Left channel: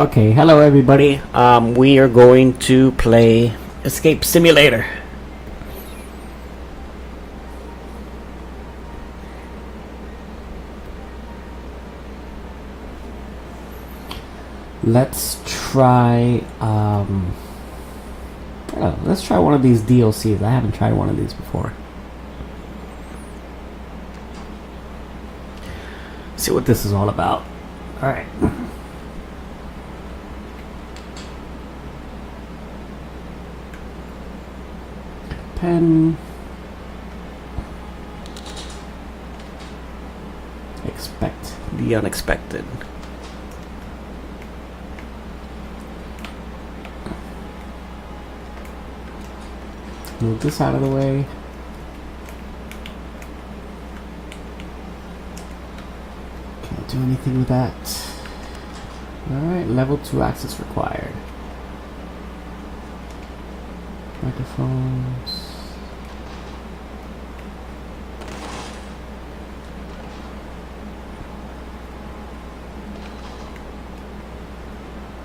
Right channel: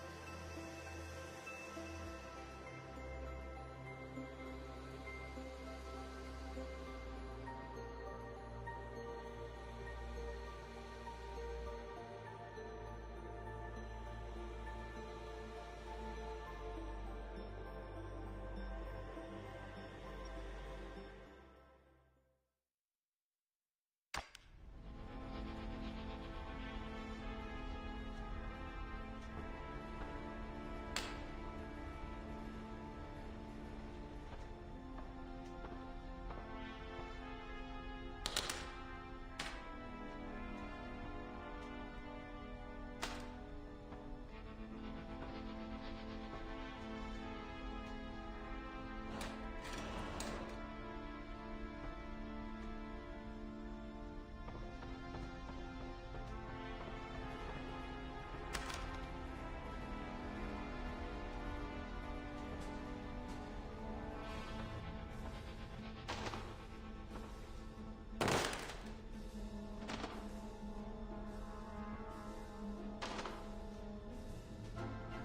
Okay, hello everybody. We are going to play Escape Simulator. Let's try, let's try one of these DLCs. I haven't tried one of these before. See what this is all about. Alright. Pen. Expect the unexpected. Move this out of the way. Can't do anything with that. Alright, level 2 access required. Microphones.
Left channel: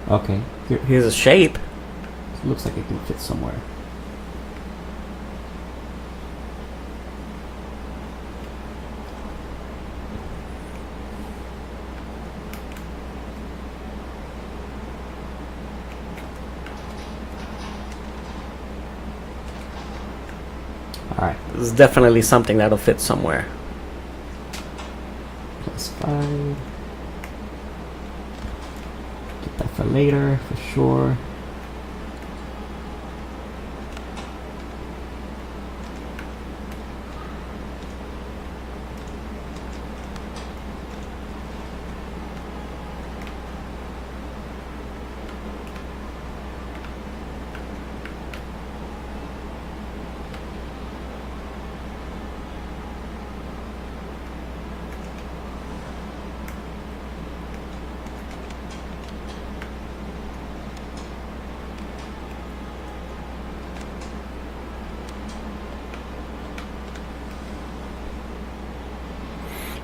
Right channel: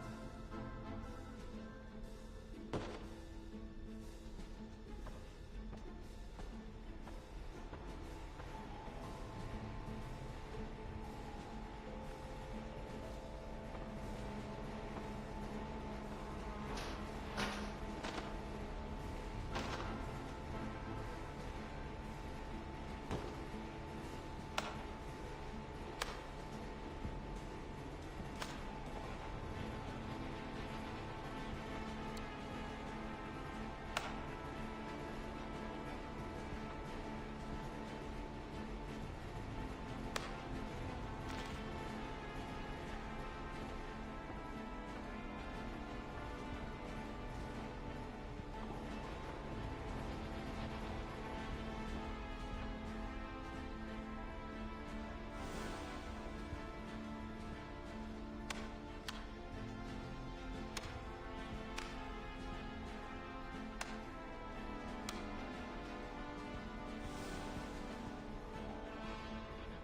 Okay, here's a shape. It looks like it can fit somewhere. Alright, this is definitely something that'll fit somewhere. +5. Get that for later, for sure.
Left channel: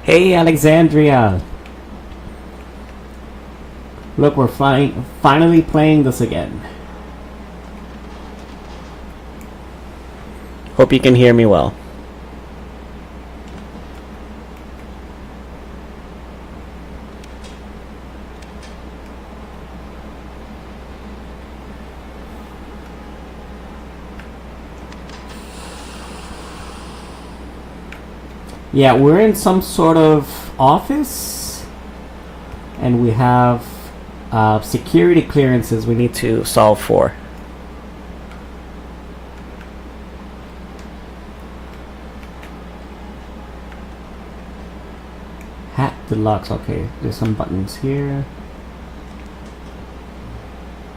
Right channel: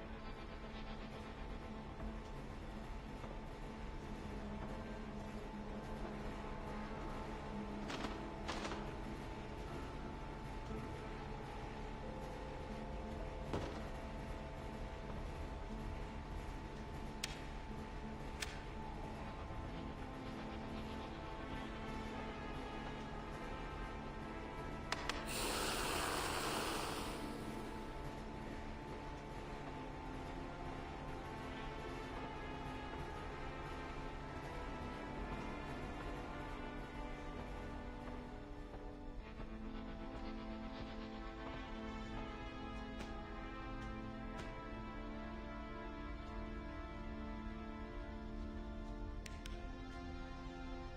Hey Alexandria! Look, we're finally playing this again. Hope you can hear me well. Yeah, we're in some sort of office, and we have security clearances we need to solve for. Hat deluxe, okay, there's some buttons here.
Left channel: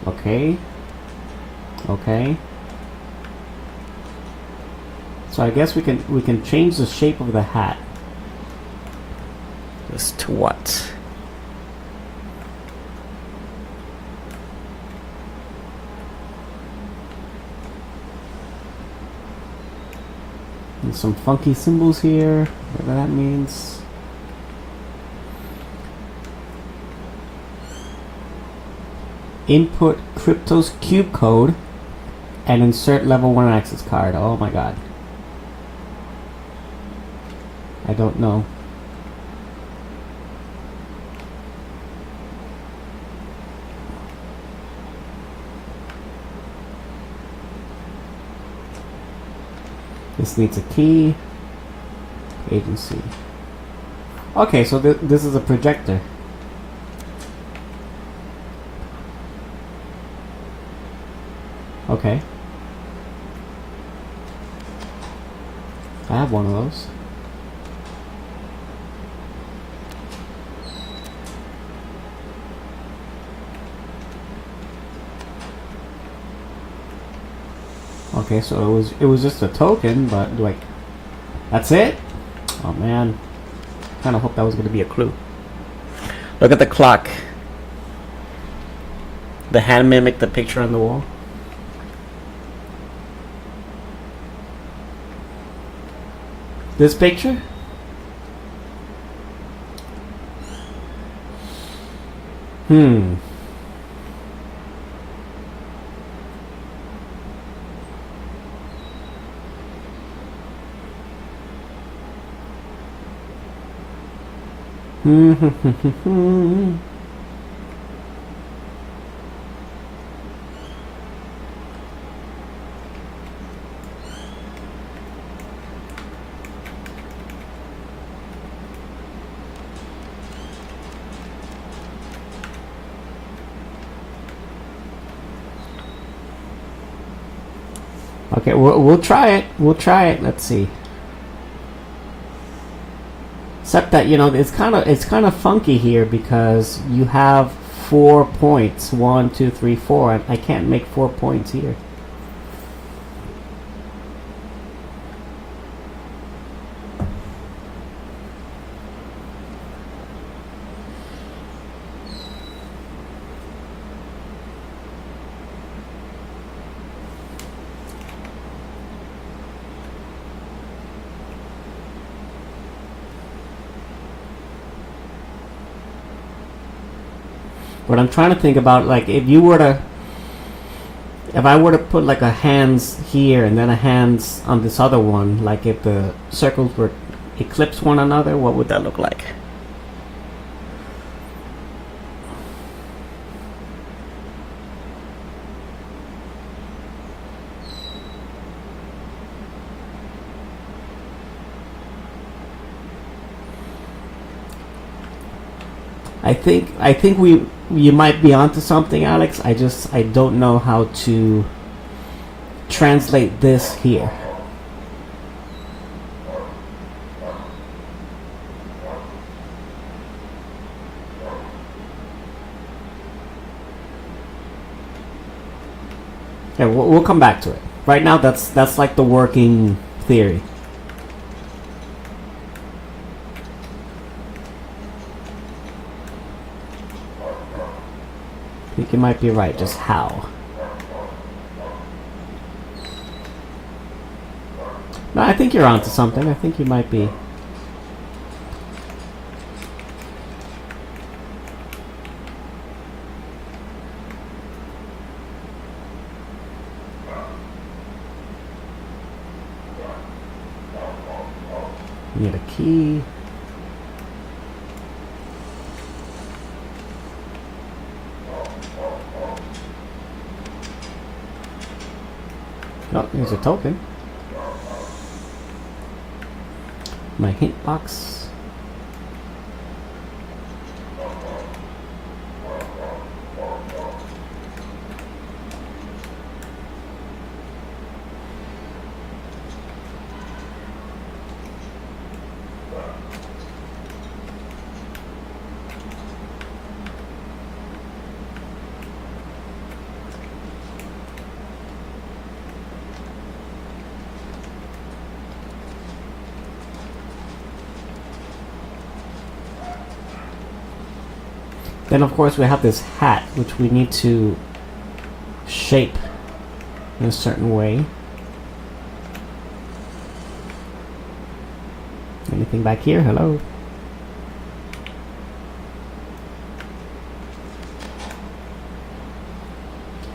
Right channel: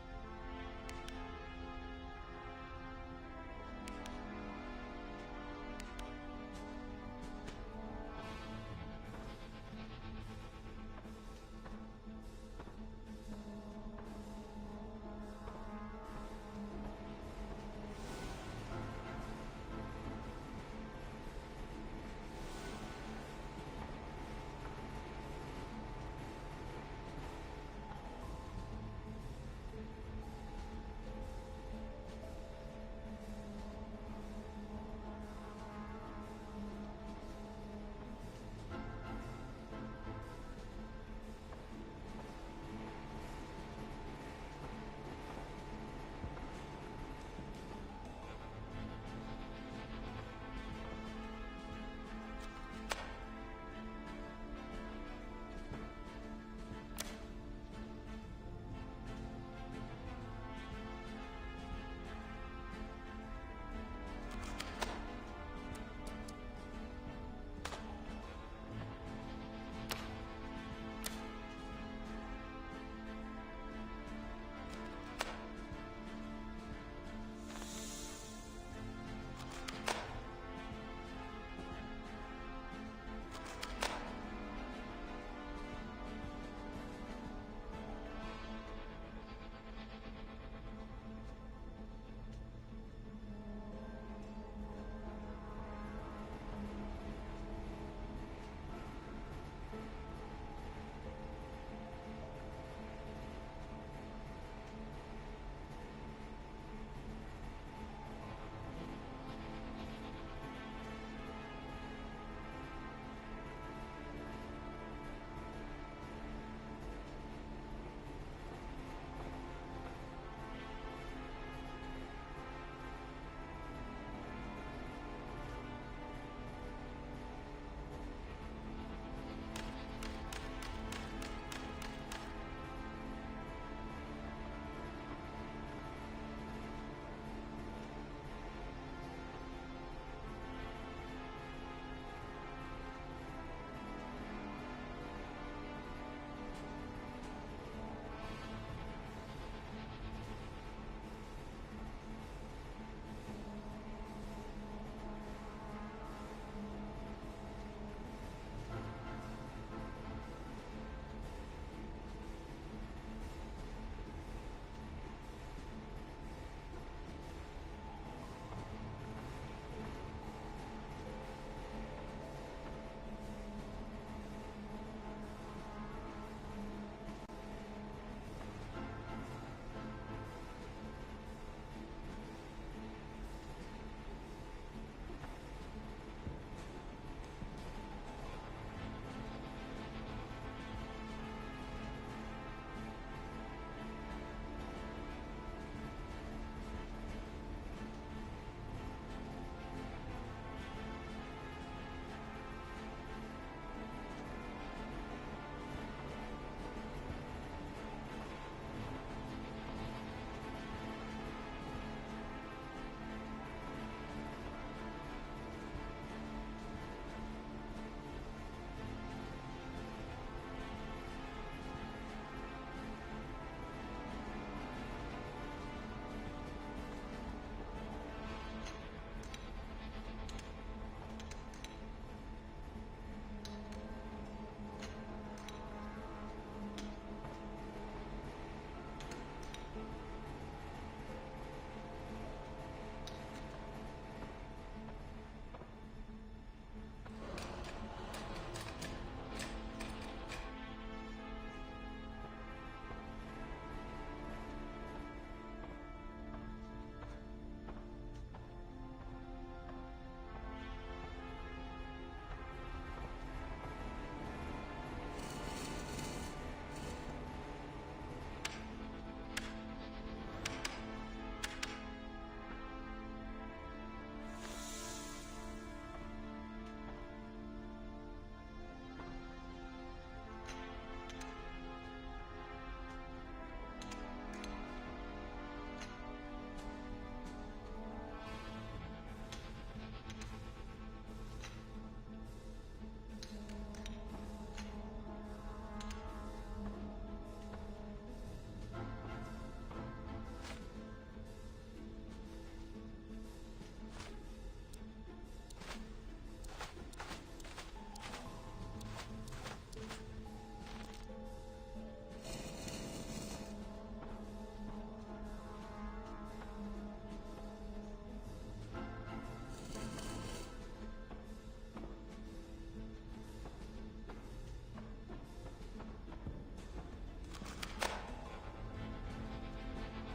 Okay. Okay. So I guess we can change the shape of the hat. This to what? And some funky symbols here, whatever that means. Input Crypto's cube code and insert level 1 access card. Oh my god. I don't know. This needs a key. Agency. Okay, so this is a projector. Okay. I have one of those. Okay, so it was just a token, but like, that's it? Oh man, kind of hope that was going to be a clue. Look at the clock. The hand mimicked the picture on the wall. This picture? Okay, we'll try it. We'll try it. Let's see. Except that, you know, it's kind of funky here because you have 4 points. 1, 2, 3, 4. And I can't make 4 points here. But I'm trying to think about, like, if I were to put like a hands here and then a hands on this other one, like if the circles were eclipse one another, what would that look like? I think you might be onto something, Alex. I don't know how to translate this here. Yeah, we'll come back to it. Right now, that's like the working theory. I think you might be right, just how. No, I think you're onto something. I think you might be. Need a key. Oh, here's a token. My hint box. Then of course we have this hat, which we need to shape in a certain way. Anything back here? Hello?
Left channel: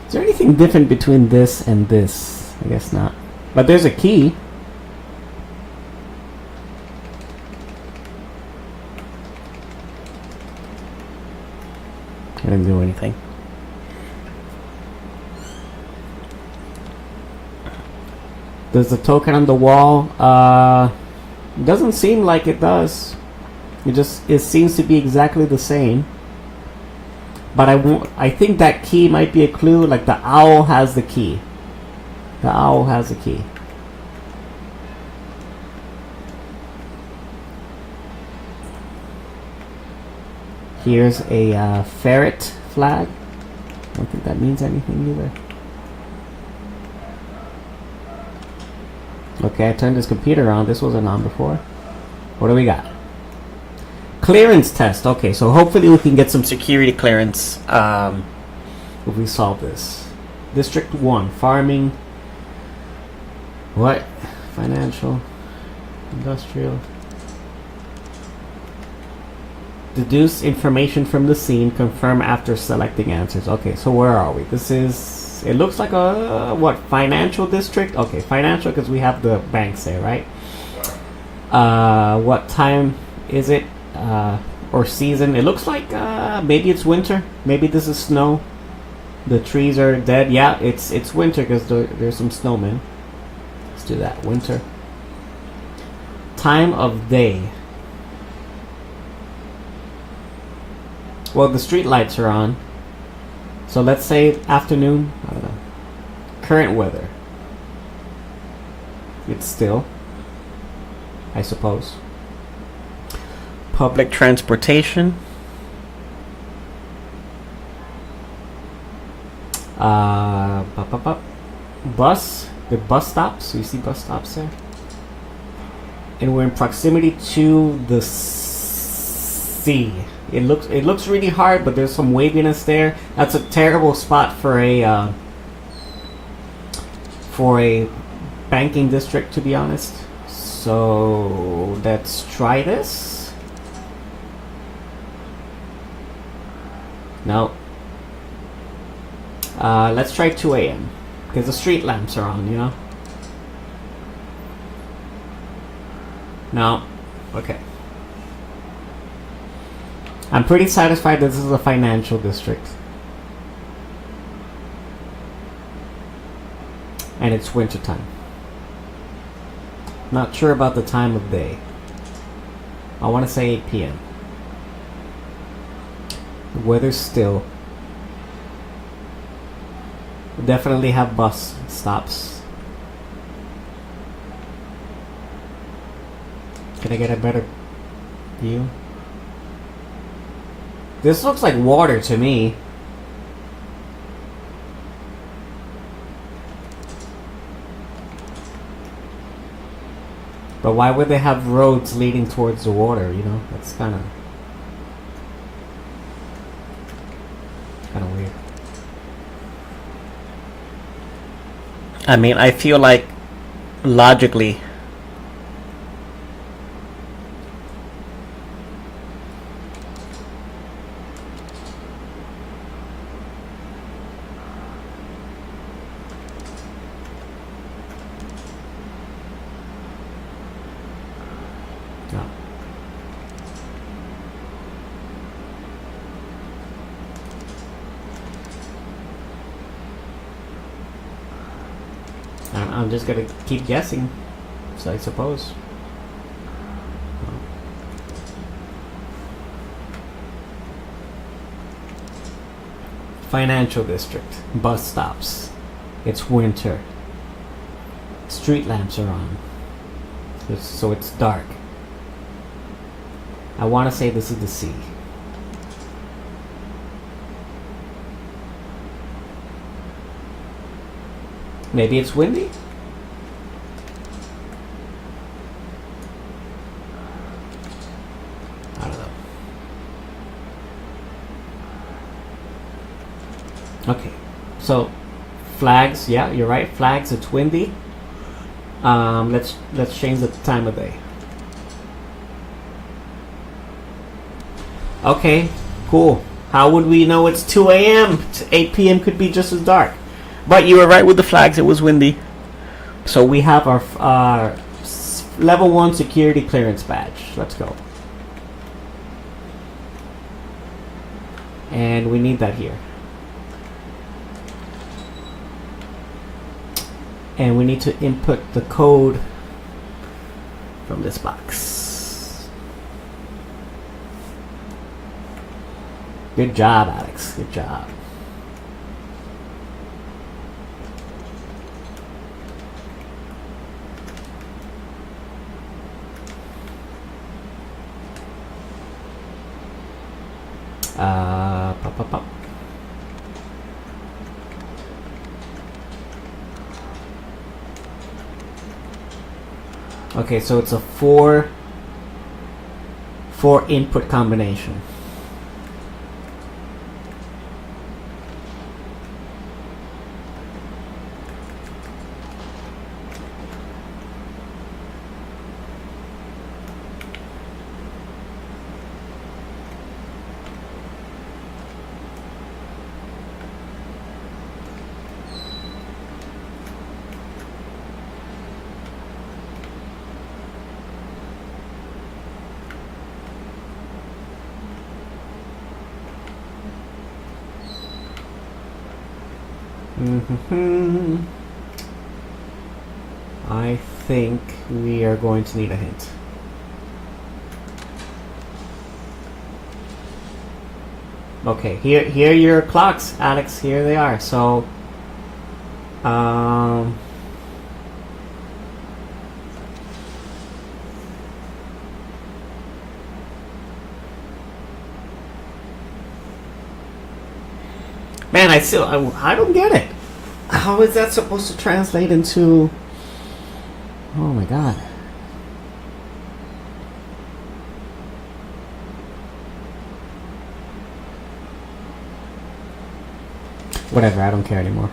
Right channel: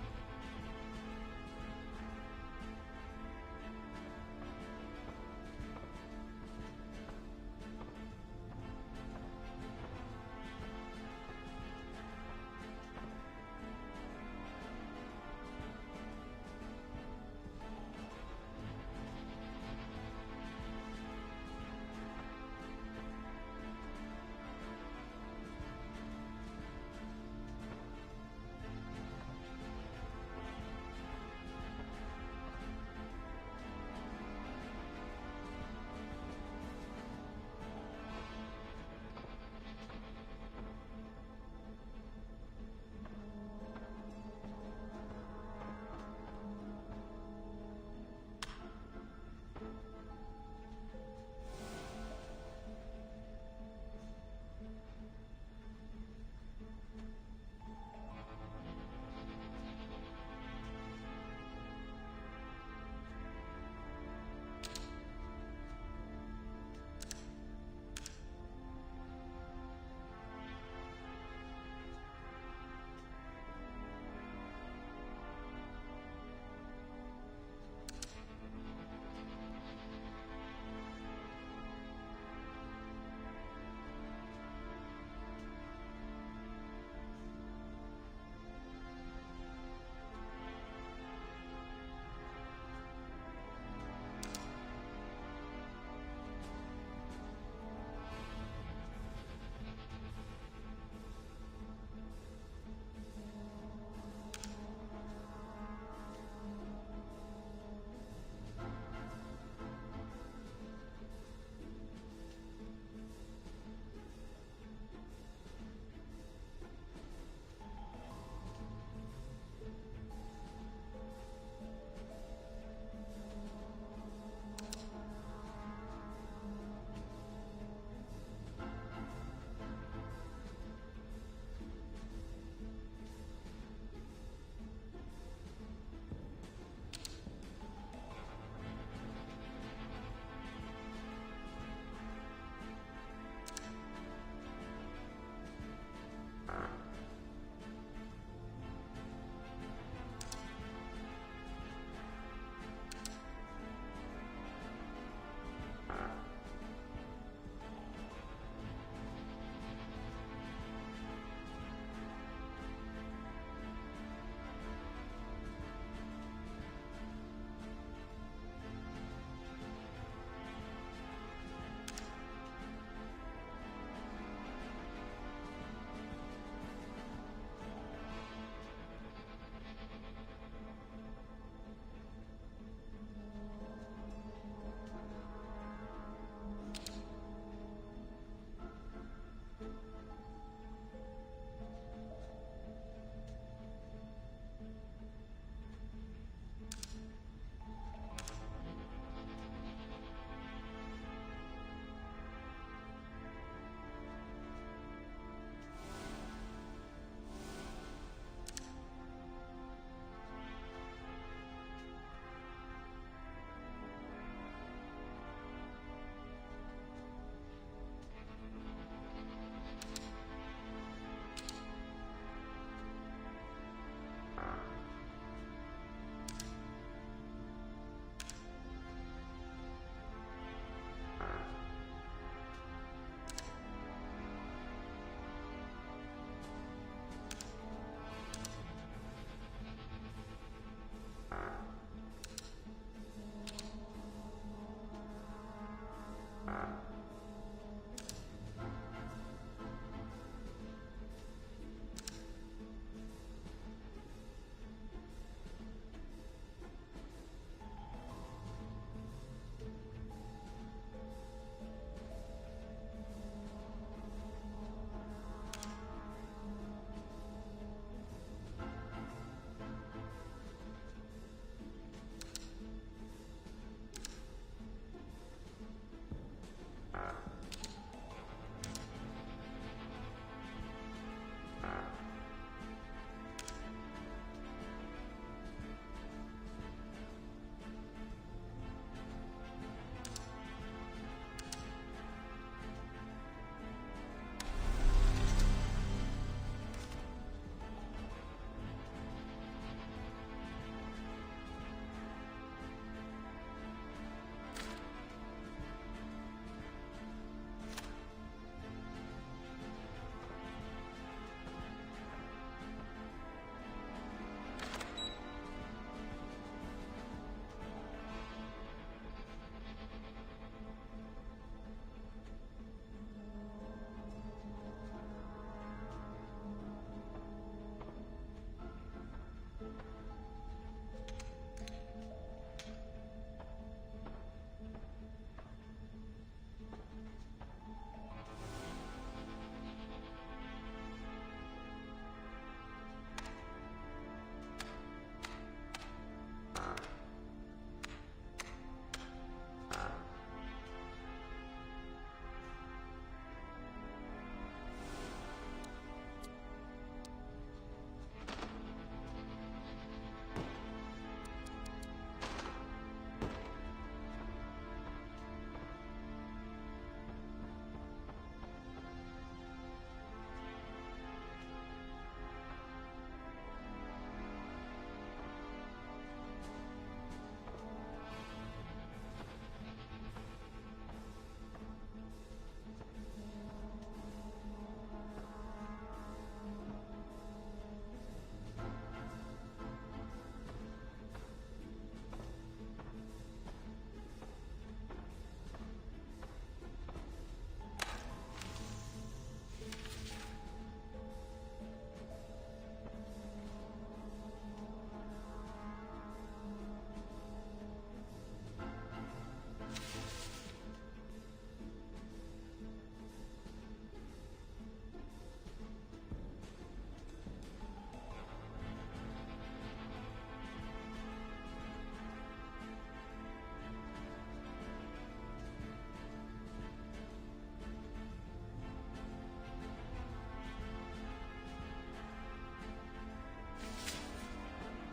Is there anything different between this and this? I guess not. But there's a key. I didn't do anything. Does the token on the wall? Doesn't seem like it does. It seems to be exactly the same. But I think that key might be a clue. Like the owl has the key. The owl has the key. Here's a ferret flag. I don't think that means anything either. Okay, I turned this computer on. This wasn't on before. What do we got? Clearance test. Okay, so hopefully we can get some security clearance if we solve this. District 1, farming. What? Financial. Industrial. Deduce information from the scene. Confirm after selecting answers. Okay, so where are we? This is... It looks like a... What? Financial district? Okay, financial because we have the banks there, right? What time is it? or season. It looks like maybe it's winter. Maybe this is snow. The trees are dead. Yeah, it's winter because there's some snowmen. Let's do that. Winter. Time of day. Well, the street lights are on. So let's say afternoon. I don't know. Current weather. It's still, I suppose. Public transportation. Bus. The bus stops. You see bus stops there. And we're in proximity to the sea. It looks really hard, but there's some waviness there. That's a terrible spot for a banking district, to be honest. So let's try this. No. Let's try 2 a.m. because the street lamps are on, you know. No. Okay. I'm pretty satisfied that this is a financial district. And it's wintertime. Not sure about the time of day. I want to say 8 p.m. The weather's still. We definitely have bus stops. Can I get a better view? This looks like water to me. But why would they have roads leading towards the water, you know? That's kind of weird. I mean, I feel like logically no. I'm just gonna keep guessing, so I suppose. Financial district, bus stops. It's winter. Street lamps are on. So it's dark. I want to say this is the sea. Maybe it's windy? I don't know. Okay, so flags. Yeah, you're right. Flags. It's windy. Let's change the time of day. Okay, cool. How would we know it's 2 a.m.? 8 p.m. could be just as dark. But you were right with the flags. It was windy. So we have our level 1 security clearance badge. Let's go. And we need that here. And we need to input the code from this box. Good job, Alex. Good job. Pop, pop, pop. Okay, so it's a four input combination. Mm-hmm. I think we are going to need a hint. Okay, here are your clocks, Alex. Here they are. So, man, I don't get it. How is that supposed to translate into? Oh my god. Whatever, I don't care anymore.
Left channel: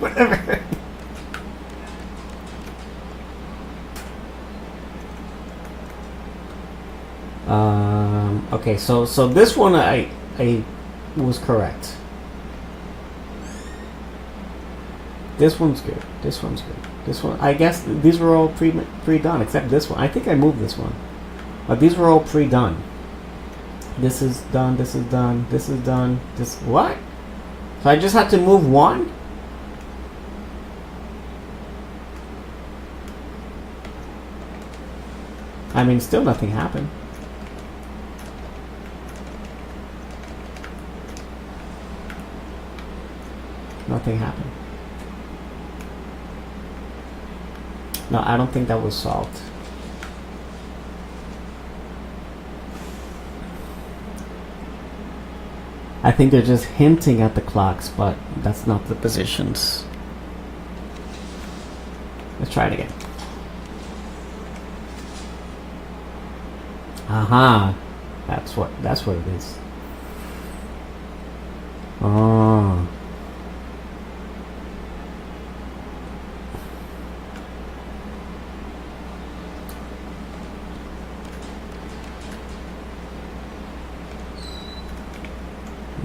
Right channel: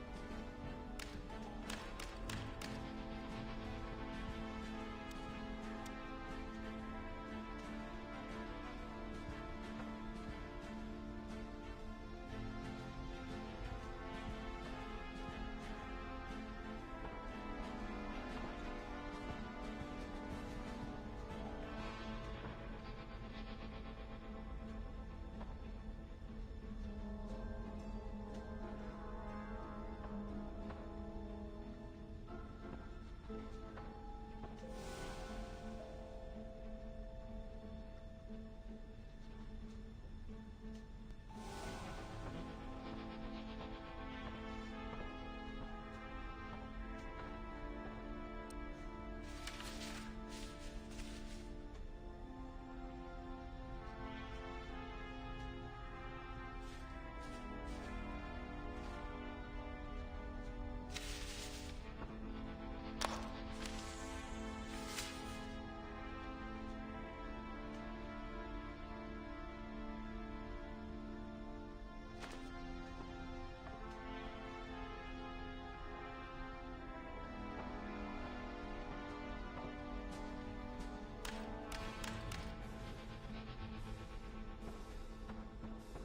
Whatever. Okay, so this one I was correct. This one's good. This one's good. This one, I guess these were all pre-done except this one. I think I moved this one, but these were all pre-done. This is done. This is done. This is done. This what? So I just had to move one? I mean, still nothing happened. Nothing happened. No, I don't think that was solved. I think they're just hinting at the clocks, but that's not the positions. Let's try it again. Aha. That's what it is. Oh.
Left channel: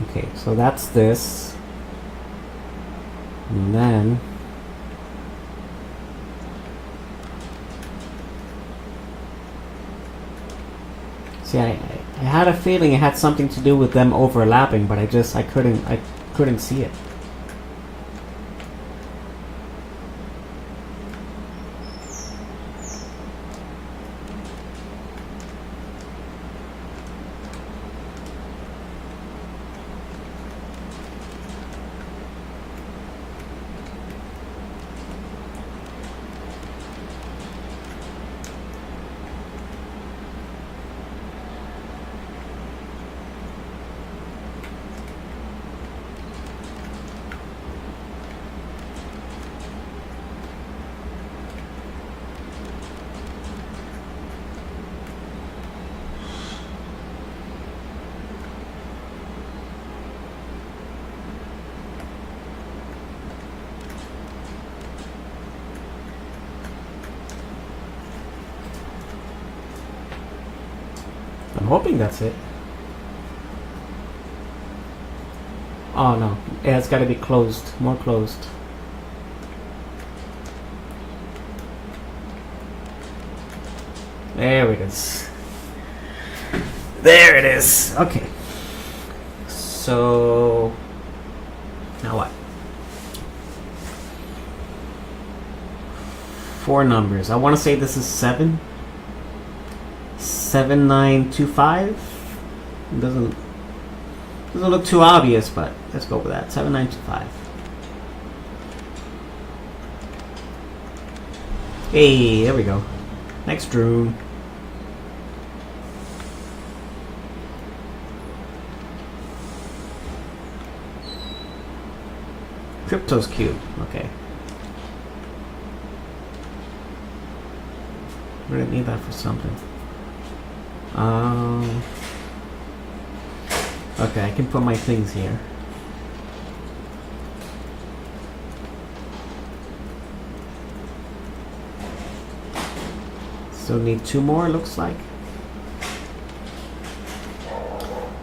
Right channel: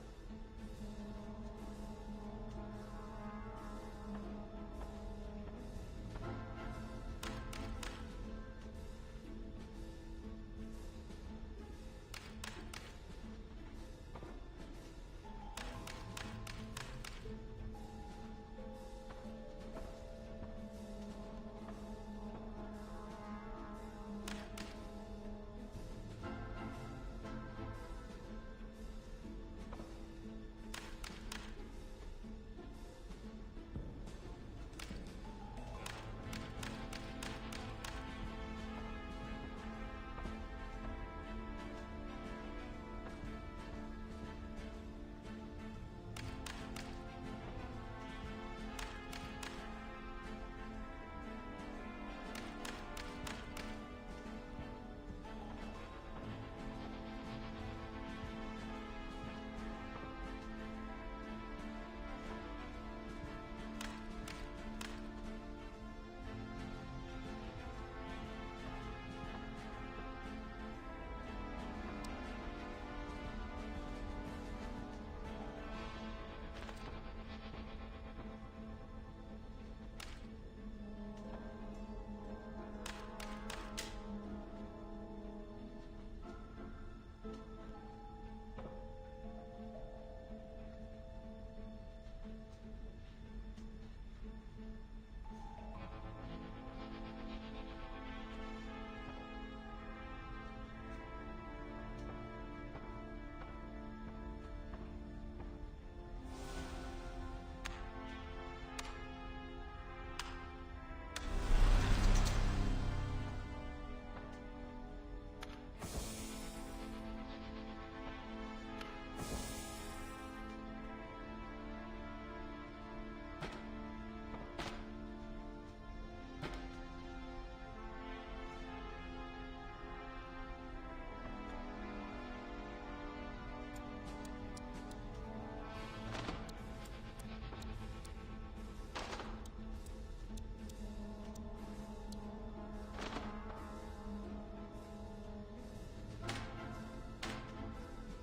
Okay, so that's this. And then see, I had a feeling it had something to do with them overlapping, but I couldn't see it. I'm hoping that's it. Oh no, it's got to be closed, more closed. There it is. There it is. Okay. So now what? 4 numbers. I want to say this is 7. 7925. It doesn't look too obvious, but let's go with that. 7925. Hey, there we go. Next room. Crypto's cute. Okay. We're gonna need that for something. Okay, I can put my things here. So need 2 more, looks like.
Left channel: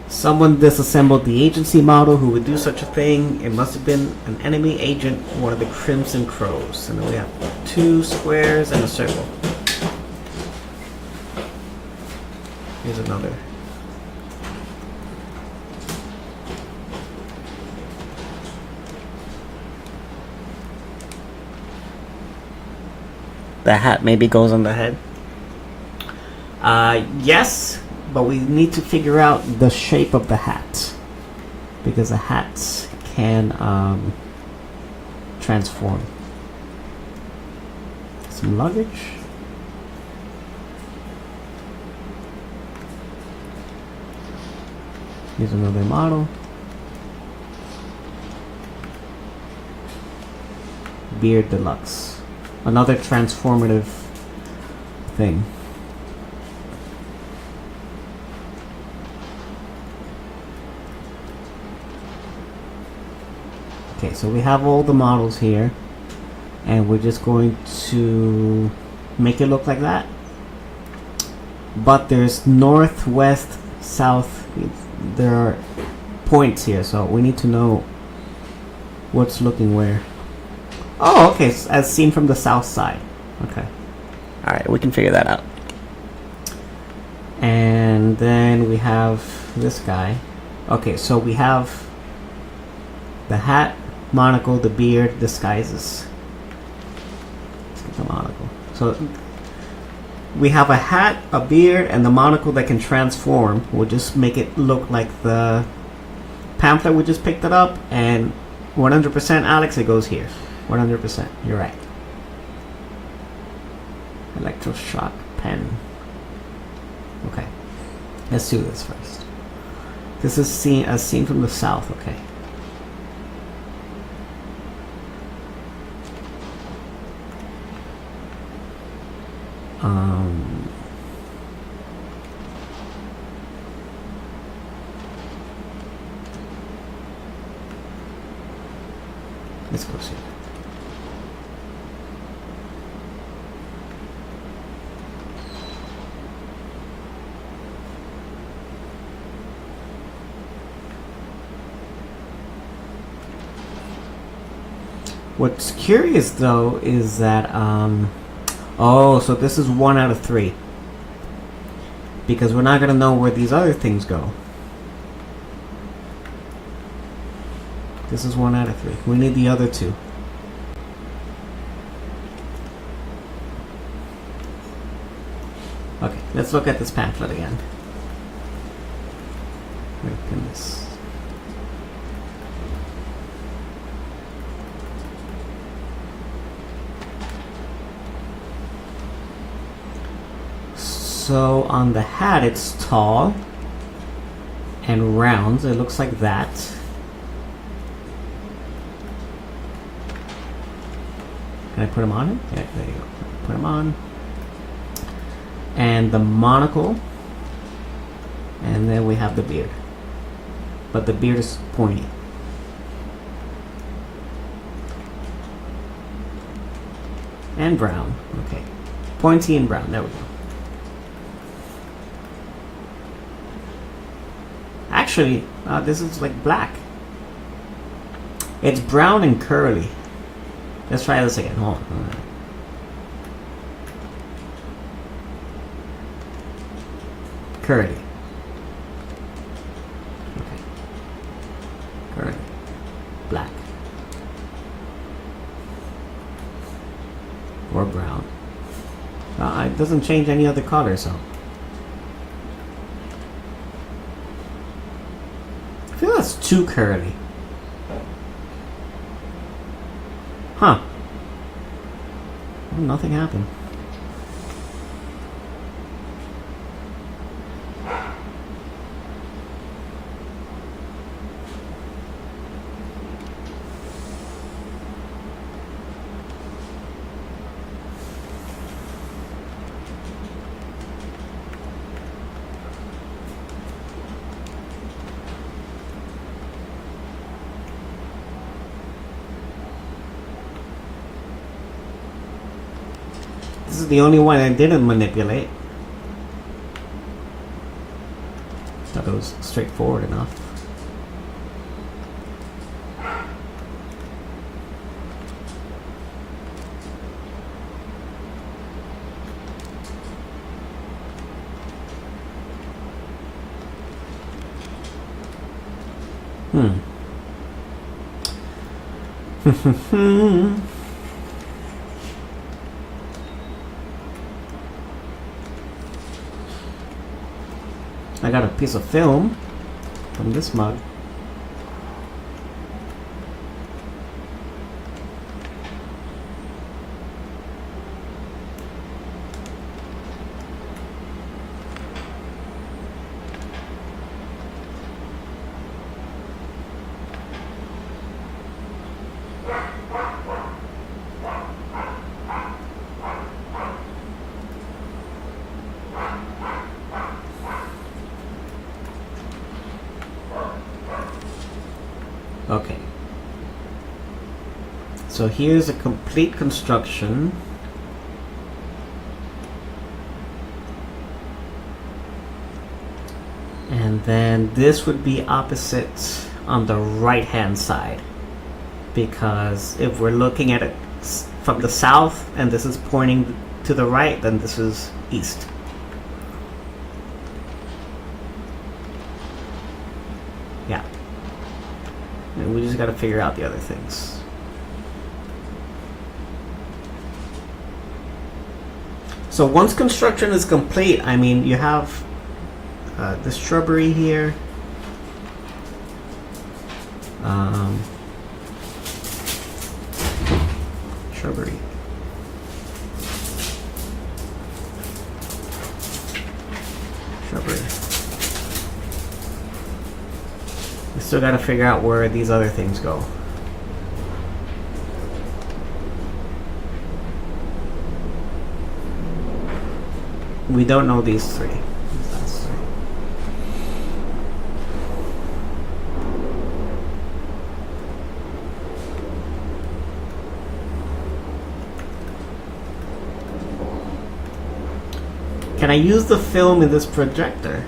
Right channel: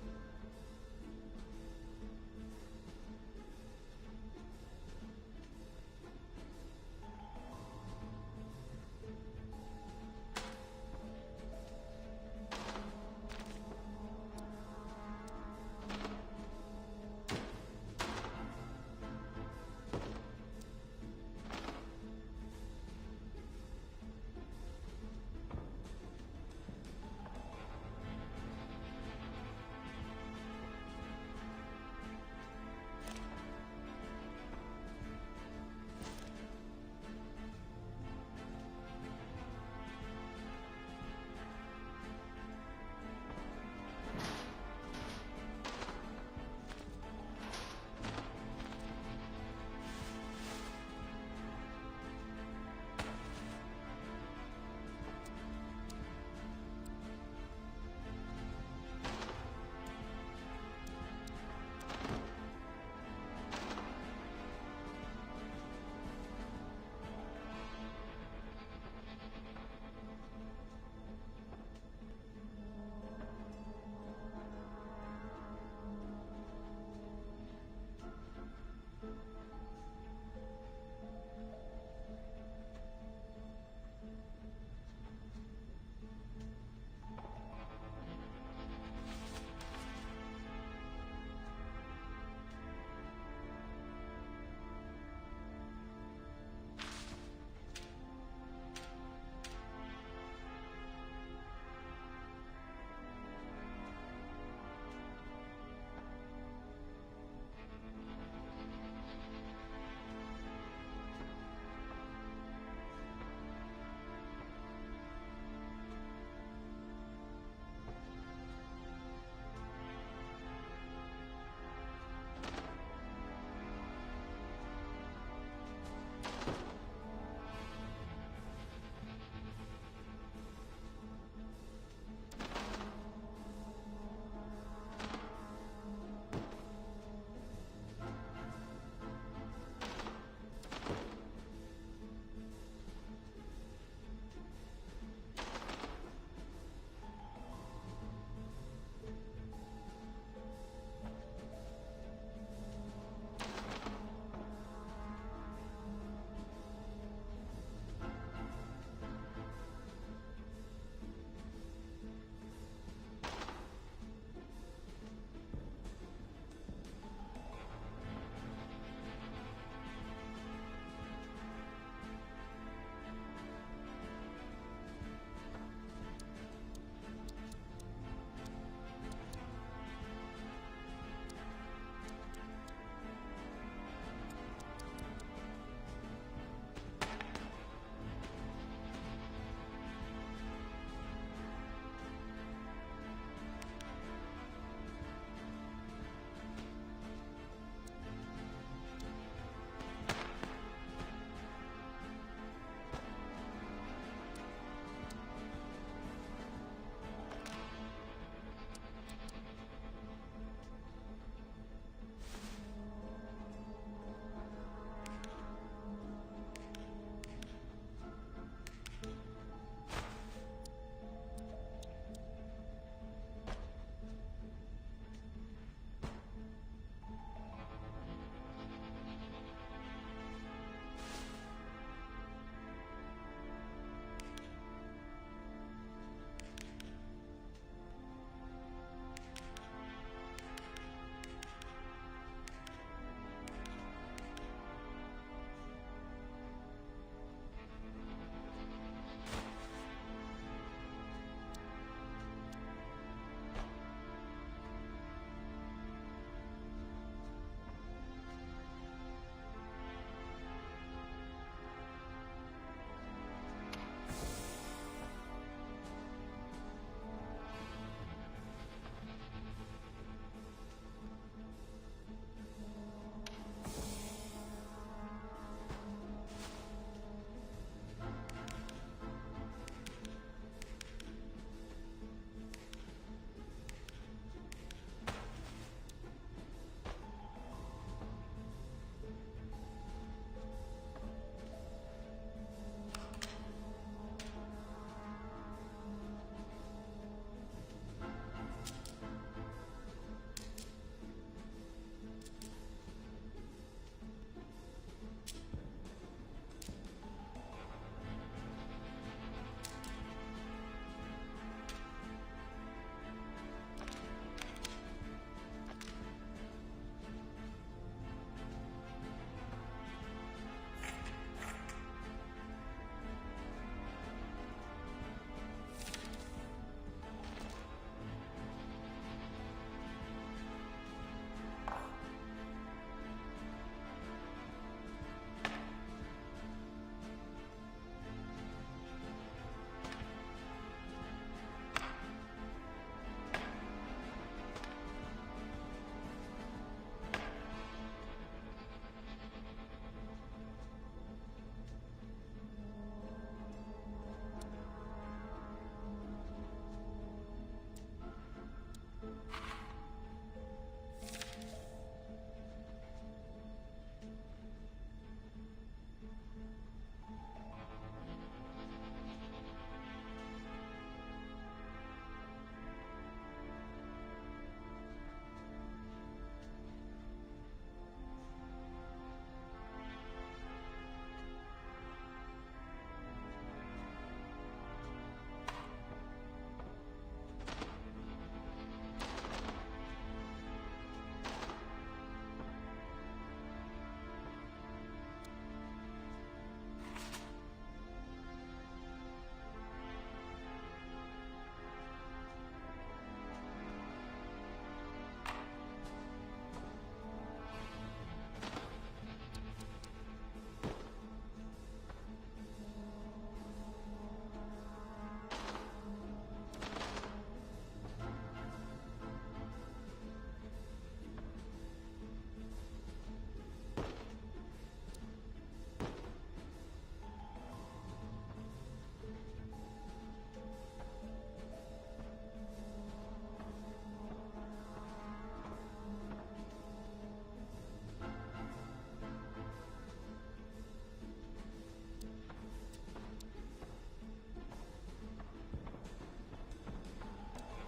Someone disassembled the agency model. Who would do such a thing? It must have been an enemy agent, one of the Crimson Crows. And then we have 2 squares and a circle. Here's another. the hat maybe goes on the head. Yes, but we need to figure out the shape of the hat, because the hat can transform. Some luggage. Here's another model. Beard Deluxe. Another transformative thing. Okay, so we have all the models here, and we're just going to make it look like that. But there's north, west, south. There are points here, so we need to know what's looking where. Oh, okay, as seen from the south side. Okay. Alright, we can figure that out. And then we have this guy. Okay, so we have the hat, monocle, the beard, disguises. Let's get the monocle. So we have a hat, a beard, and the monocle that can transform. We'll just make it look like the pamphlet we just picked it up, and 100% Alex, it goes here. 100%, you're right. Electroshock pen. Okay, let's do this first. This is seen from the south. Okay. Let's go see. What's curious though is that oh, so this is 1 out of 3, because we're not gonna know where these other things go. This is 1 out of 3. We need the other 2. Okay, let's look at this pamphlet again. Where can this? So on the hat, it's tall and round. It looks like that. Can I put them on it? Yeah, there you go. Put them on. And the monocle. And then we have the beard. But the beard is pointy. And brown. Okay. Pointy and brown. There we go. Actually, this is like black. It's brown and curly. Let's try this again. Hold on. Curly. Okay. Curly. Black. Or brown. It doesn't change any other color, so. I feel that's too curly. Huh. Well, nothing happened. This is the only one I didn't manipulate. Thought it was straightforward enough. I got a piece of film from this mug. Okay. So here's a complete construction. And then this would be opposite on the right hand side. Because if we're looking at it from the south and this is pointing to the right, then this is east. Yeah. And we just got to figure out the other things. So once construction is complete, I mean, you have the shrubbery here. Shrubbery. Shrubbery. We still got to figure out where these other things go. We don't know these three. Can I use the film in this projector?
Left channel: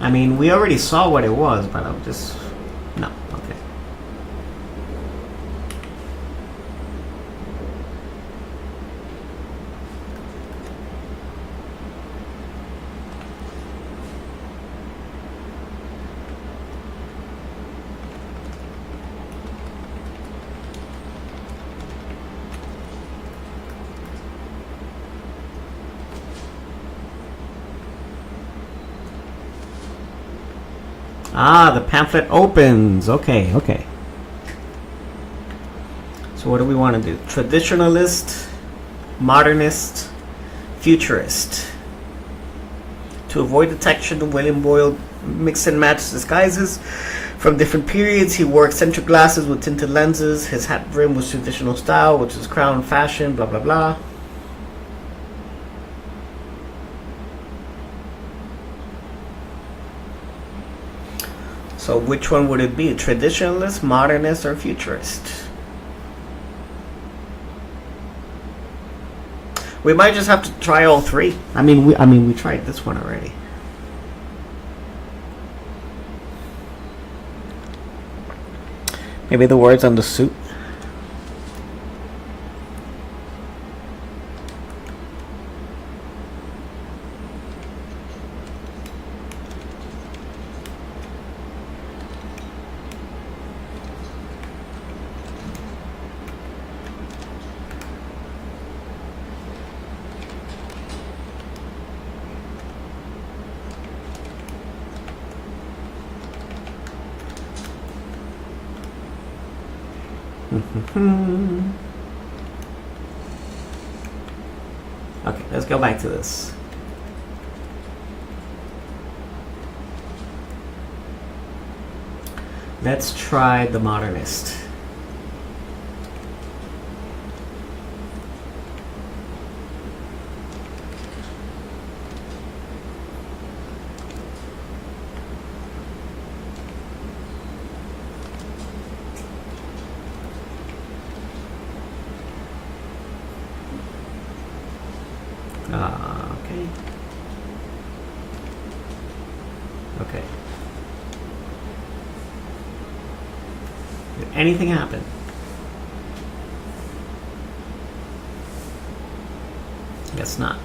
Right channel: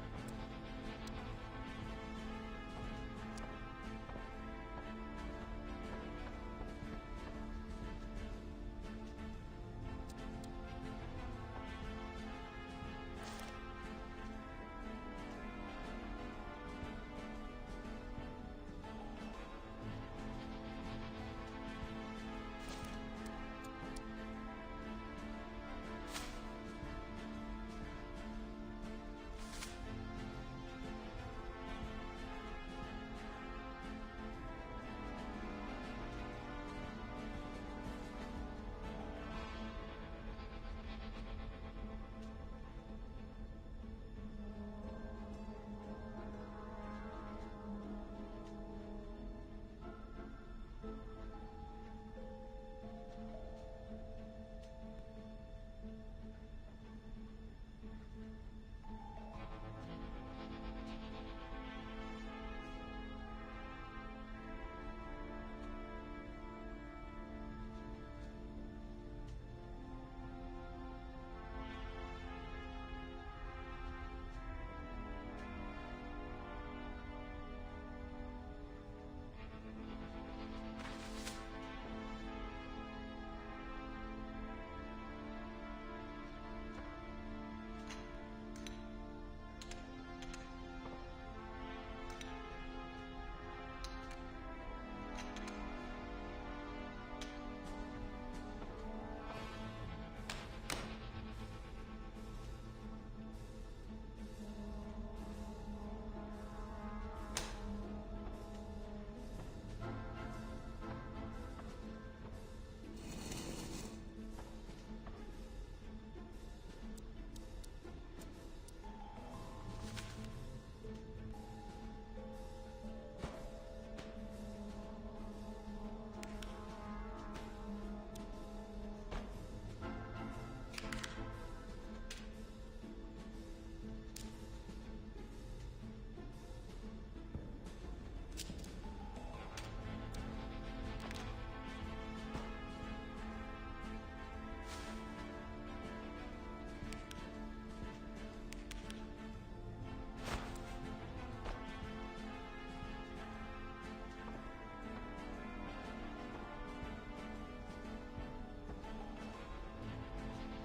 I mean, we already saw what it was, but I'm just... No, okay. Ah, the pamphlet opens. Okay, okay. So what do we want to do? Traditionalist, modernist, futurist. To avoid detection, William Boyle mixed and matched disguises from different periods. He wore eccentric glasses with tinted lenses. His hat brim was traditional style, which is crown fashion, blah, blah, blah. So which one would it be? Traditionalist, modernist, or futurist? We might just have to try all three. I mean, we tried this one already. Maybe the words on the suit. Okay, let's go back to this. Let's try the modernist. Okay. Okay. Did anything happen? Guess not.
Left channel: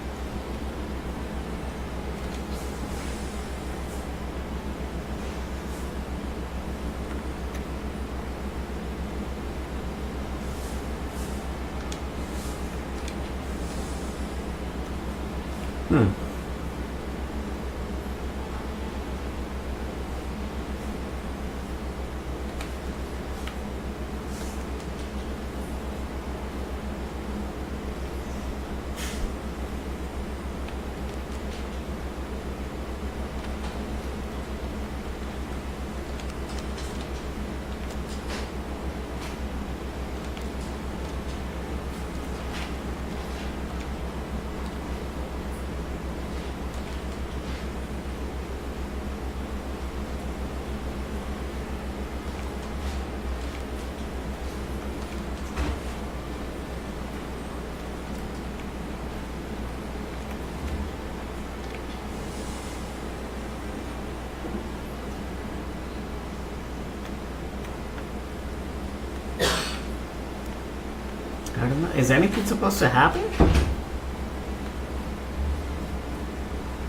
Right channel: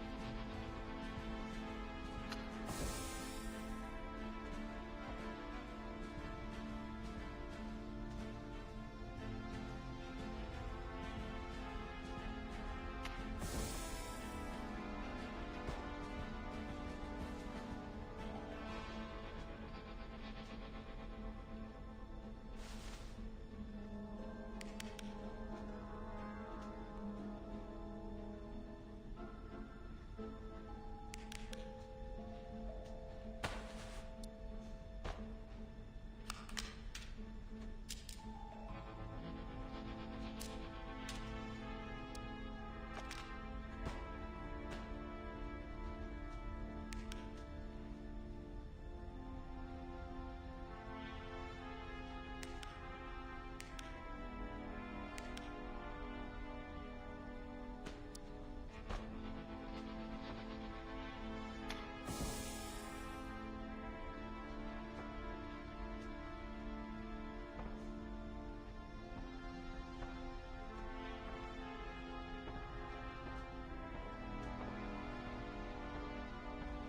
I don't know. Is anything supposed to happen?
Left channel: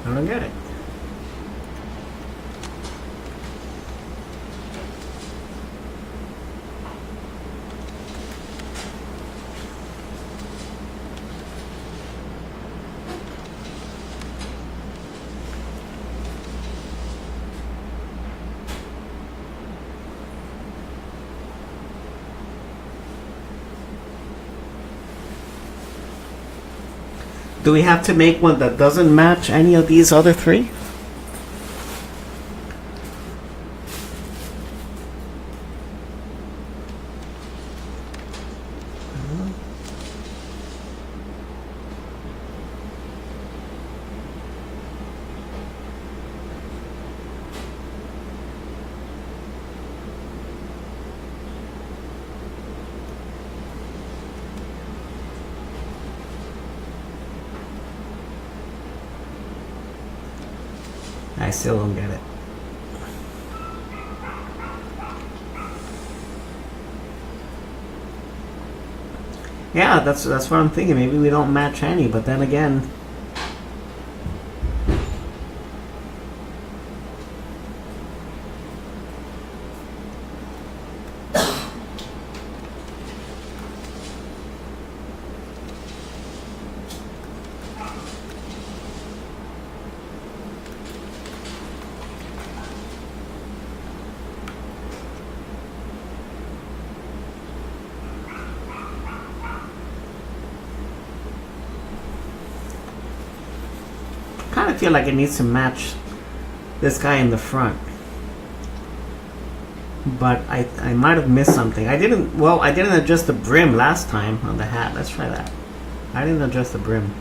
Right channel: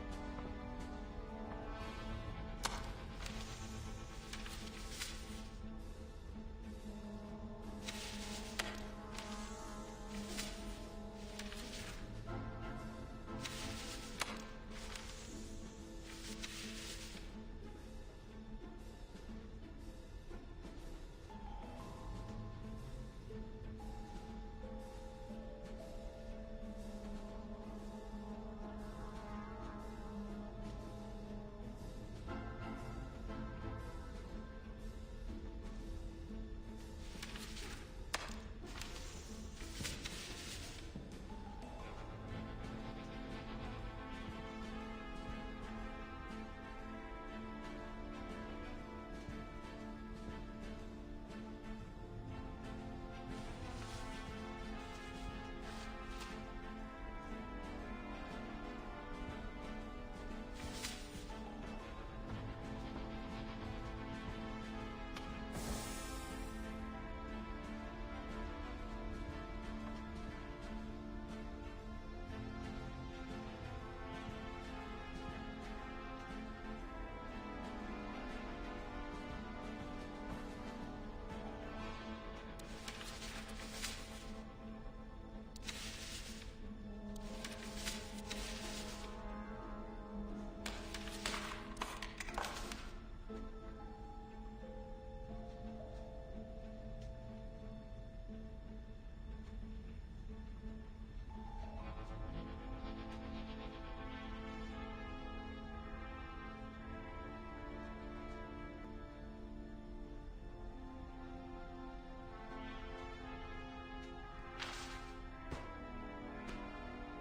I don't get it. Do we have to make one that doesn't match any of these other three? I still don't get it. Yeah, that's what I'm thinking. Maybe we don't match any, but then again, kind of feel like it needs to match this guy in the front. But I might have missed something. I didn't adjust the brim last time on the hat. Let's try that. I didn't adjust the brim.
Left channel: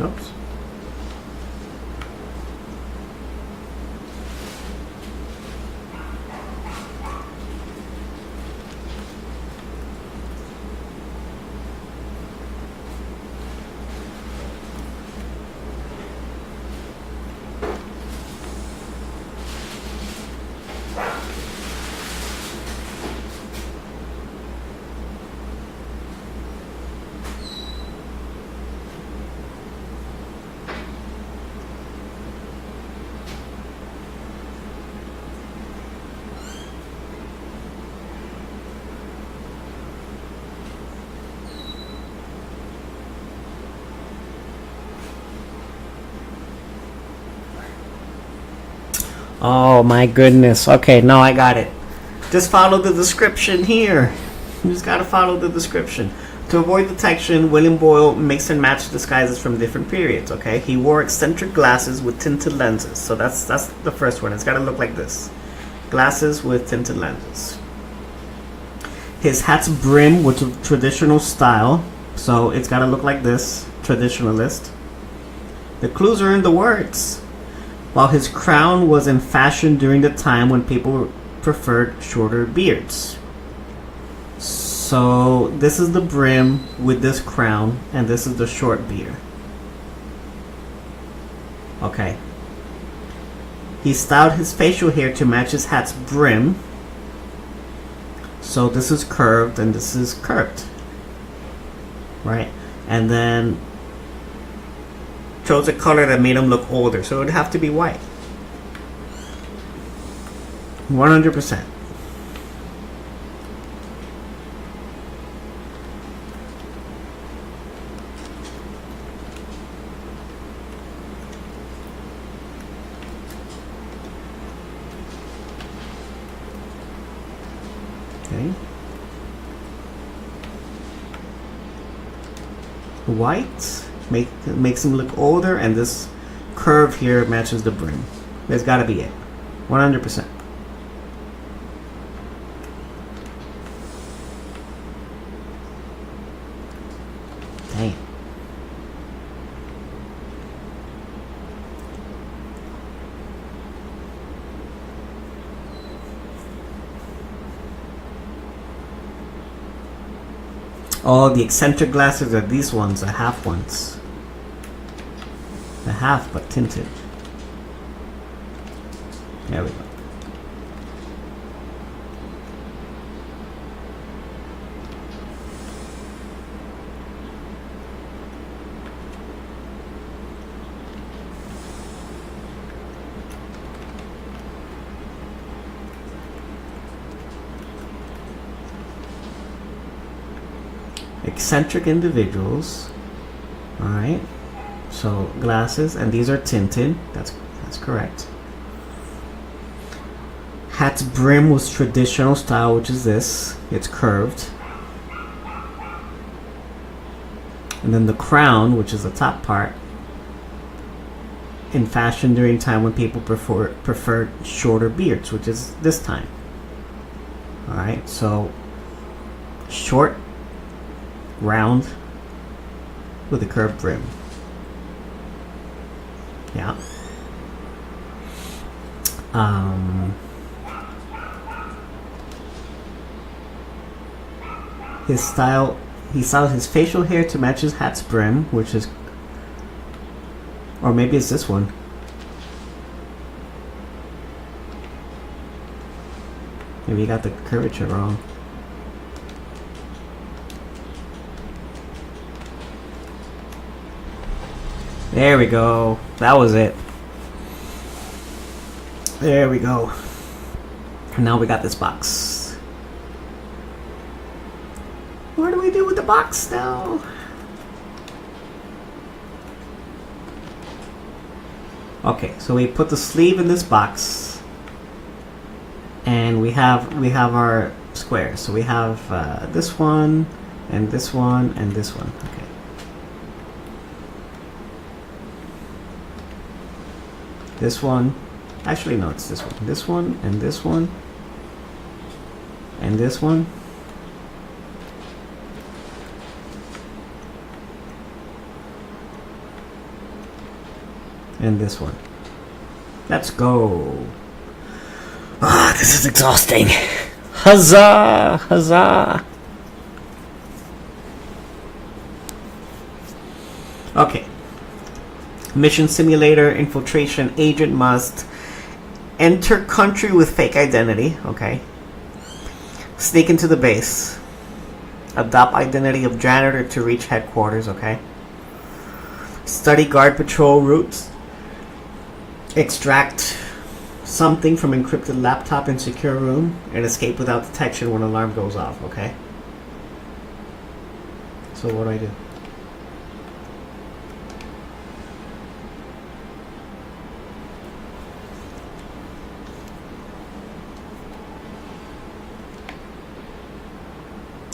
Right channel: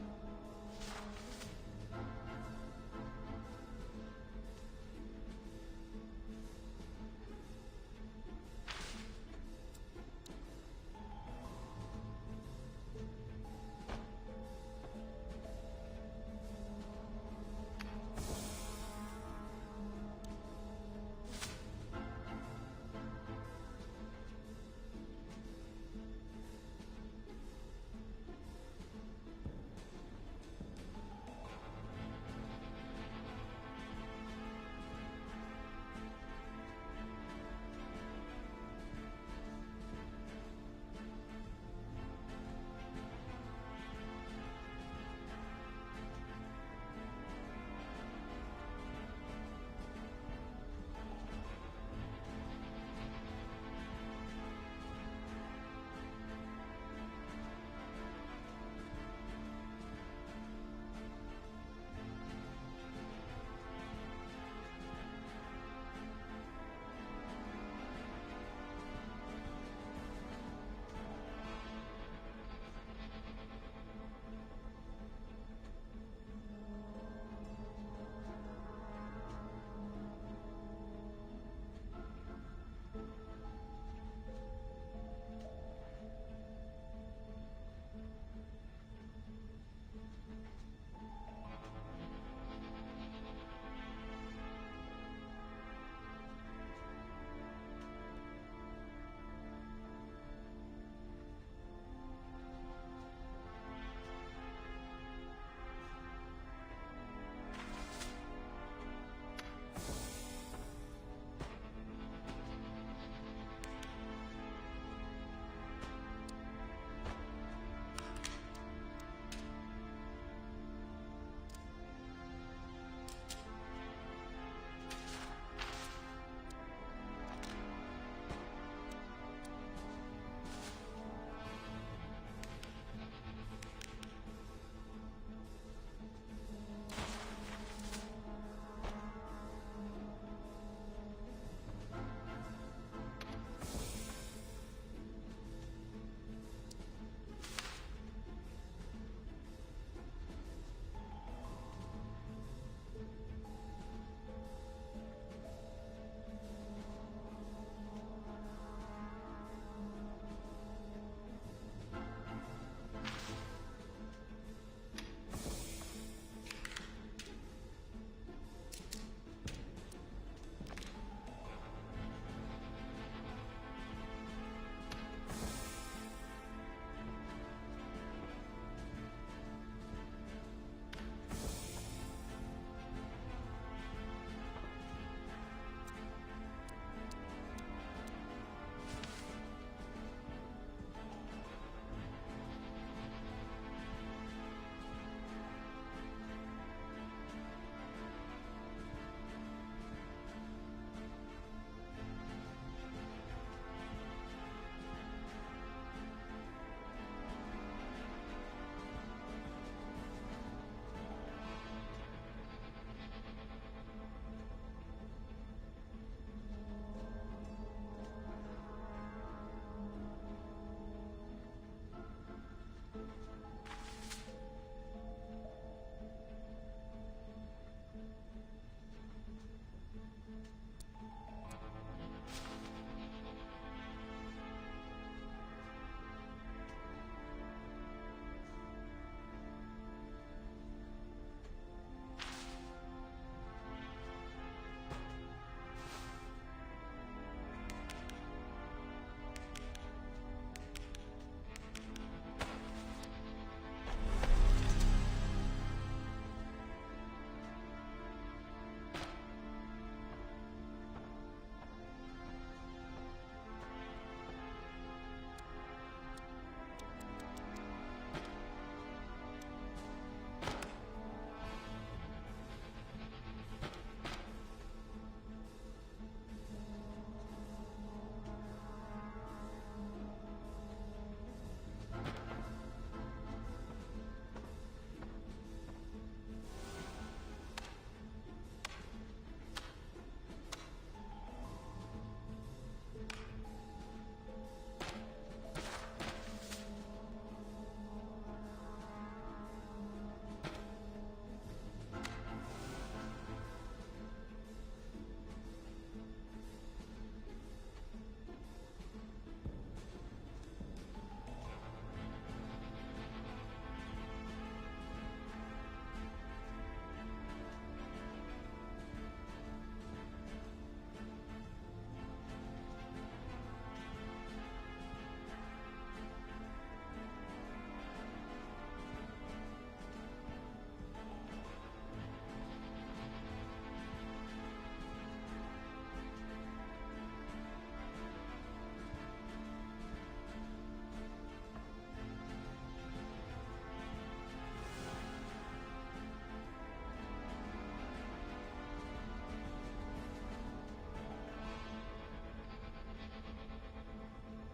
Oops. Oh my goodness. Okay, now I got it. Just follow the description here. You just gotta follow the description. To avoid detection, William Boyle mixed and matched disguises from different periods, okay? He wore eccentric glasses with tinted lenses. So that's the first one. It's gotta look like this. Glasses with tinted lenses. His hat's brim was a traditional style. So it's gotta look like this. Traditionalist. The clues are in the words. While his crown was in fashion during the time when people preferred shorter beards. So this is the brim with this crown, and this is the short beard. Okay. He styled his facial hair to match his hat's brim. So this is curved and this is curved. Right? And then chose a color that made him look older, so it would have to be white. 100%. Okay. White makes him look older, and this curve here matches the brim. That's got to be it. 100%. Oh, the eccentric glasses are these ones, the half ones. The half, but tinted. There we go. Eccentric individuals. Alright. So glasses, and these are tinted. That's correct. Hat's brim was traditional style, which is this. It's curved. And then the crown, which is the top part, in fashion during time when people preferred shorter beards, which is this time. Alright, so short, round, with a curved brim. Yeah. His style, he styled his facial hair to match his hat's brim, which is, or maybe it's this one. Maybe you got the curvature wrong. There we go. That was it. There we go. And now we got this box. What do we do with the box now? Okay, so we put the sleeve in this box, and we have our squares. So we have this one, and this one, and this one. Okay. This one, actually no, it's this one. This one, and this one, and this one. And this one. Let's go. Ah, this is exhausting. Huzzah! Huzzah! Okay. Mission simulator, infiltration agent must enter country with fake identity. Okay. Sneak into the base. Adopt identity of janitor to reach headquarters. Okay. Study guard patrol routes. Extract something from encrypted laptop in secure room and escape without detection when alarm goes off. Okay. So what do I do?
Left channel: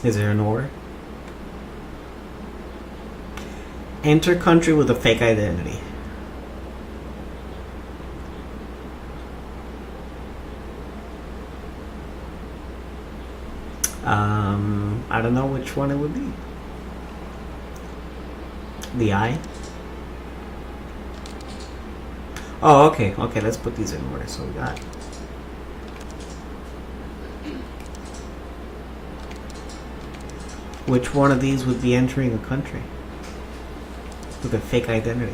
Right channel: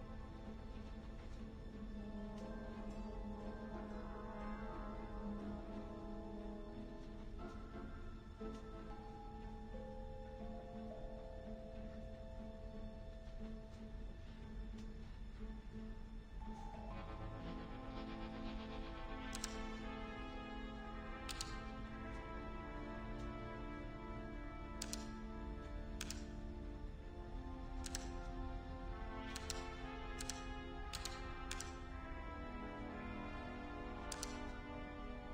Is there an order? Enter country with a fake identity. I don't know which one it would be. The eye? Oh, okay. Okay, let's put these in order. So we got... Which one of these would be entering a country with a fake identity?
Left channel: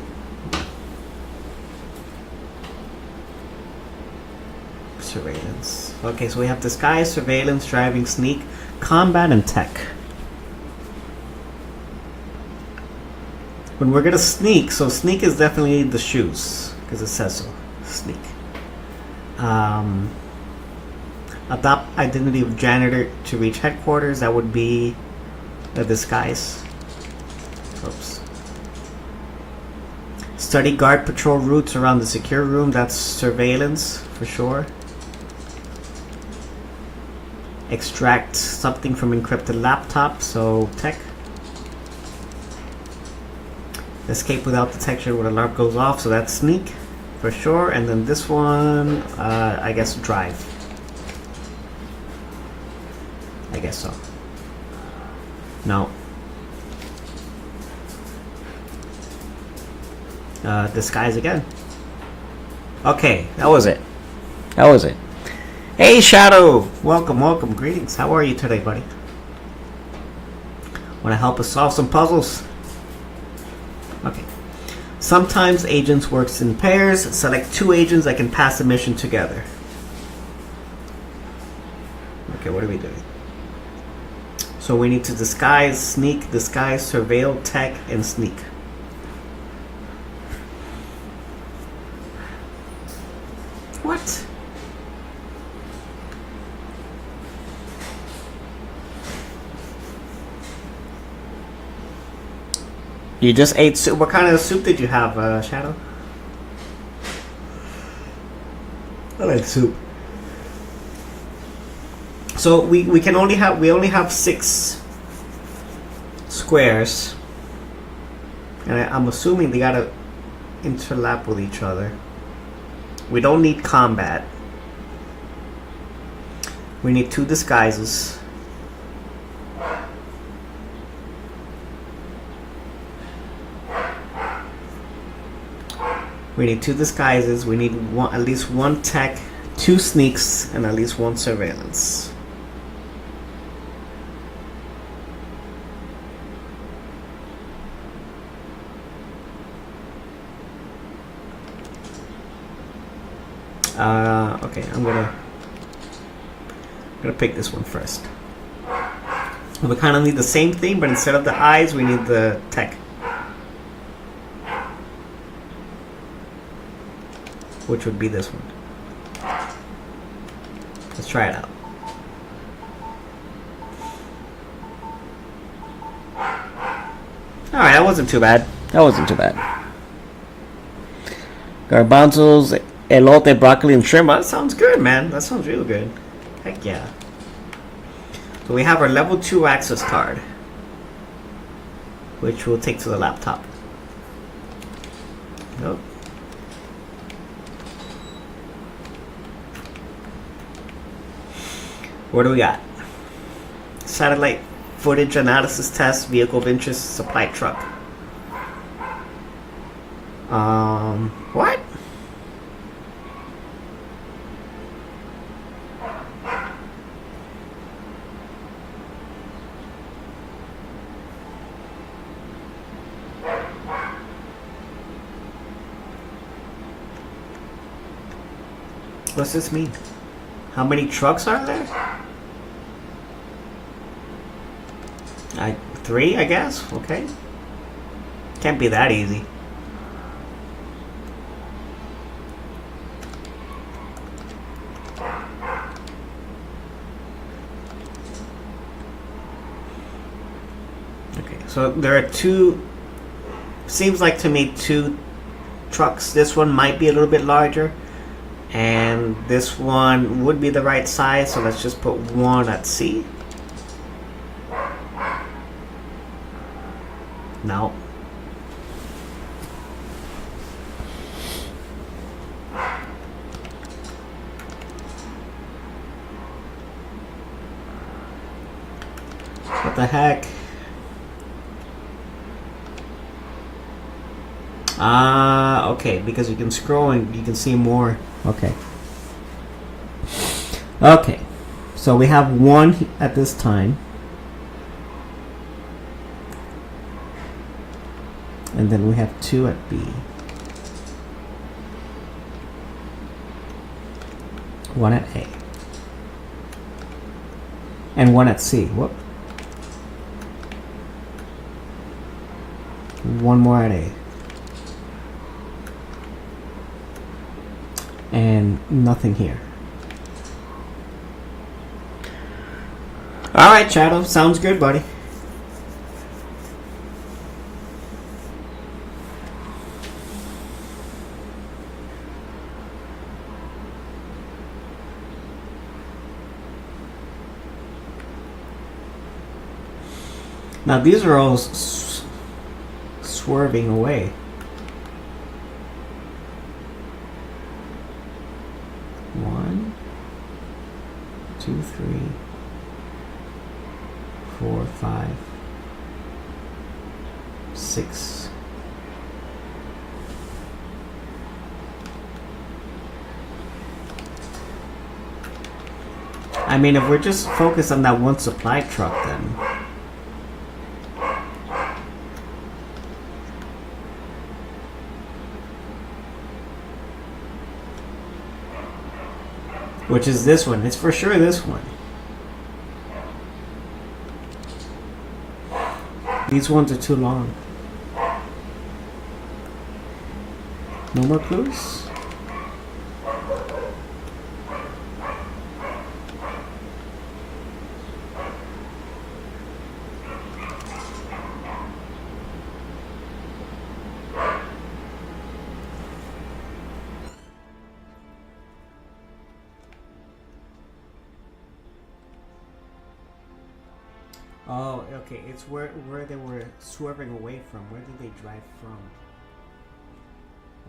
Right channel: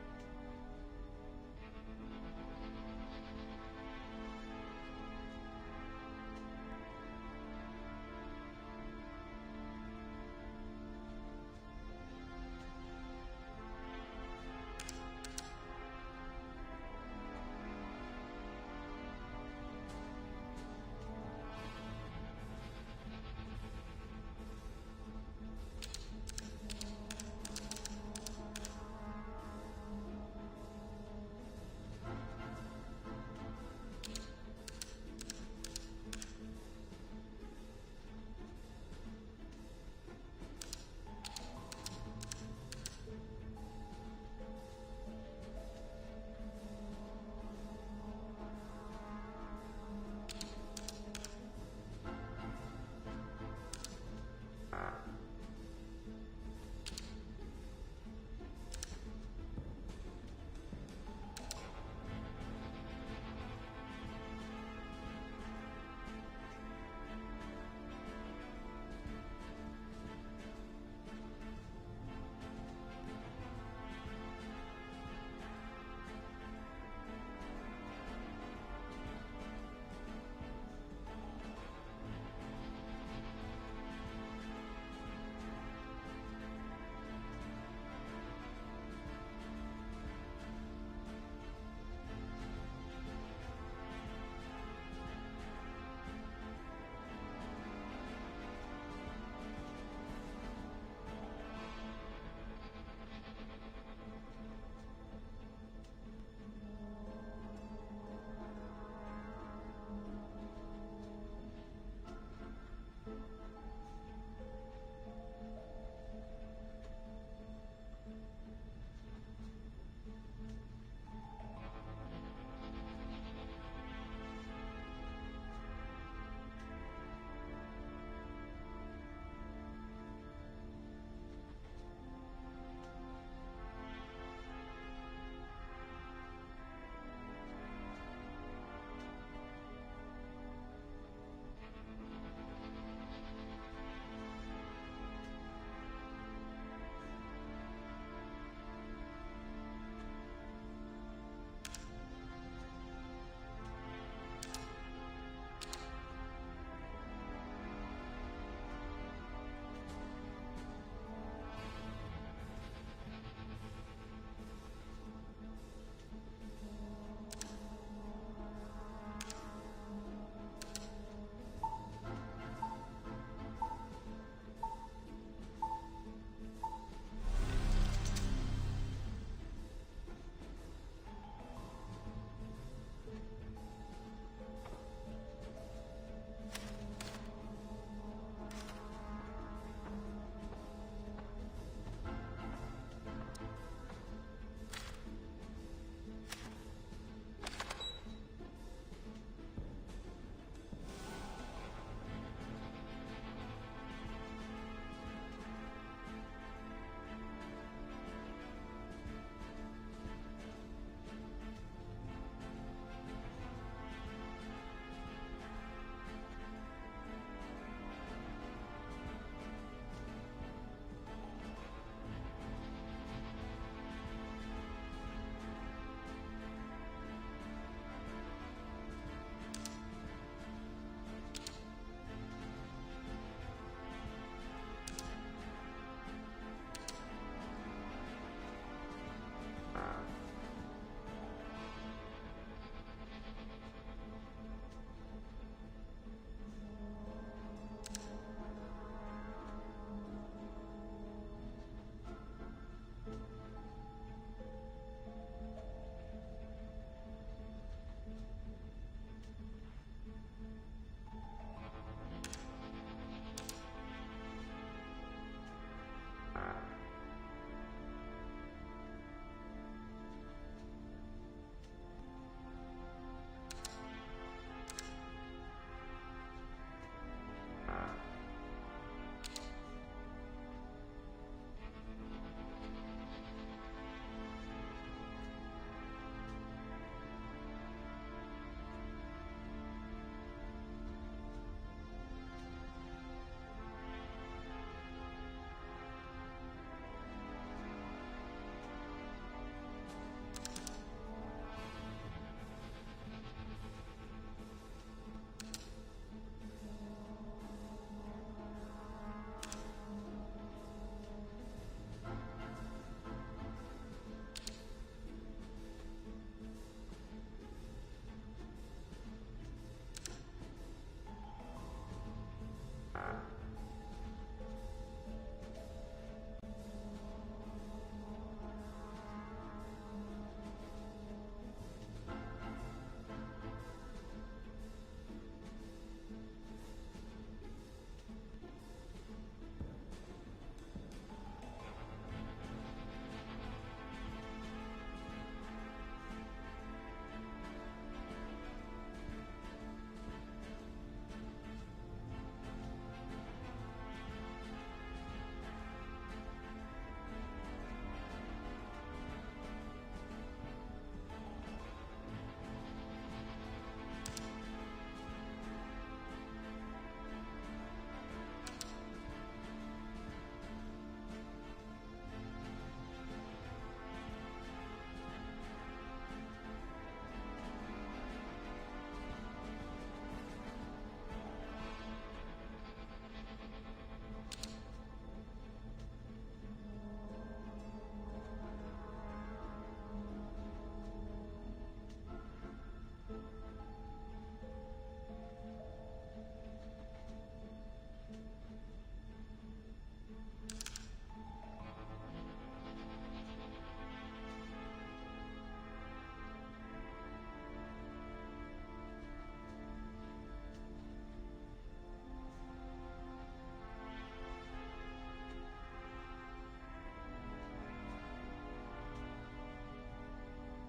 Surveillance. Okay, so we have disguise, surveillance, driving, sneak, combat, and tech. When we're gonna sneak, so sneak is definitely the shoes, because it says so. Sneak. Adopt identity of janitor to reach headquarters. That would be a disguise. Oops. Study guard patrol routes around the secure room. That's surveillance for sure. Extract something from encrypted laptop. So tech. Escape without detection when alarm goes off. So that's sneak for sure. And then this one, I guess drive. I guess so. No. Disguise again. Okay, that was it. That was it. Hey, Shadow! Welcome, welcome. Greetings. How are you today, buddy? Want to help us solve some puzzles? Okay. Sometimes agents works in pairs. Select 2 agents that can pass a mission together. Okay, what are we doing? So we need to disguise, sneak, disguise, surveil, tech, and sneak. What? You just ate soup. What kind of soup did you have, Shadow? I like soup. So we only have 6 squares, and I'm assuming they gotta interlap with each other. We don't need combat. We need 2 disguises. We need 2 disguises. We need at least 1 tech, 2 sneaks, and at least 1 surveillance. Okay, I'm gonna pick this one first. We kind of need the same thing, but instead of the eyes, we need the tech, which would be this one. Let's try it out. All right, that wasn't too bad. Garbanzos, elote, broccoli, and shrimp. That sounds good, man. That sounds real good. Heck yeah. So we have our level 2 access card, which we'll take to the laptop. Nope. What do we got? Satellite footage analysis test, vehicle of interest, supply truck. What? What's this mean? How many trucks are there? 3, I guess. Okay. Can't be that easy. Okay, so there are 2. Seems like to me 2 trucks. This one might be a little bit larger, and this one would be the right size. So let's just put 1 at C. No. What the heck? Okay, because you can scroll and you can see more. Okay. Okay. So we have 1 at this time. And then we have 2 at B. 1 at A. And 1 at C. Whoop. 1 more at A. And nothing here. Alright, Shadow. Sounds good, buddy. Now these are all swerving away. One, 2, 3, 4, 5, 6. I mean, if we're just focused on that 1 supply truck, then Which is this one. It's for sure this one. These ones are too long. No more clues? Oh, okay. It's where they were swerving away from. Where did they drive from?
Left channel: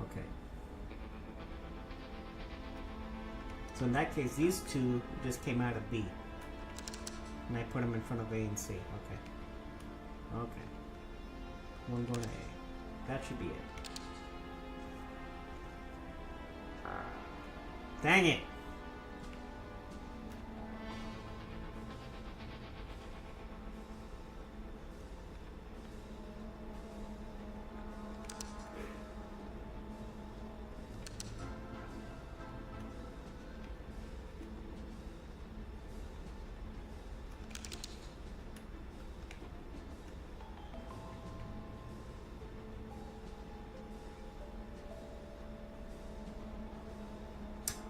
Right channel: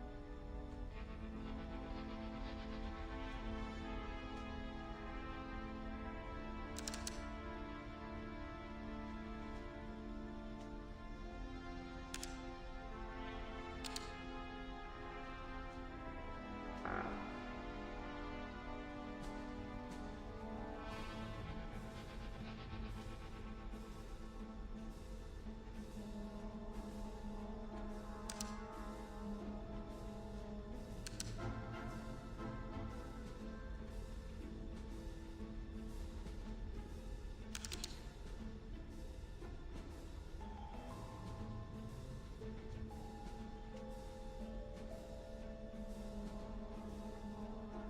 Okay. So in that case, these two just came out of B. And I put them in front of A and C. Okay. Okay. One going to A. That should be it. Dang it!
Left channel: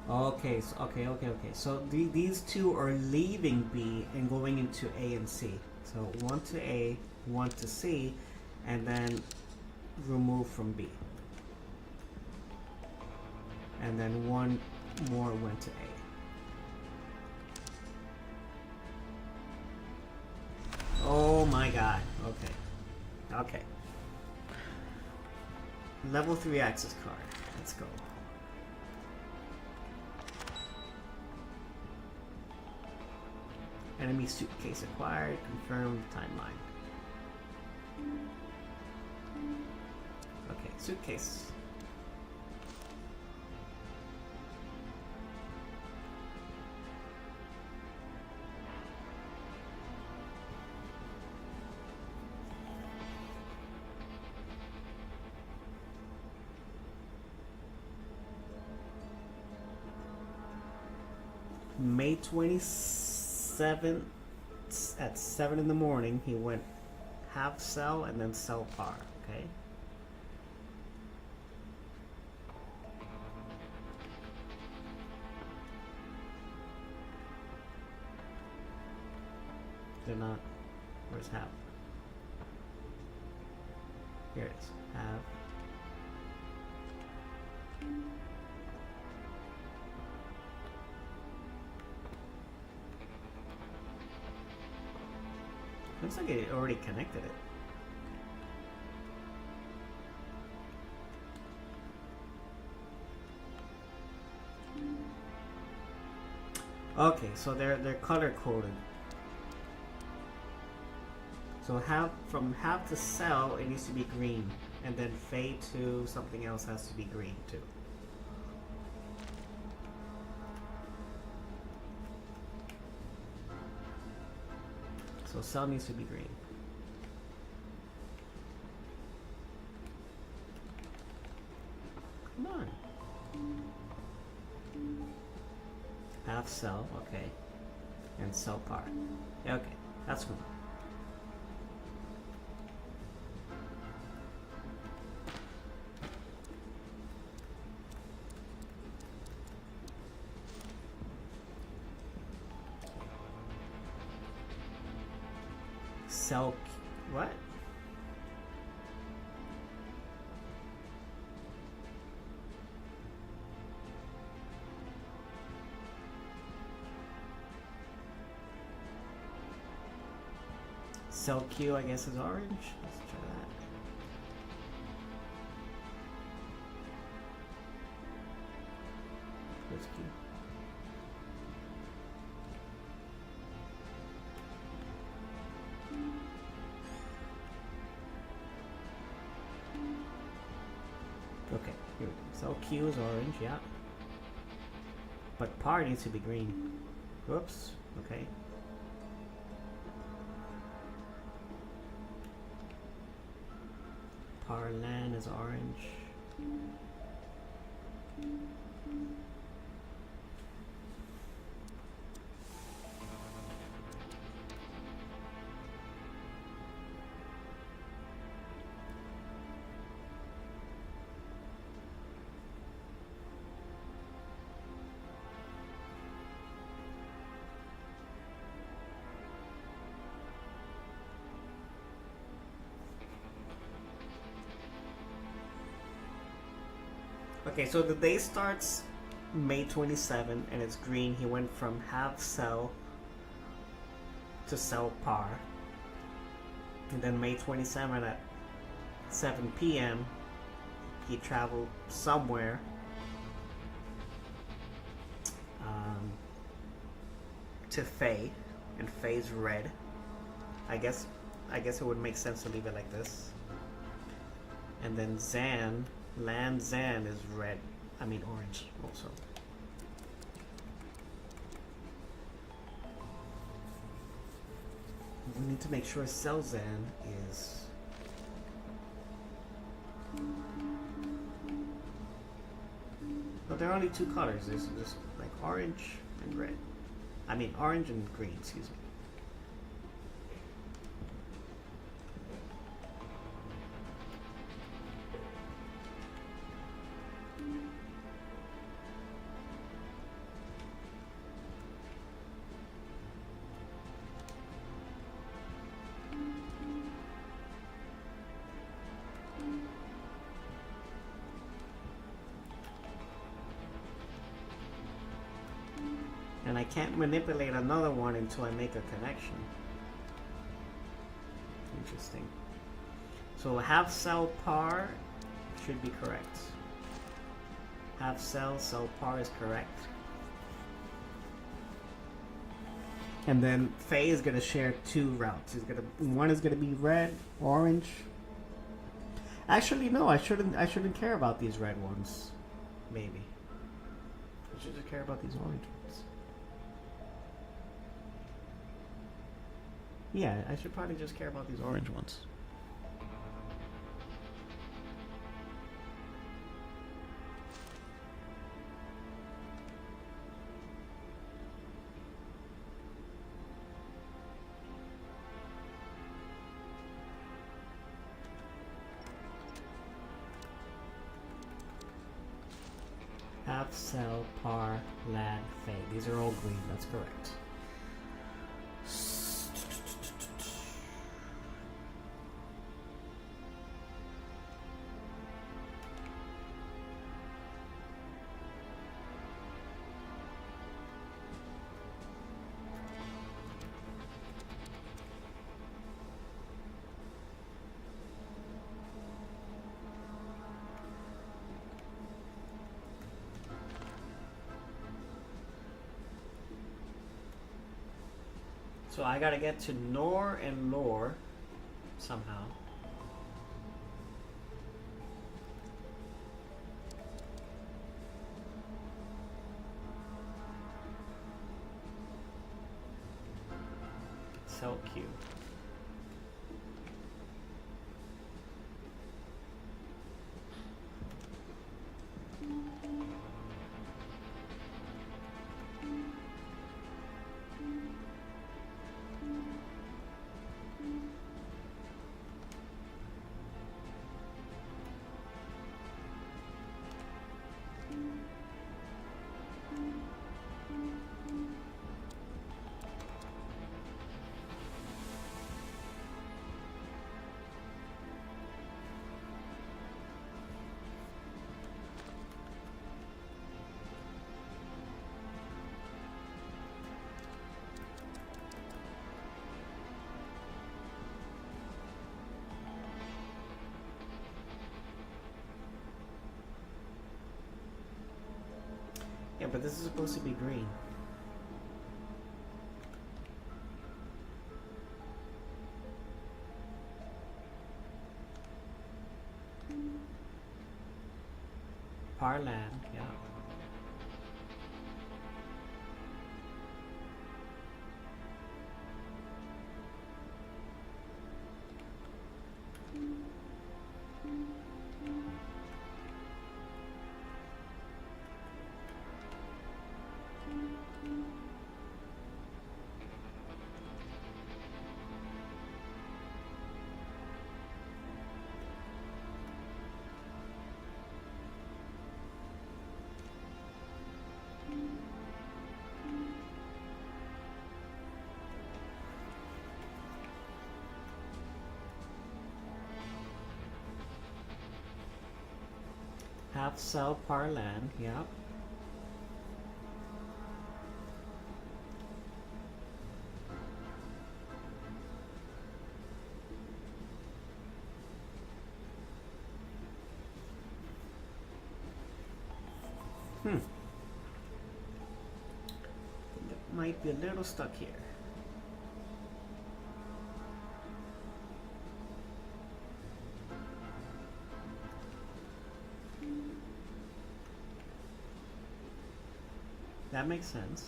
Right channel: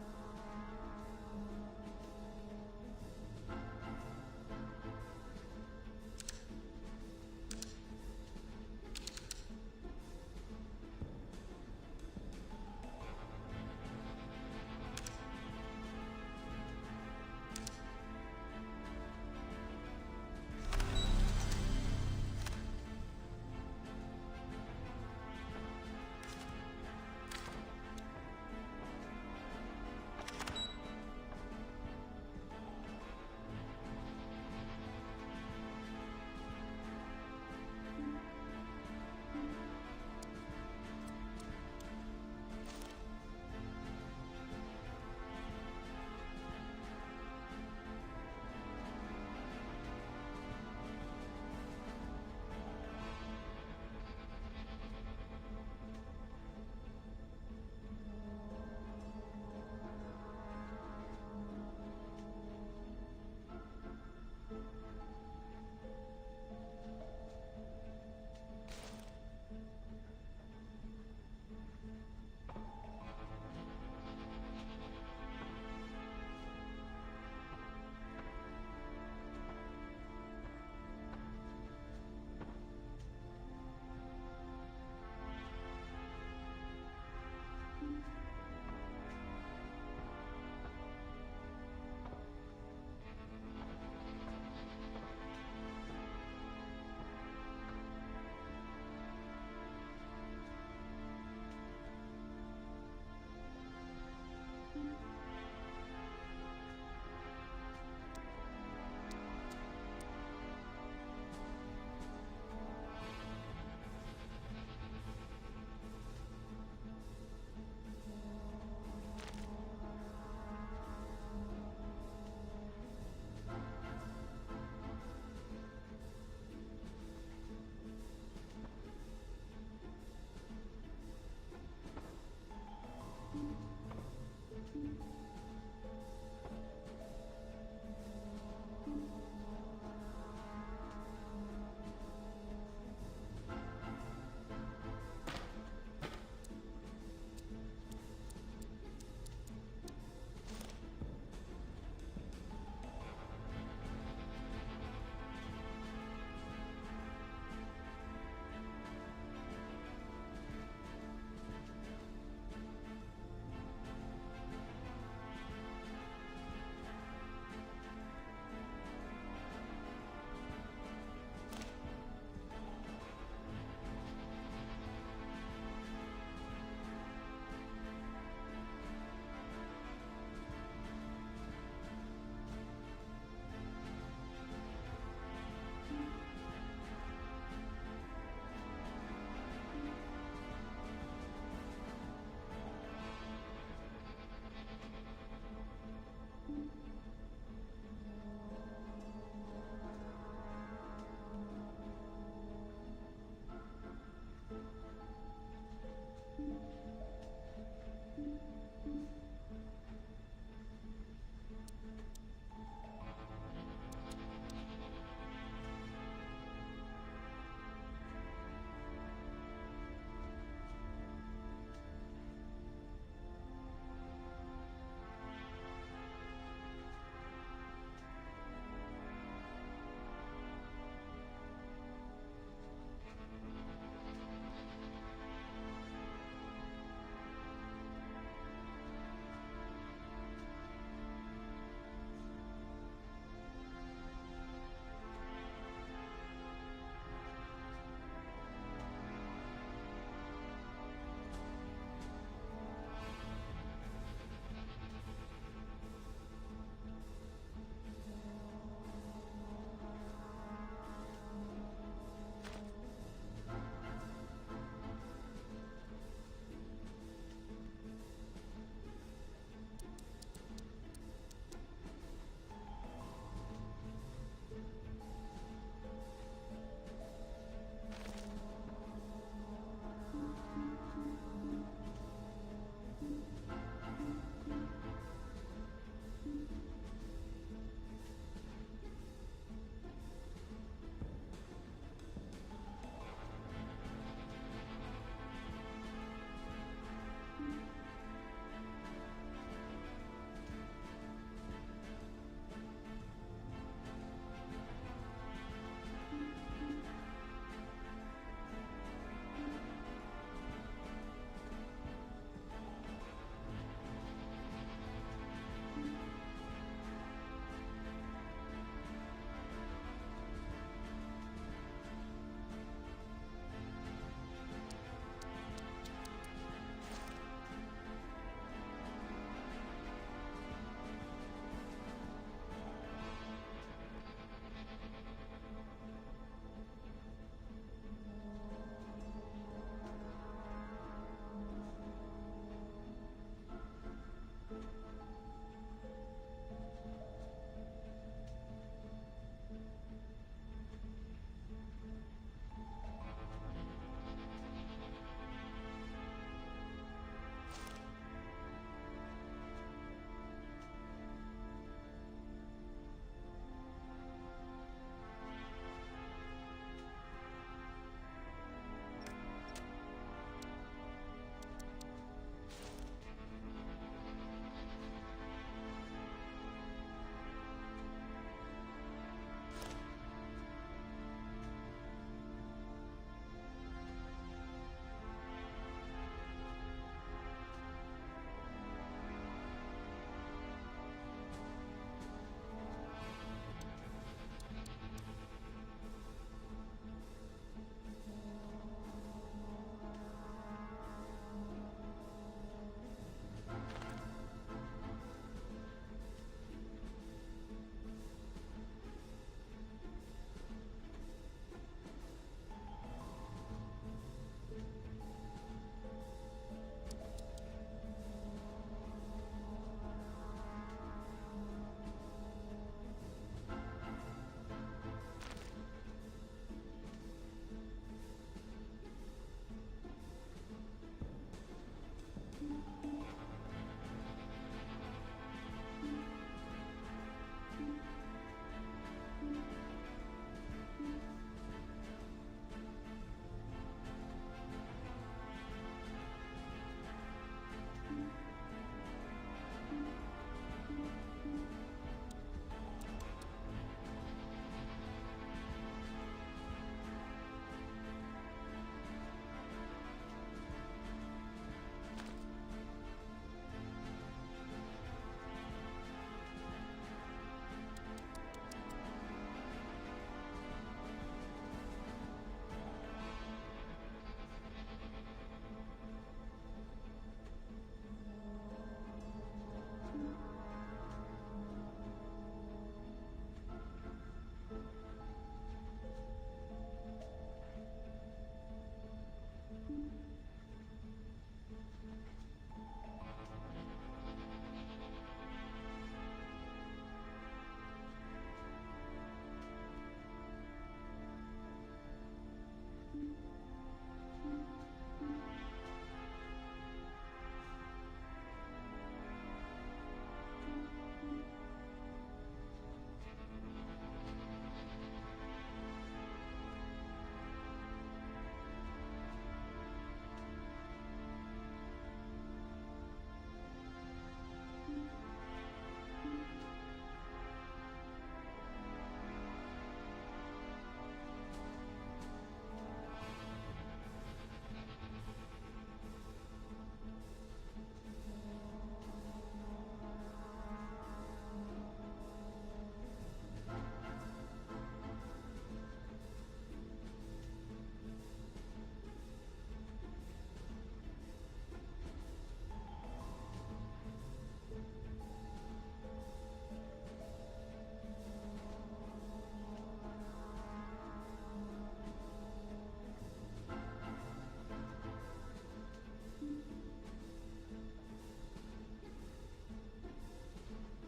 Okay, so, okay. So these two are leaving B and going into A and C. So one to A, one to C, and then remove from B. And then one more went to A. Oh my god. Okay. Okay. Level 3 access card. Let's go. Enemy suitcase acquired. Confirmed timeline. Okay, suitcase. May 27th at 7 in the morning, he went half cell and then cell par. Okay. They're not. Where's half? Here it is. Half. Looks like it already connected it. Okay, so they're color coded. So from half to cell, it needs to be green, and then fade to something else has to be green too. So cell needs to be green. Come on. Half cell, okay. And cell par. Okay, that's one. Cell, what? Cell Q, I guess, is orange. Let's try that. Where's Q? Okay, here. Cell Q is orange, yeah. But par needs to be green. Whoops, okay. Par land is orange. Okay, so the day starts May 27 and it's green. He went from half cell to cell par. And then May 27 at 7 p.m. he traveled somewhere to Faye, and Faye's red. I guess it would make sense to leave it like this. And then Land Zan is red. I mean orange also. We need to make sure Cell Zan is but there are only two colors. There's just like orange and red. I mean orange and green, excuse me. And I can't manipulate another one until I make a connection. Interesting. So half cell par should be correct. Half cell par is correct. And then Faye is gonna share two routes. One is gonna be red, orange. Actually, no, I shouldn't care about these red ones. Maybe. I should just care about these orange ones. Yeah, I should probably just care about these orange ones. Half cell, par, lad, Faye. These are all green, that's correct. So I gotta get to Nor and Lore somehow. So cute. Yeah, but this is supposed to be green. Parland, yeah. half cell par land, yep. That might be a little stuck here. That makes sense.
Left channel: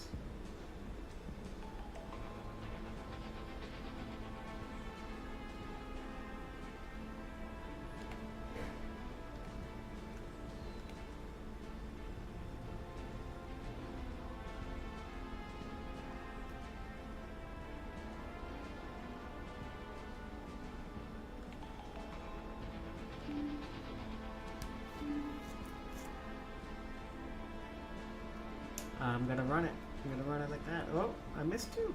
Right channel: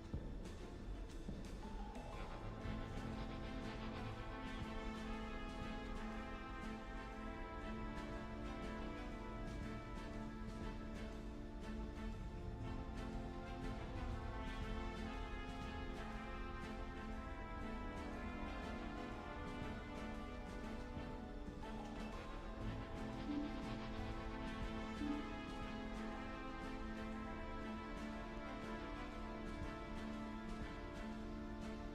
I'm gonna run it. I'm gonna run it like that. Oh, I missed you.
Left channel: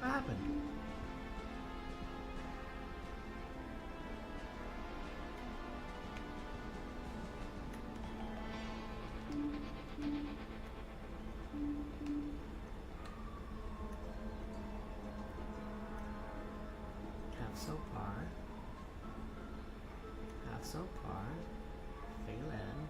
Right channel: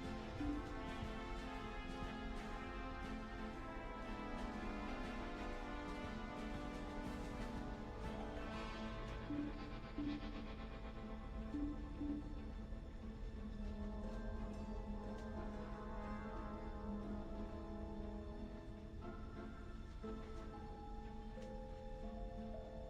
What happened? Half so par. Half so par. Fail end.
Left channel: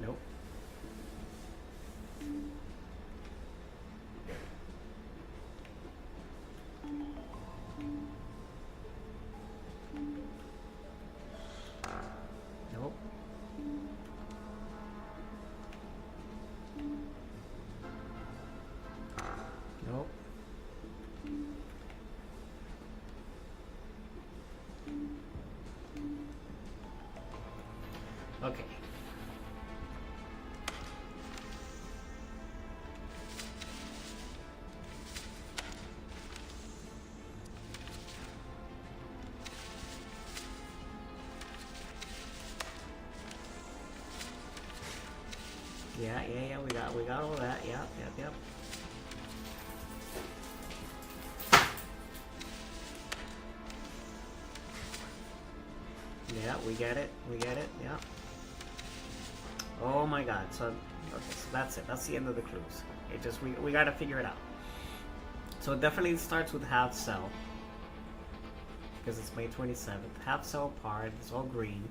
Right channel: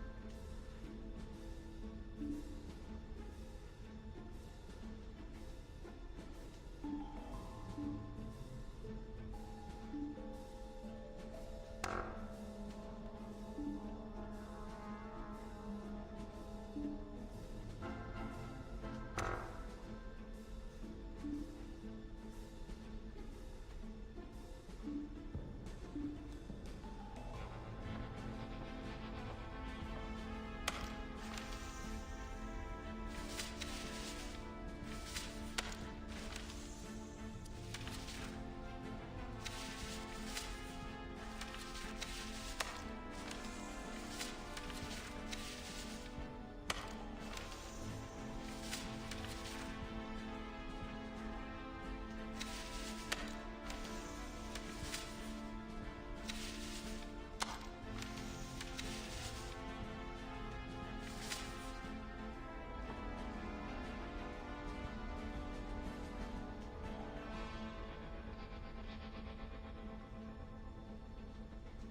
Nope. Nope. Nope. Okay. Yeah, we got all that. Yep. Yeah, we get it, yeah. Oh my god, so that's it, that's the end of the cruise. It just, we gotta figure it out. So it definitely starts with half cell, because it's May 27th. Half cell part, it's all green.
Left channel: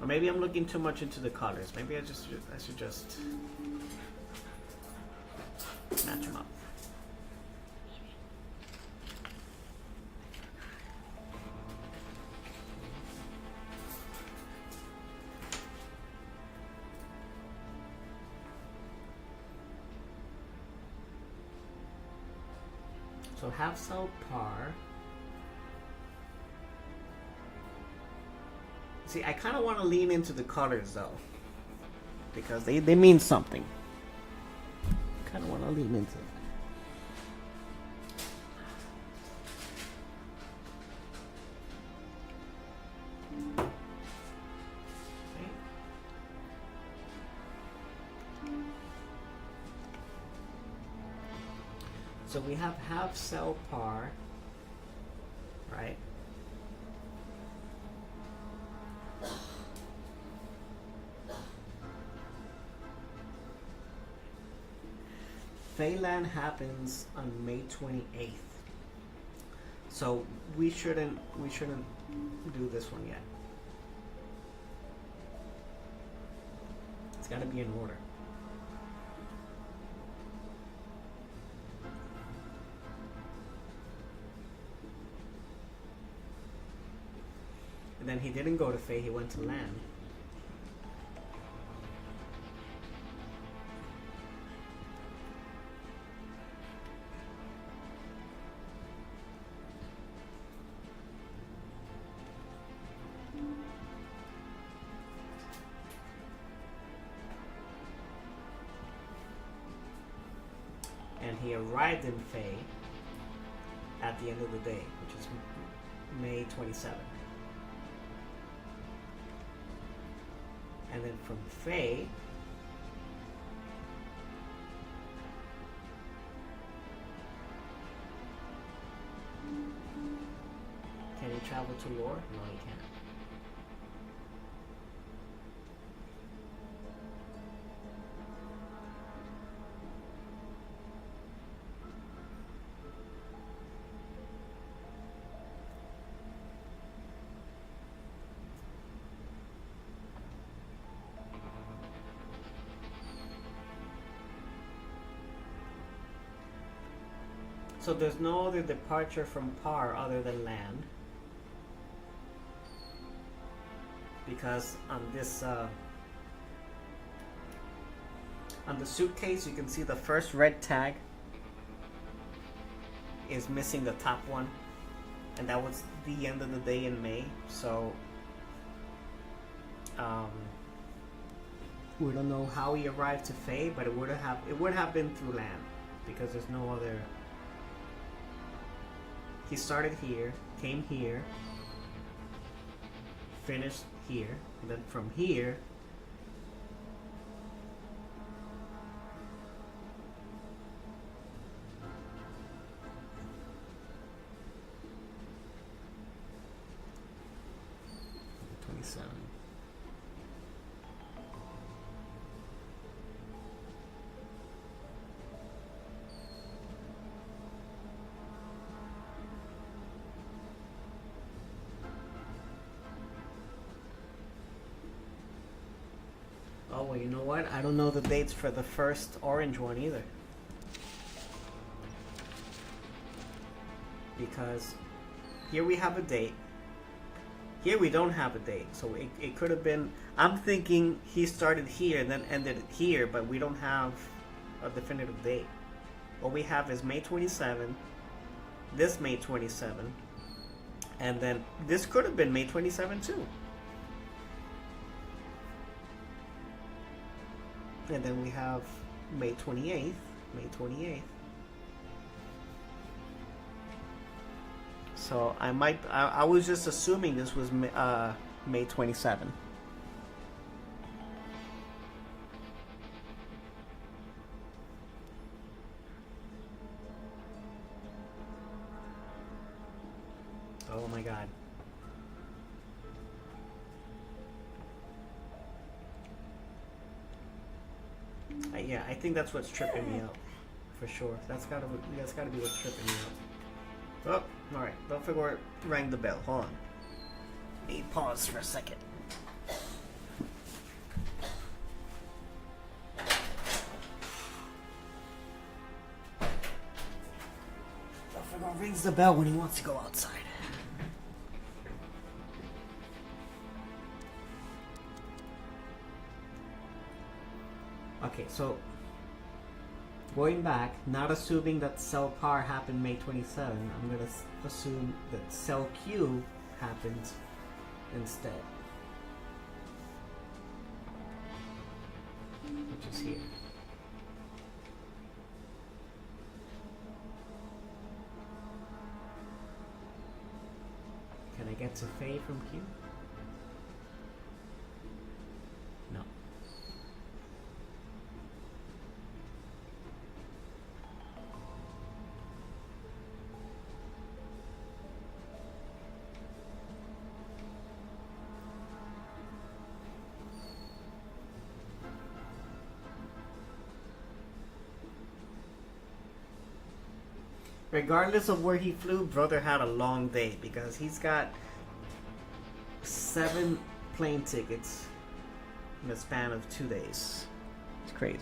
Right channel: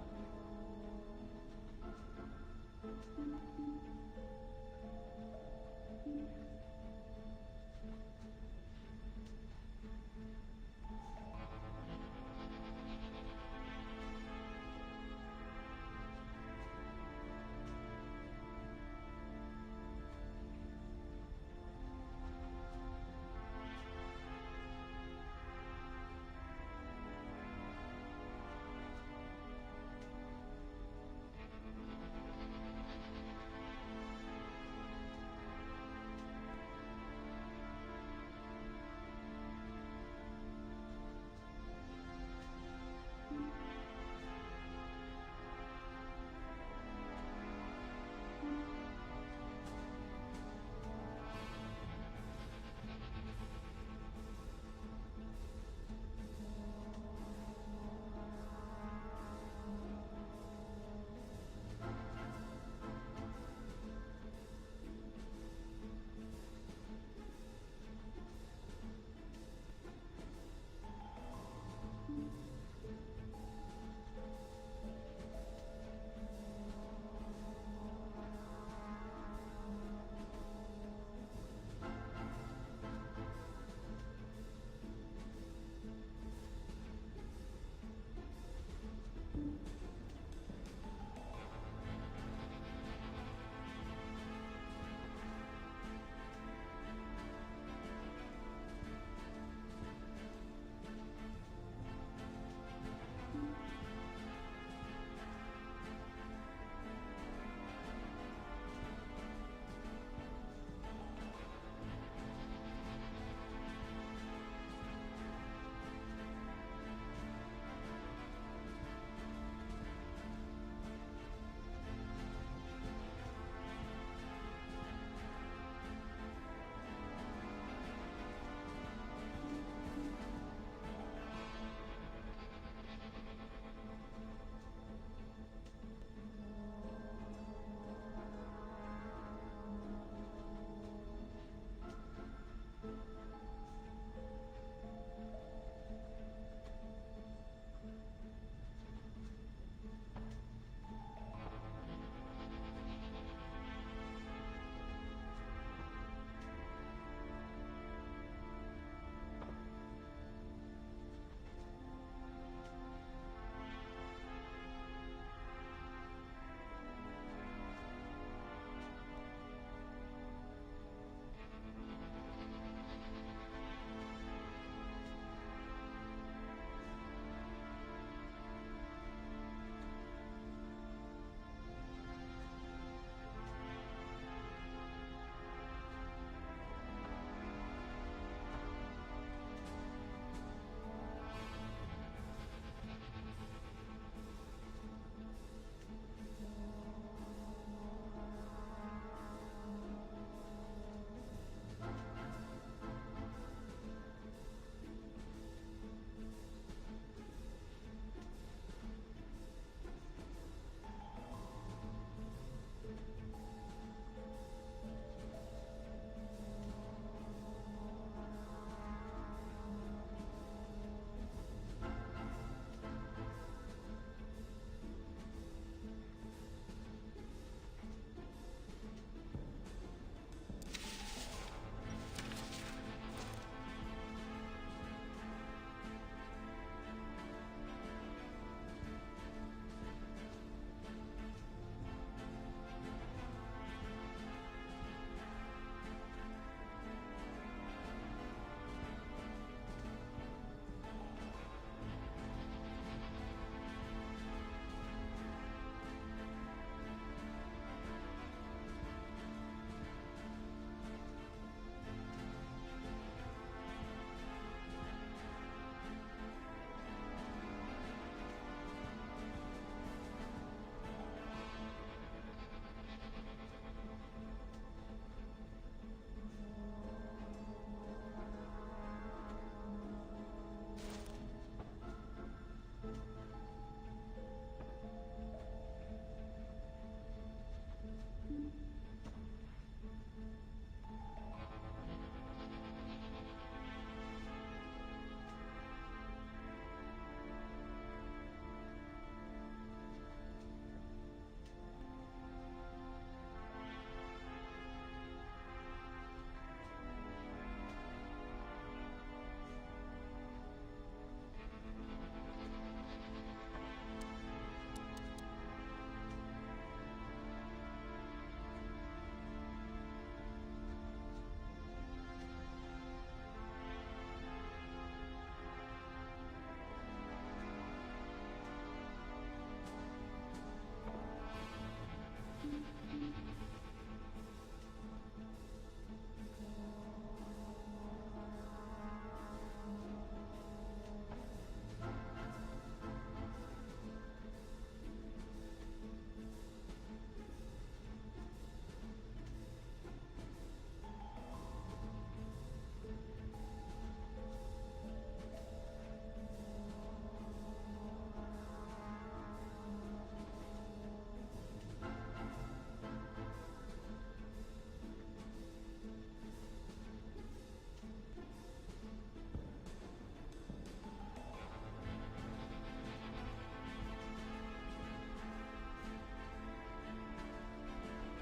Or maybe I'm looking too much into the colors. Maybe I should just match them up. So half cell par. See, I kind of want to lean into the colors though, because they mean something. Kind of want to lean into it. So we have half cell par, right? Phelan happens on May 28th. So we shouldn't do this one yet. gotta be in order. And then he didn't go to Fae, he went to land. And he arrived in Fae at the end of the day, which is May 27th. And then from Fae, can he travel to Lore? No, he can't. So there's no other departure from Par other than land, because on this on the suitcase you can see the first red tag is missing the top one, and that was the end of the day in May. So we don't know how he arrived to Fae, but it would have been through land, because there's no other. He started here, came here, finished here, and then from here oh, well, you know what? I don't know the dates for the first orange one either. Because here we have a date. Here we don't have a date. So it could have been... I'm thinking he started here and then ended here, but we don't have a definitive date. What we have is May 27, this May 27, and then this could have been May 27 too. And then we have May 28th, May 28th. So I was just assuming this was May 27. Oh my God. Yeah, I think that's what's tripping me out, for sure. That's gotta be what's tripping me out. Oh, all right. Belphegor rang the bell. Hold on. Let me pause for a second. Belphegor rings the bell when he wants to go outside. Okay, so going back, not assuming that cell par happened May 27, I'm going to assume that cell Q happened instead. Which is here. Can I get to Faye from Q? No. Regardless of where he flew, brother had a long day because he's got 7 plane tickets, in a span of 2 days. It's crazy.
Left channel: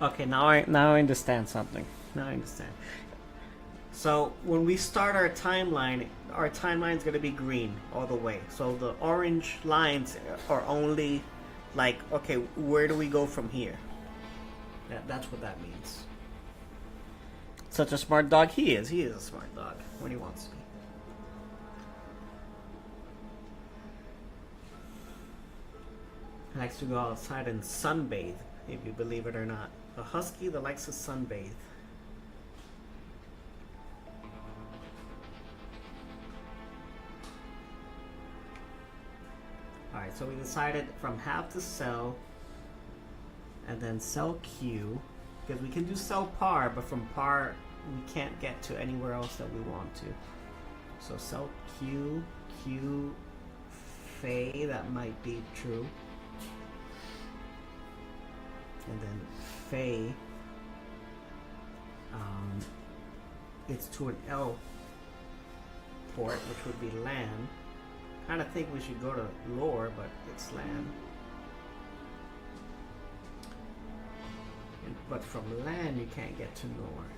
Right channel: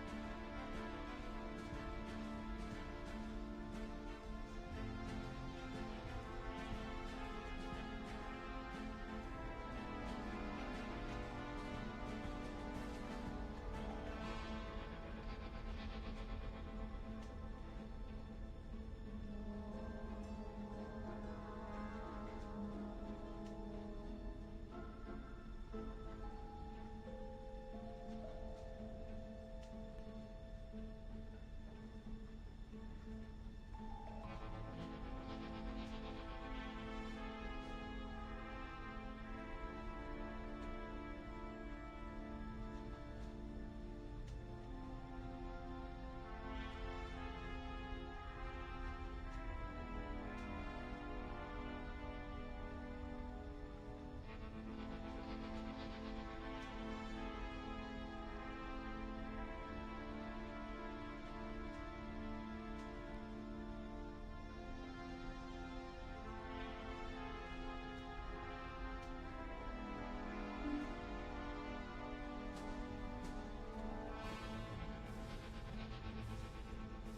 Okay, now I understand something. Now I understand. So when we start our timeline's gonna be green all the way. So the orange lines are only like, okay, where do we go from here? That's what that means. Such a smart dog he is. He is a smart dog when he wants to be. He likes to go outside and sunbathe, if you believe it or not. A husky that likes to sunbathe. Alright, so we decided from have to sell, and then sell Q, because we can do sell par, but from par we can't get to anywhere else that we want to. So sell Q, Q, Faye, that might be true. And then Faye, it's to an L port, which would be land. Kind of think we should go to lore, but it's land. But from land, you can't get to lore.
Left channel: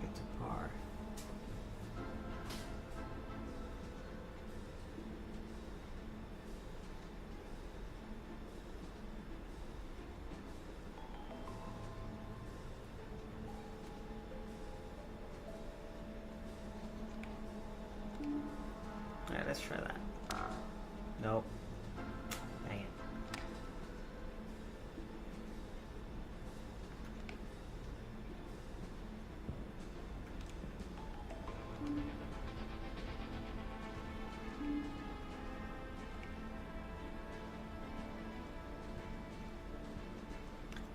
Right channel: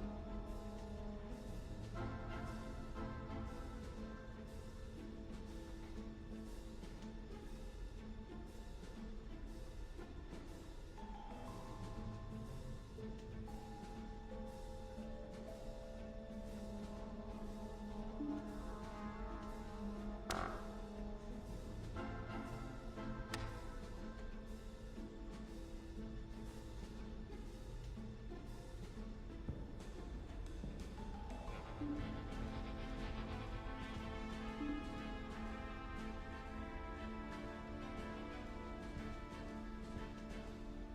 Get to par. Alright, let's try that. Nope. Dang it.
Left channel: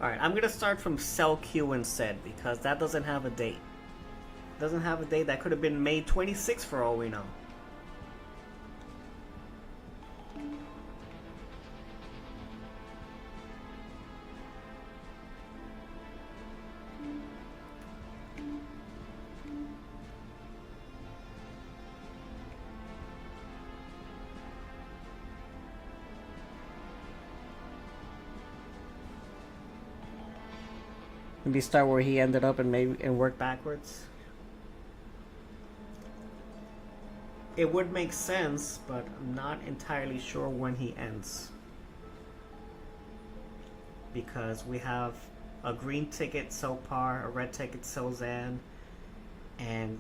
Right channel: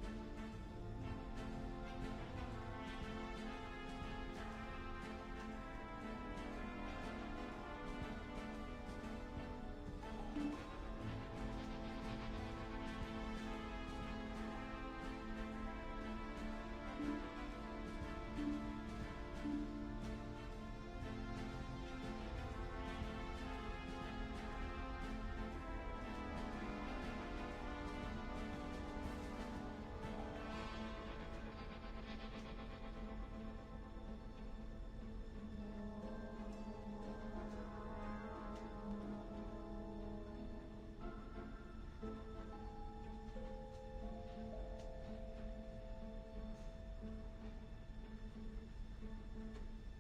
Alright, I'm gonna start from sell Q instead because that doesn't have a date. Doesn't have a date. That could have been May 26th for all we know. Maybe start where he ended up and work backwards. It would make sense, but I'm not entirely sure when he ends. Because we have a green ticket sell Par, a red ticket sell Zan, and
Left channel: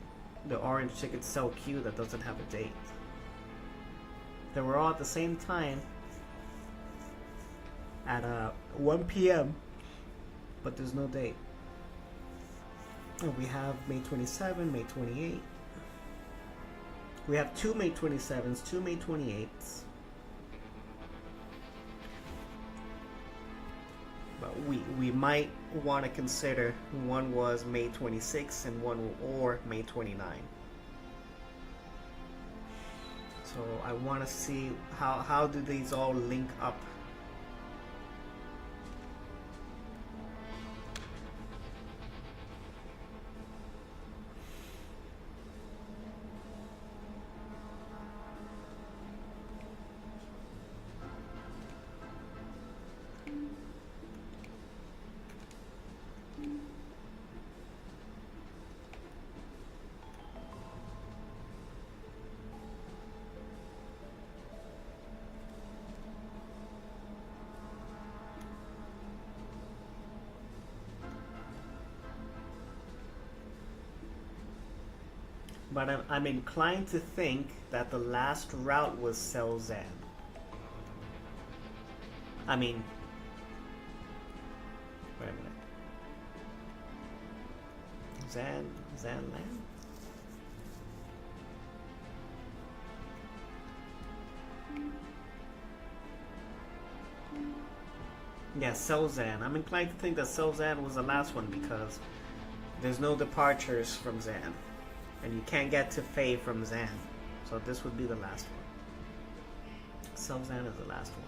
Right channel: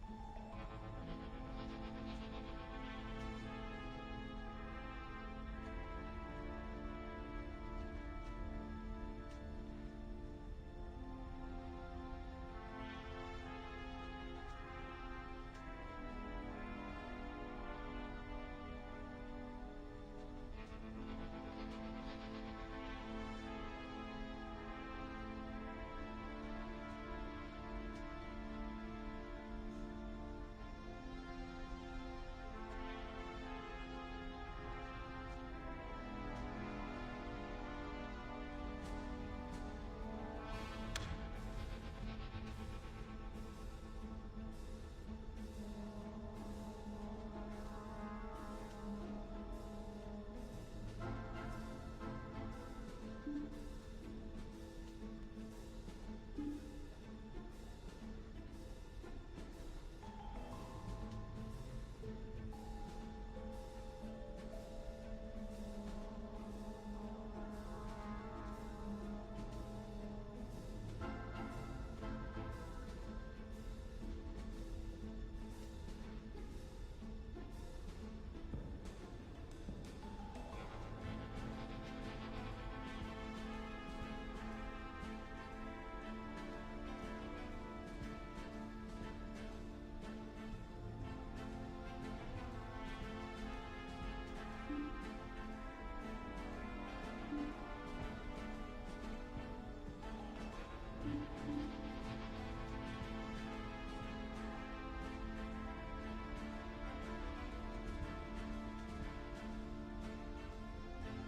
the orange ticket sell Q that doesn't have a date. They were all at the same time at 1 p.m. but there's no date. We have May 27, May 28. We have 2 May 27s, 2 May 28s. But we might want to consider one was May 26 and one or May 29. So I want to see how do these all link up. But I'm inclined to think that the last route was sell Zan. I mean, wait a minute. Zan land? Yeah, sell Zan. I'm inclined to think that sell Zan was the last one because there's no departures from Zan. And you can't get to Faye from Zan. So this would be the last one. Sell Zan is the last one.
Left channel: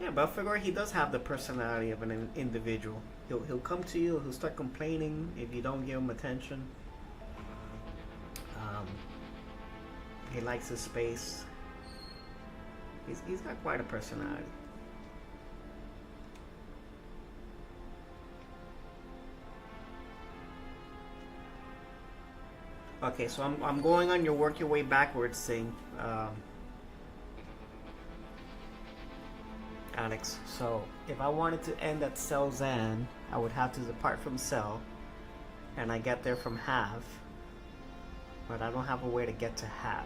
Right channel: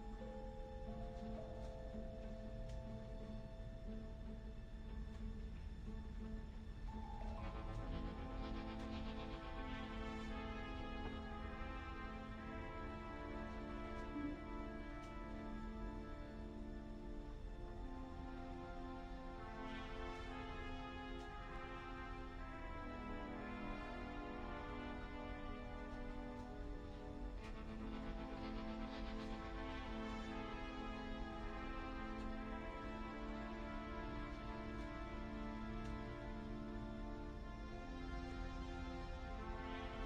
Yeah, Belphegor, he does have the personality of an individual. He'll come to you, he'll start complaining if you don't give him attention. He likes his space. He's got quite a personality. Okay, so I'm going on your work your way backwards thing. Alex. So if I wanted to end at sell Zan, I would have to depart from sell, and I get there from have, but I don't have a way to get to have.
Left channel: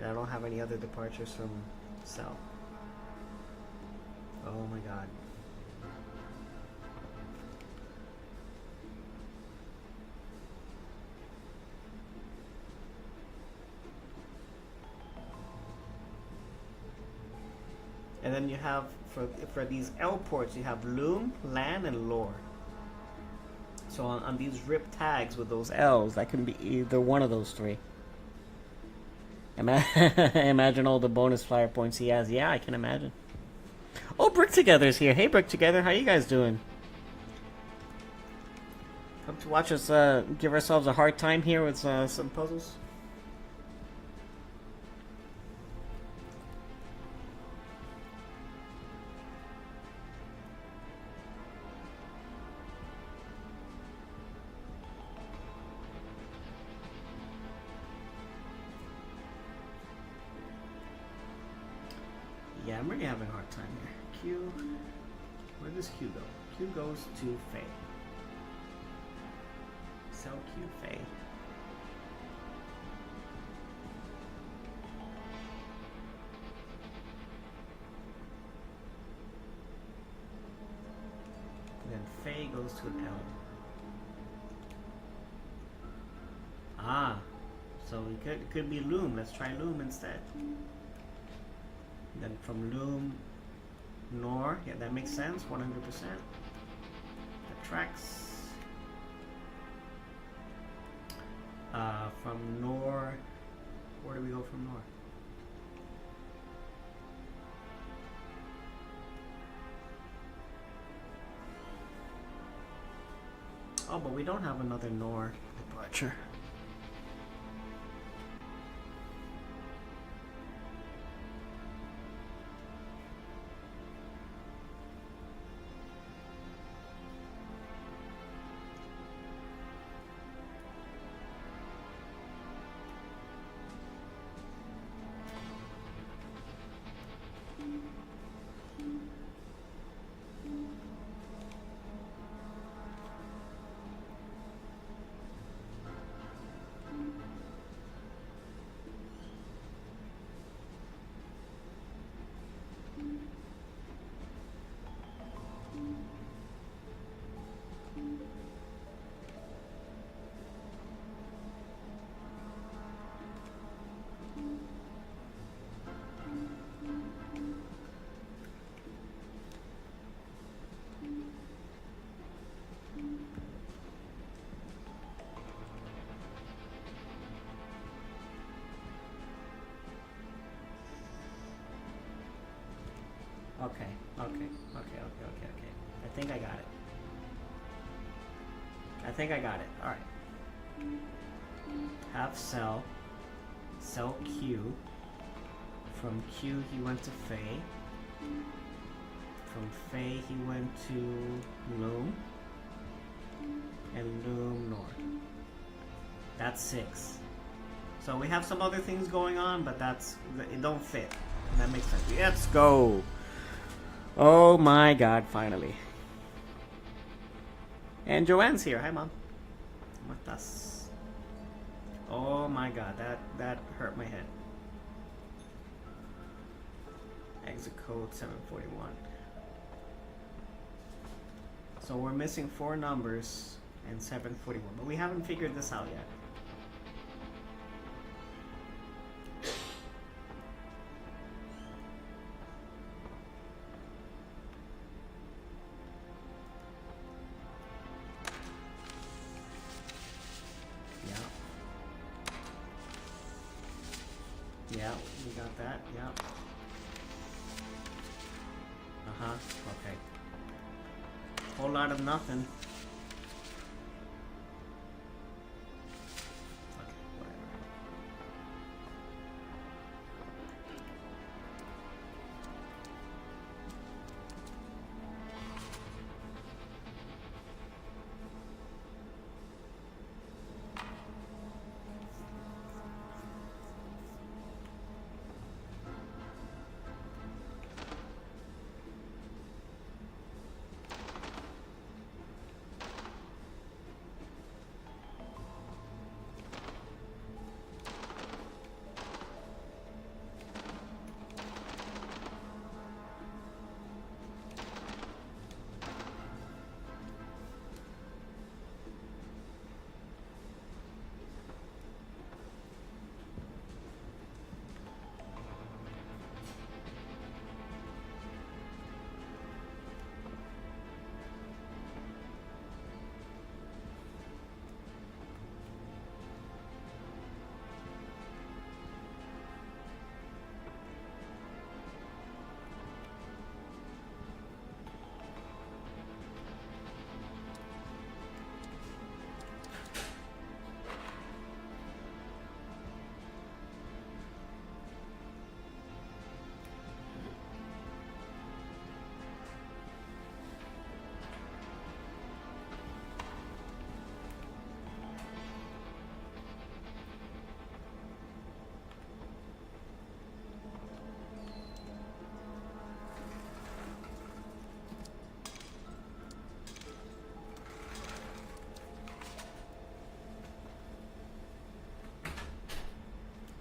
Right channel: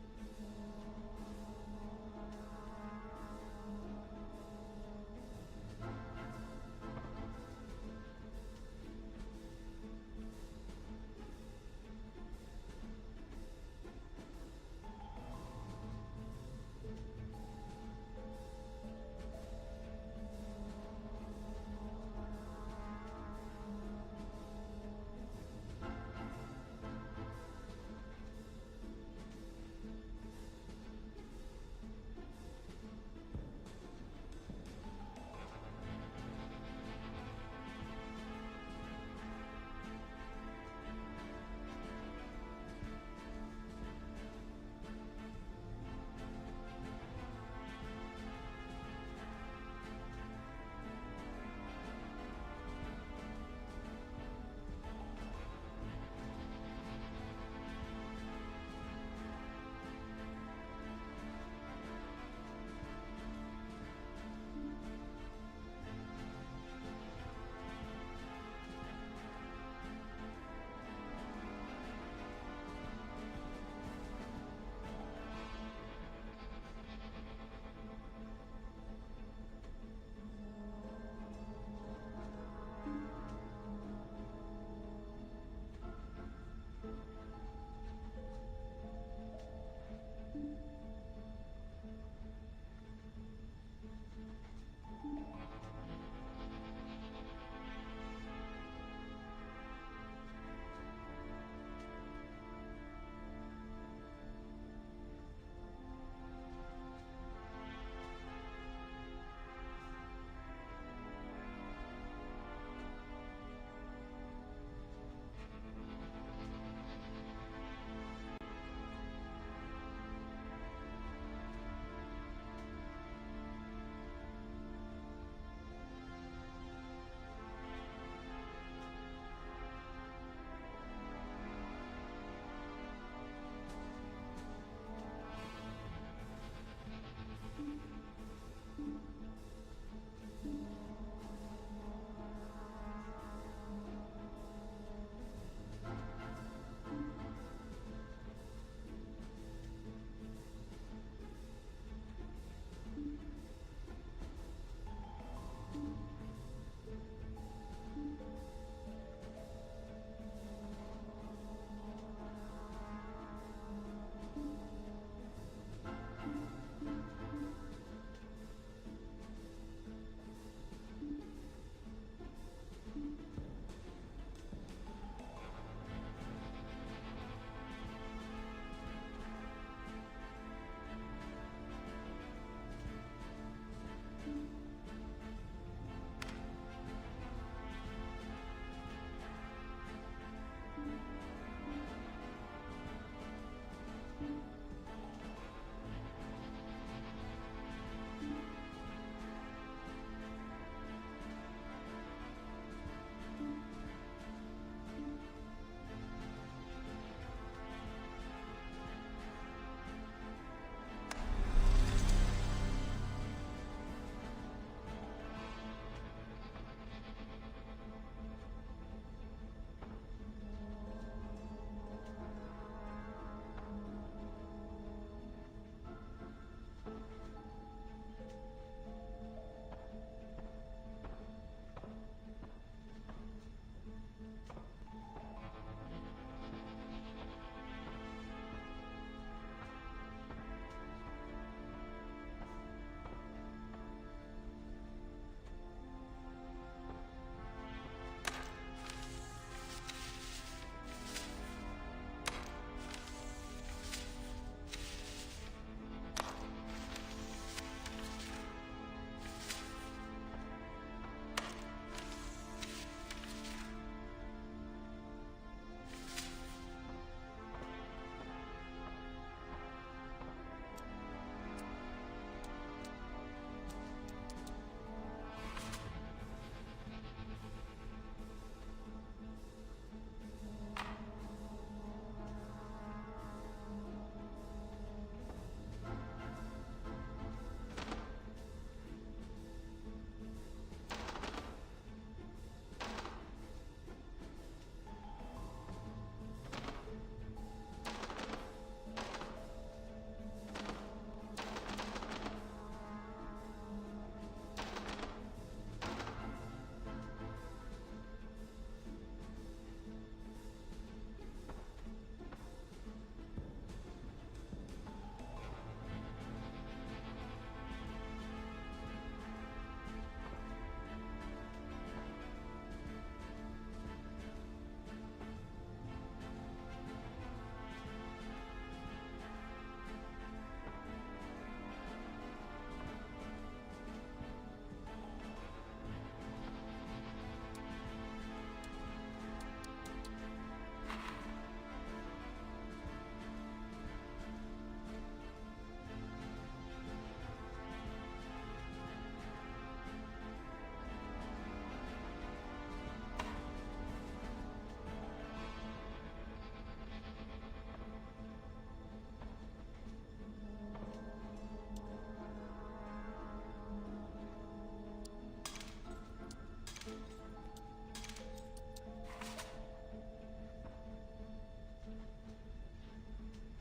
And I don't have any other departures from sell. Oh my god. And then you have, for these L ports, you have loom, land, and lore. So on these rip tags with those L's, that can be either one of those three. Imagine all the bonus flyer points he has. Yeah, I can imagine. Oh, Brick Together's here. Hey, Brick Together, how you guys doing? Come to watch us give ourselves a hard time here with some puzzles. Yeah, I'm really having a hard time here. Q, where does Q go? Q goes to Faye. Sell Q, Faye. Then Faye goes to L. Ah, so it could be Loom. Let's try Loom instead. Then from Loom, Nor, yeah, that makes sense, 100%. That tracks. From Nor, where do we go from Nor? Oh, but we don't have another Nor departure. Okay. I think I got it. All right. Have cell Q. From Q he went to Faye. From Faye he went to Loom. And Loom North. That's 6. So we have some other things going on, but it don't fit. That makes sense. Let's go. Oh my god, finally. And Joanne's here. Hi, Mom. Matas. Oh my god, that hurt my head. Exit code 741. So we're missing 4 numbers in 741, but we haven't figured this out yet. Yeah, we got that. Yeah. Okay. Whole lot of nothing.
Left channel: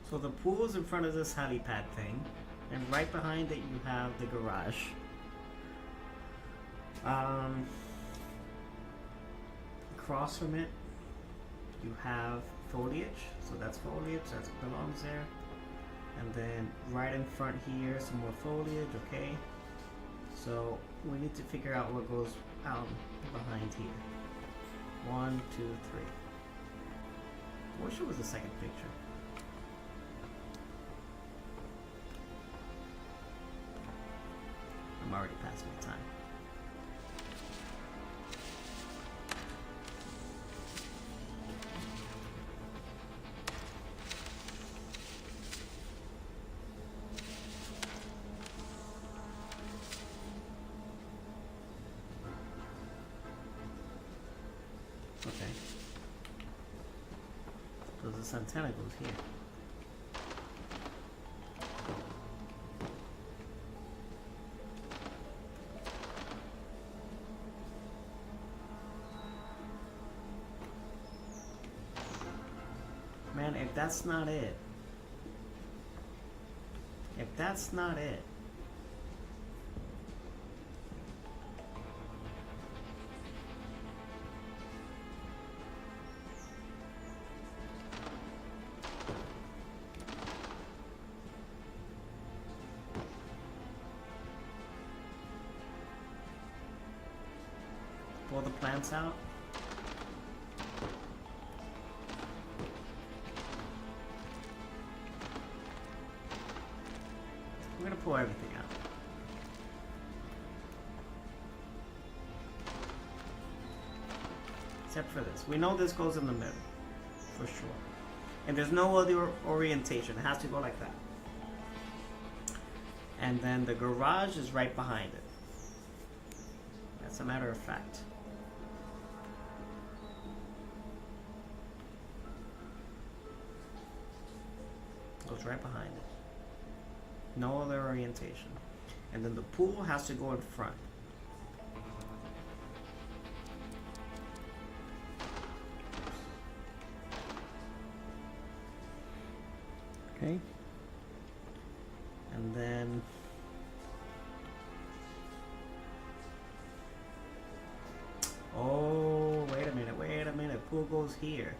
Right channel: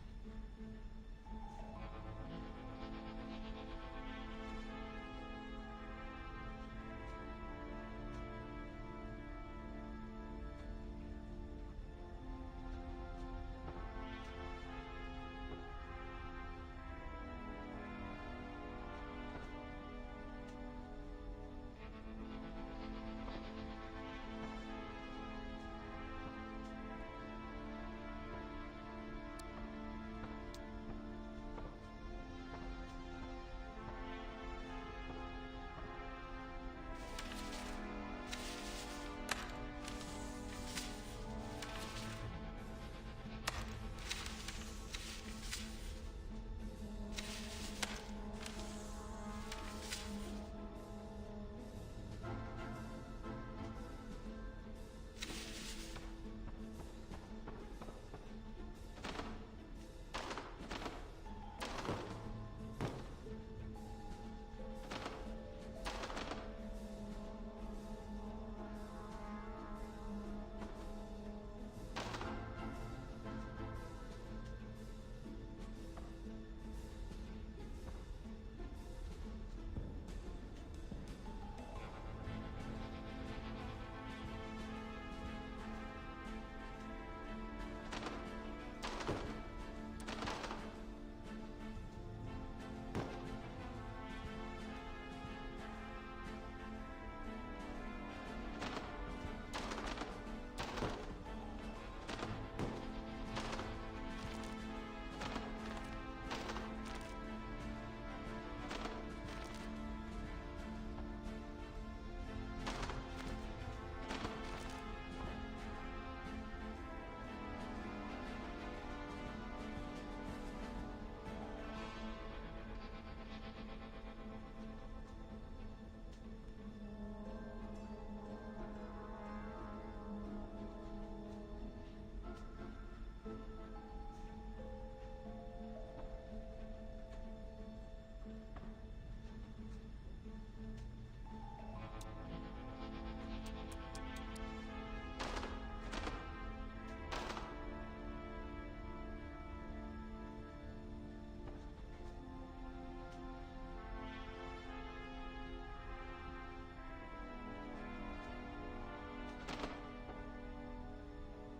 So the pool is in front of this helipad thing, and right behind it you have the garage. Across from it, you have foliage. So that's foliage, that belongs there. And then right in front here, some more foliage, okay? So we need to figure out what goes out behind here. 1, 2, 3. I wish it was the second picture. I'm already past my time. Okay. So this antenna goes here. Man, if that's not it. If that's not it. Pull the plants out. I'm gonna pull everything out. Except for this. We know this goes in the middle. For sure. And there's no other orientation. It has to go like that. And then the garage is right behind it. That's a matter of fact. Goes right behind it. No other orientation. And then the pool has to go in front. Okay. And then oh, wait a minute. Pool goes here.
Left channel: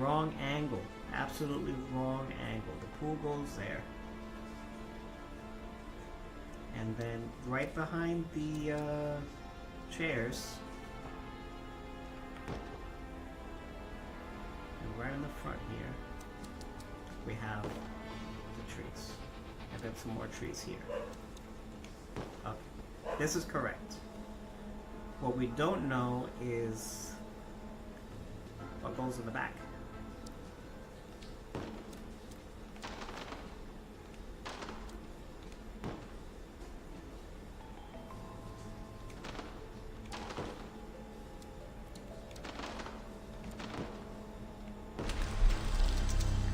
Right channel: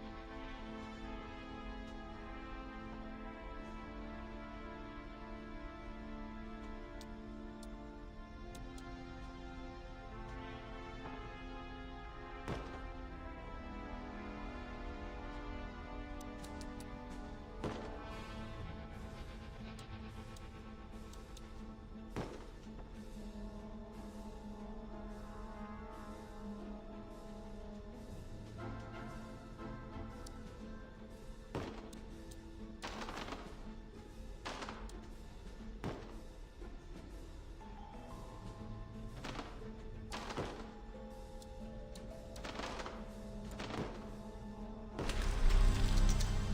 Wrong angle. Absolutely wrong angle. The pool goes there. And then right behind the chairs, right in the front here, we have the trees. And then some more trees here. Okay. This is correct. What we don't know is what goes in the back.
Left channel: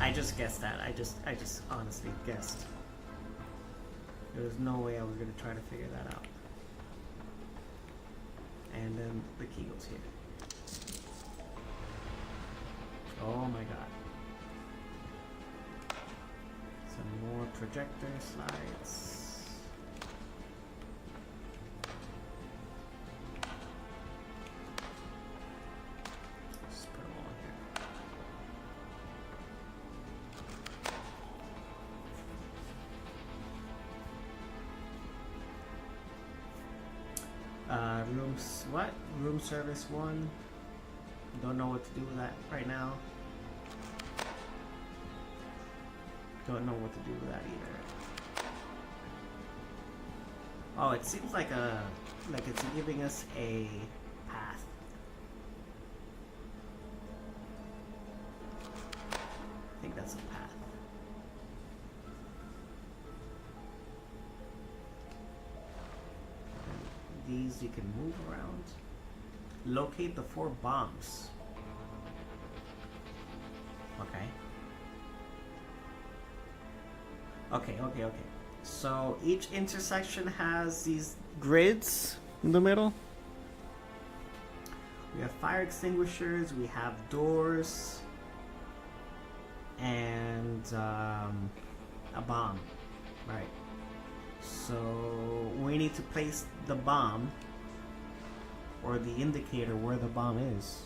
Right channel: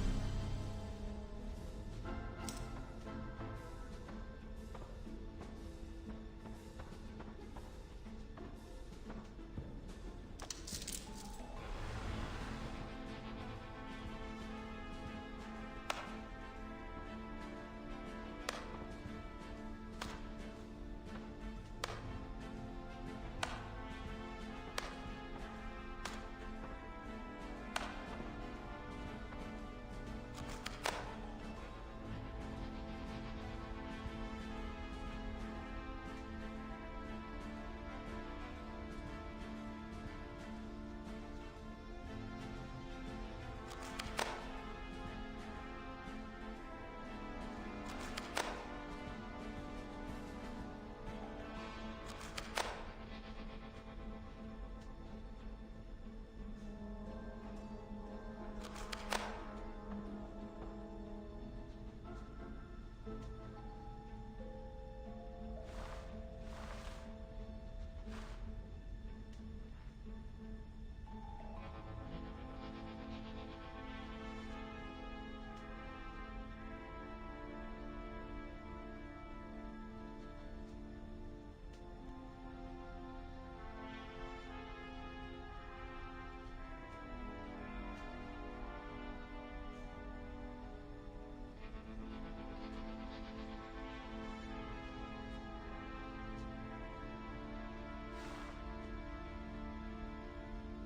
I just guessed that. I just honestly guessed. There was no way I was going to try to figure that out. And then the key goes here. Oh my god. Some more projector slides. Just put them on here. Rooms, what? Room service 1. Don't know what to do with that right now. Don't know what to do with that either. Oh, it seems like it's giving us a path. I think that's a path. These you can move around. Locate the 4 bombs. Okay. So each intersection has these grids in the middle. We have fire extinguishers, we have doors, and a bomb. Right. So we need to place the bomb, or the indicator where the bomb is.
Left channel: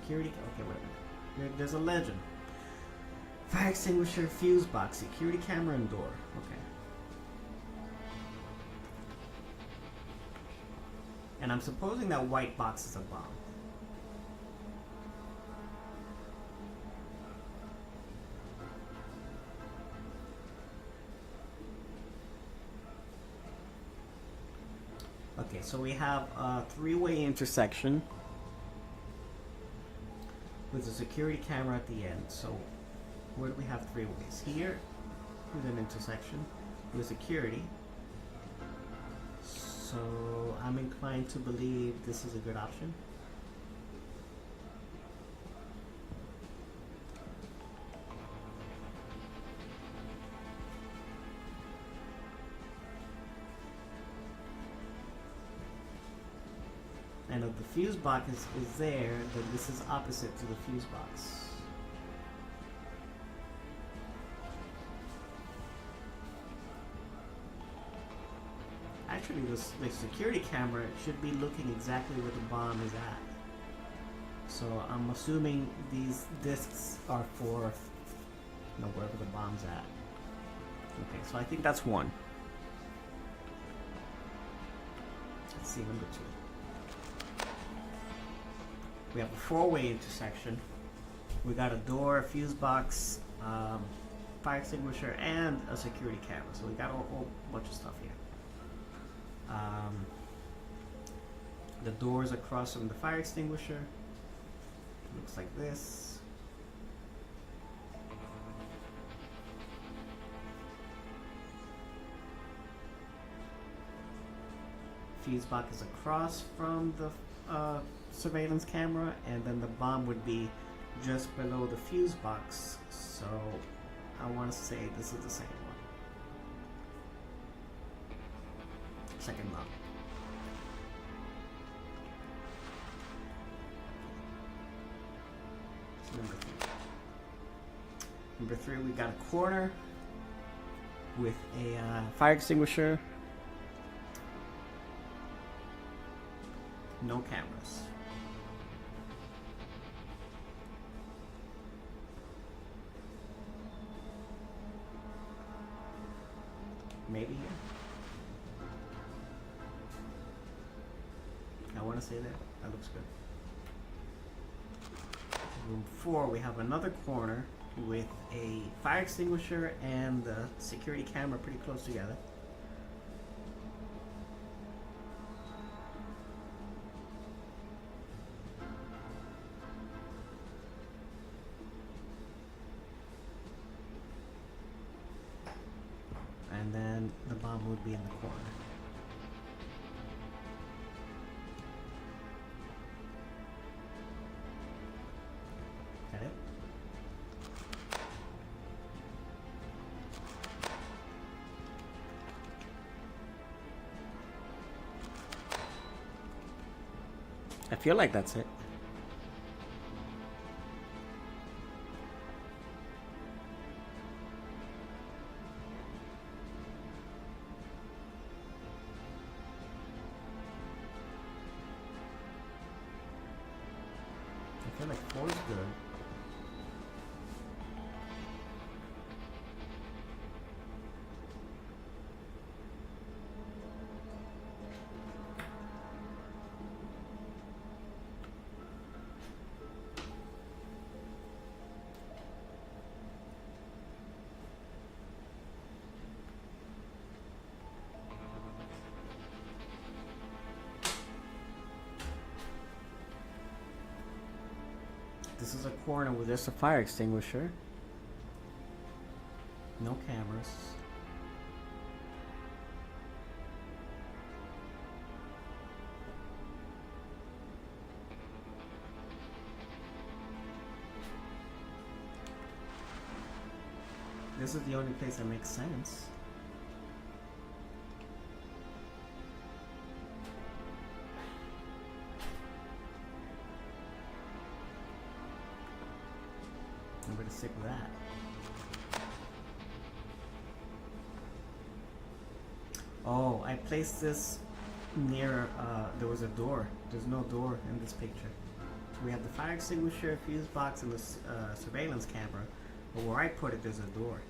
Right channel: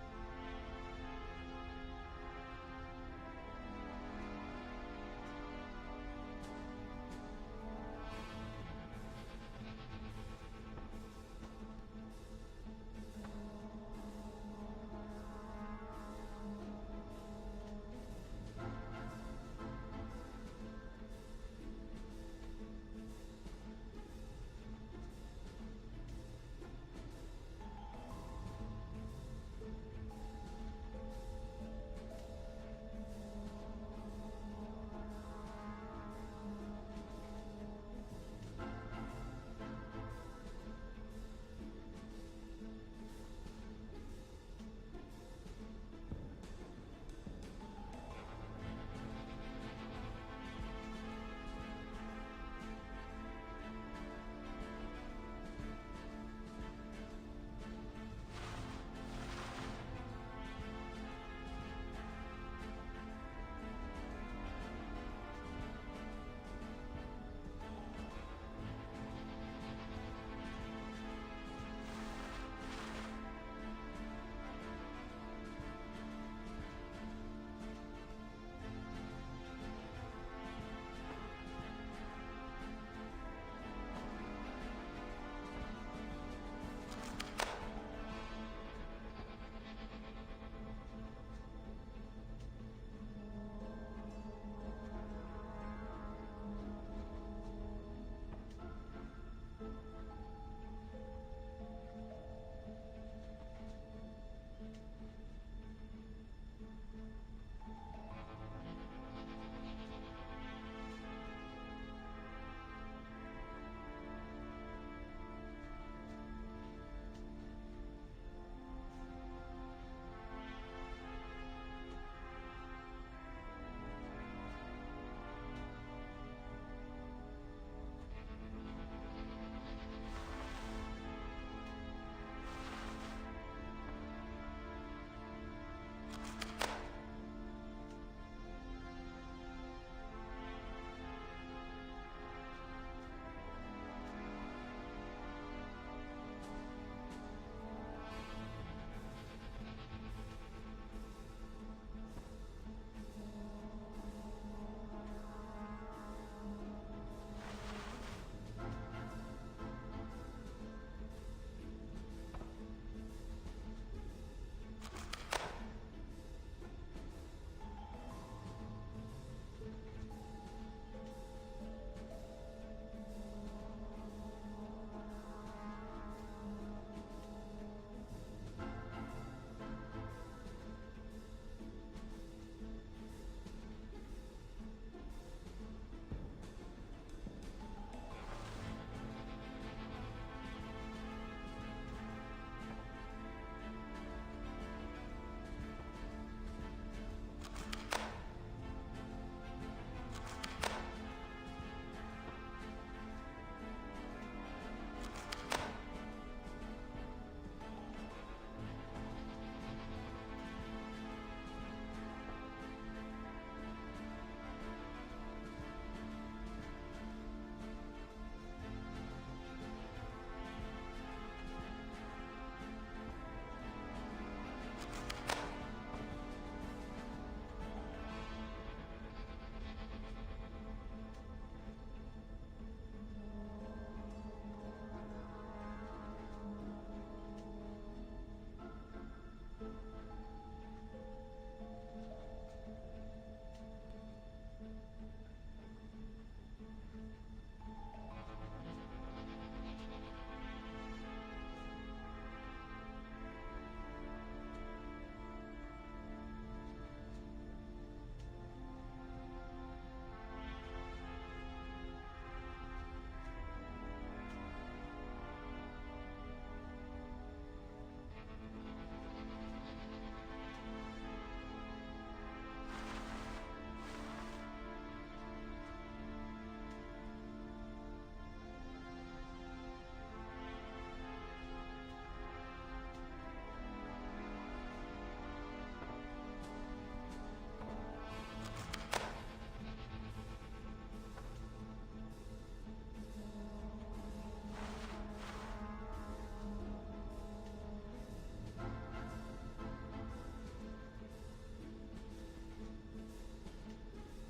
Security, okay, wait. There's a legend. Fire extinguisher, fuse box, security camera, and door. Okay. And I'm supposing that white box is a bomb. Okay, so we have a three-way intersection with a security camera at the end. So where do we have three ways? Here, with an intersection with security. So I'm inclined to believe this is a good option. And if the fuse box is there, then this is opposite to the fuse box. Actually, the security camera should be looking exactly where the bomb is at. So I'm assuming these discs are for, wherever the bomb's at. Okay, so I think that's one. Let's see, number two. We have a four-way intersection. We got a door, a fuse box, fire extinguisher, and a security camera. So we got a whole bunch of stuff here. The door is across from the fire extinguisher. Looks like this. Fuse box is across from the surveillance camera, and then the bomb would be just below the fuse box. So I want to say this is the same one. Second bomb. Number three, we got a corner with a fire extinguisher. No cameras. Maybe. I want to say that. That looks good. Room 4, we have another corner with a fire extinguisher and the security camera pretty close together. And then the bomb would be in the corner. Got it? I feel like that's it. I feel like 4 is good. This is a corner with just a fire extinguisher. No cameras. This is the only place that makes sense. I'm gonna stick with that. Oh, I placed this near, there was a door. There's no door in this picture. We have the fire extinguisher, fuse box, and the surveillance camera. But where I put it, there's a door.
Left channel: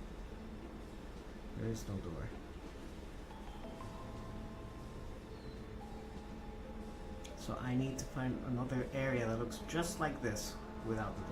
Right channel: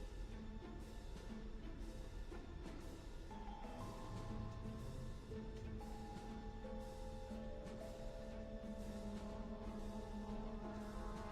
There is no door. So I need to find another area that looks just like this without the door.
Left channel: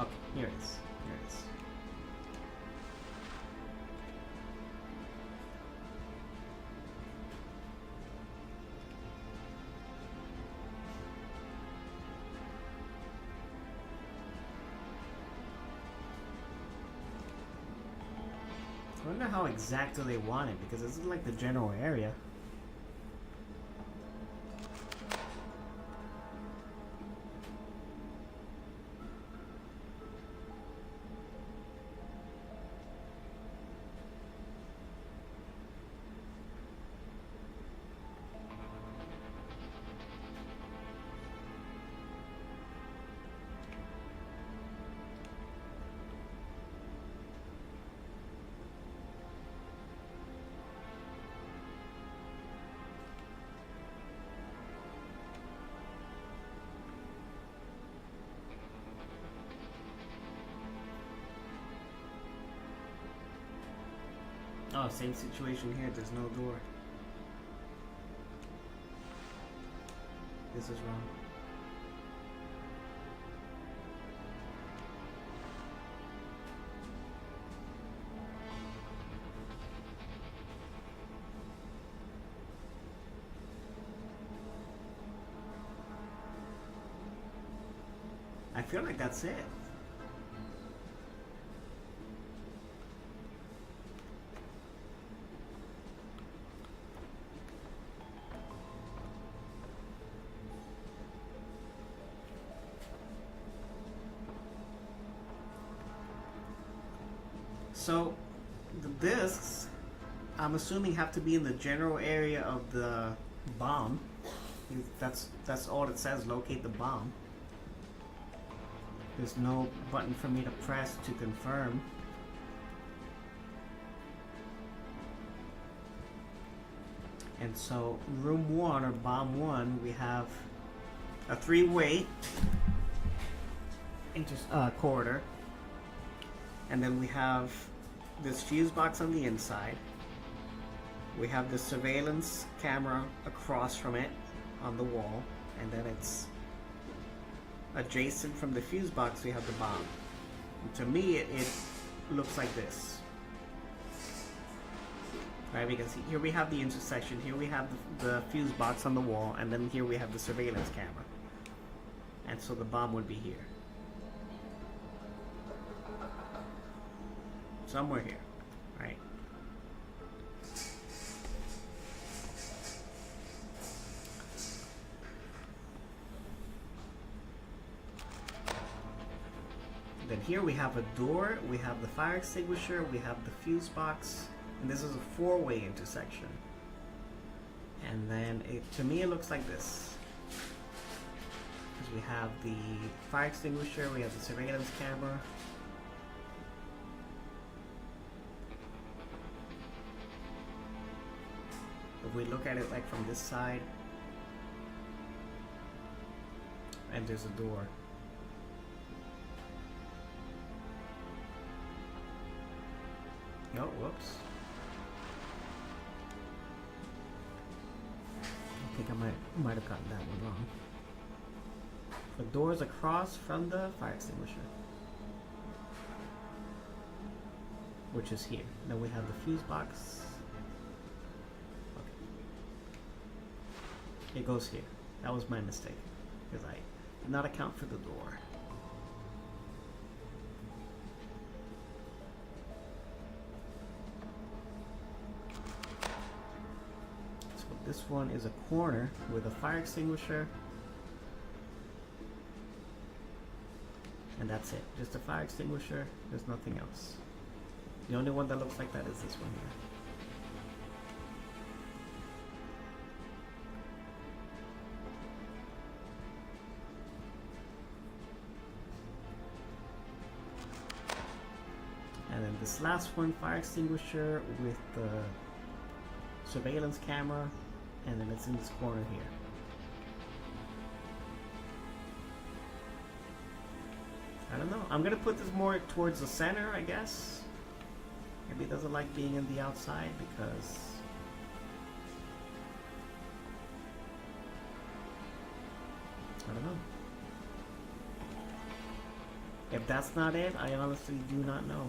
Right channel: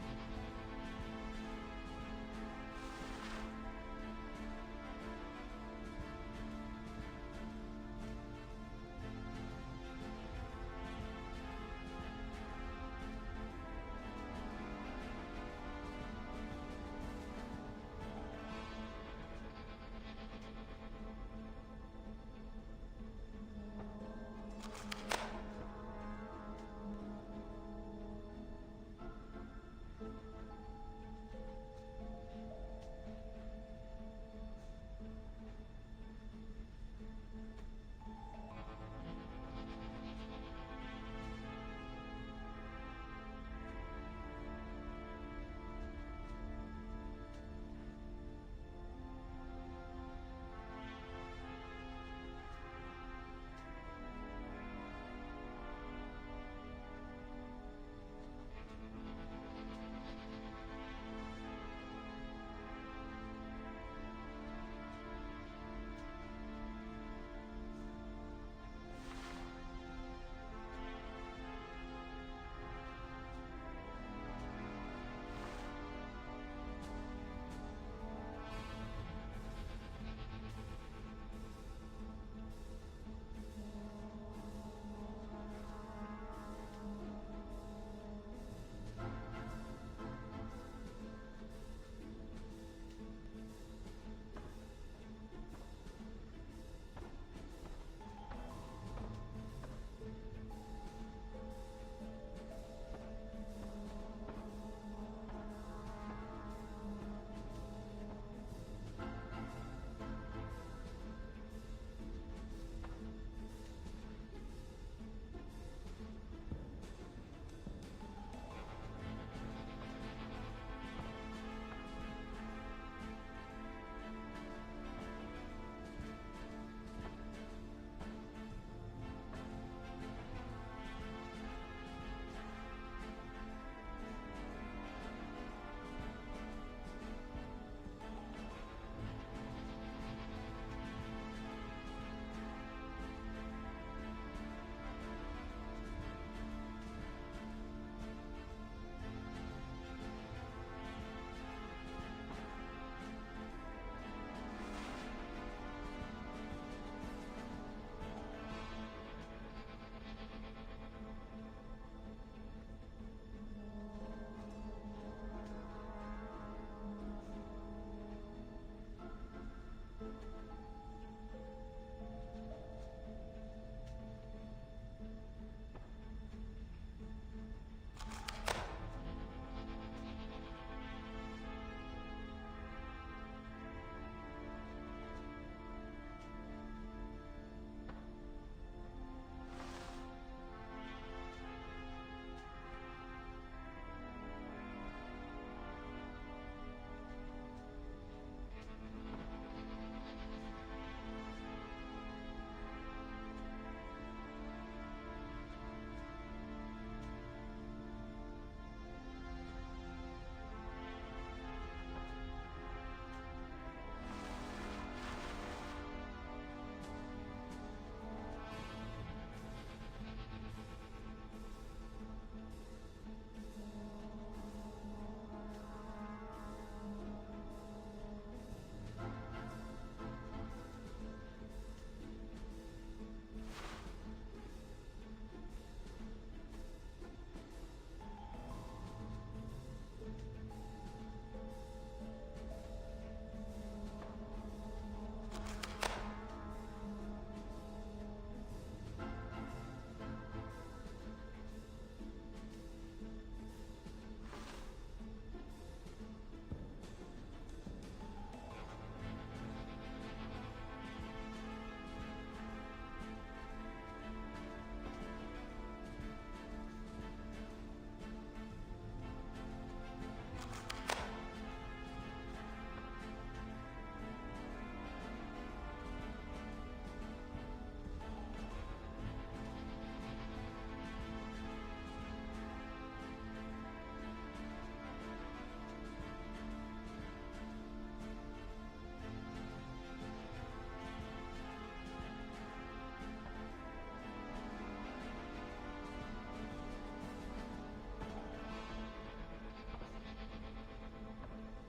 Okay, here it is. Here it is. I wonder how exactly they want it, because this is like the general area. Oh, same situation here. There's no door. This is wrong. I feel like that's it. So, the discs, I'm assuming, have to be in the general area of the bomb. That's all it says. Locate the bomb. There's no button for me to press to confirm. And so, room 1 or bomb 1, we have a 3-way corridor, and then we have this fuse box on the inside. We have the surveillance camera across from it on the wall, and then it's adjacent from the fuse box. We have the bomb. To me, it looks like this. Right, because here we have the intersection, here we have the fuse box on the wall, and then here we have the surveillance camera. And so the bomb would be here. Somewhere here, right? Then here we have a door, we have the fire extinguisher, we have the fuse box, and this is a 4-way intersection. And then to me it looks like this. Because we have the fire extinguisher, we have the surveillance camera. If we look at it like from this side, and there's a door. No, whoops. I think I might have gotten that one wrong. The door is across from the fire extinguisher, which is here. Then we have the fuse box. Okay. It goes here. That was my mistake, because I did not account for the door. This one is a corner with a fire extinguisher, and that's it. Just a fire extinguisher. There's nothing else. The only one that looks like that is this one here. last one, fire extinguisher with the surveillance camera, and then it's in this corner here. I don't know. I'm gonna put this more towards the center, I guess. Maybe it doesn't like being in the outside because I don't know. If that's not it, I honestly do not know.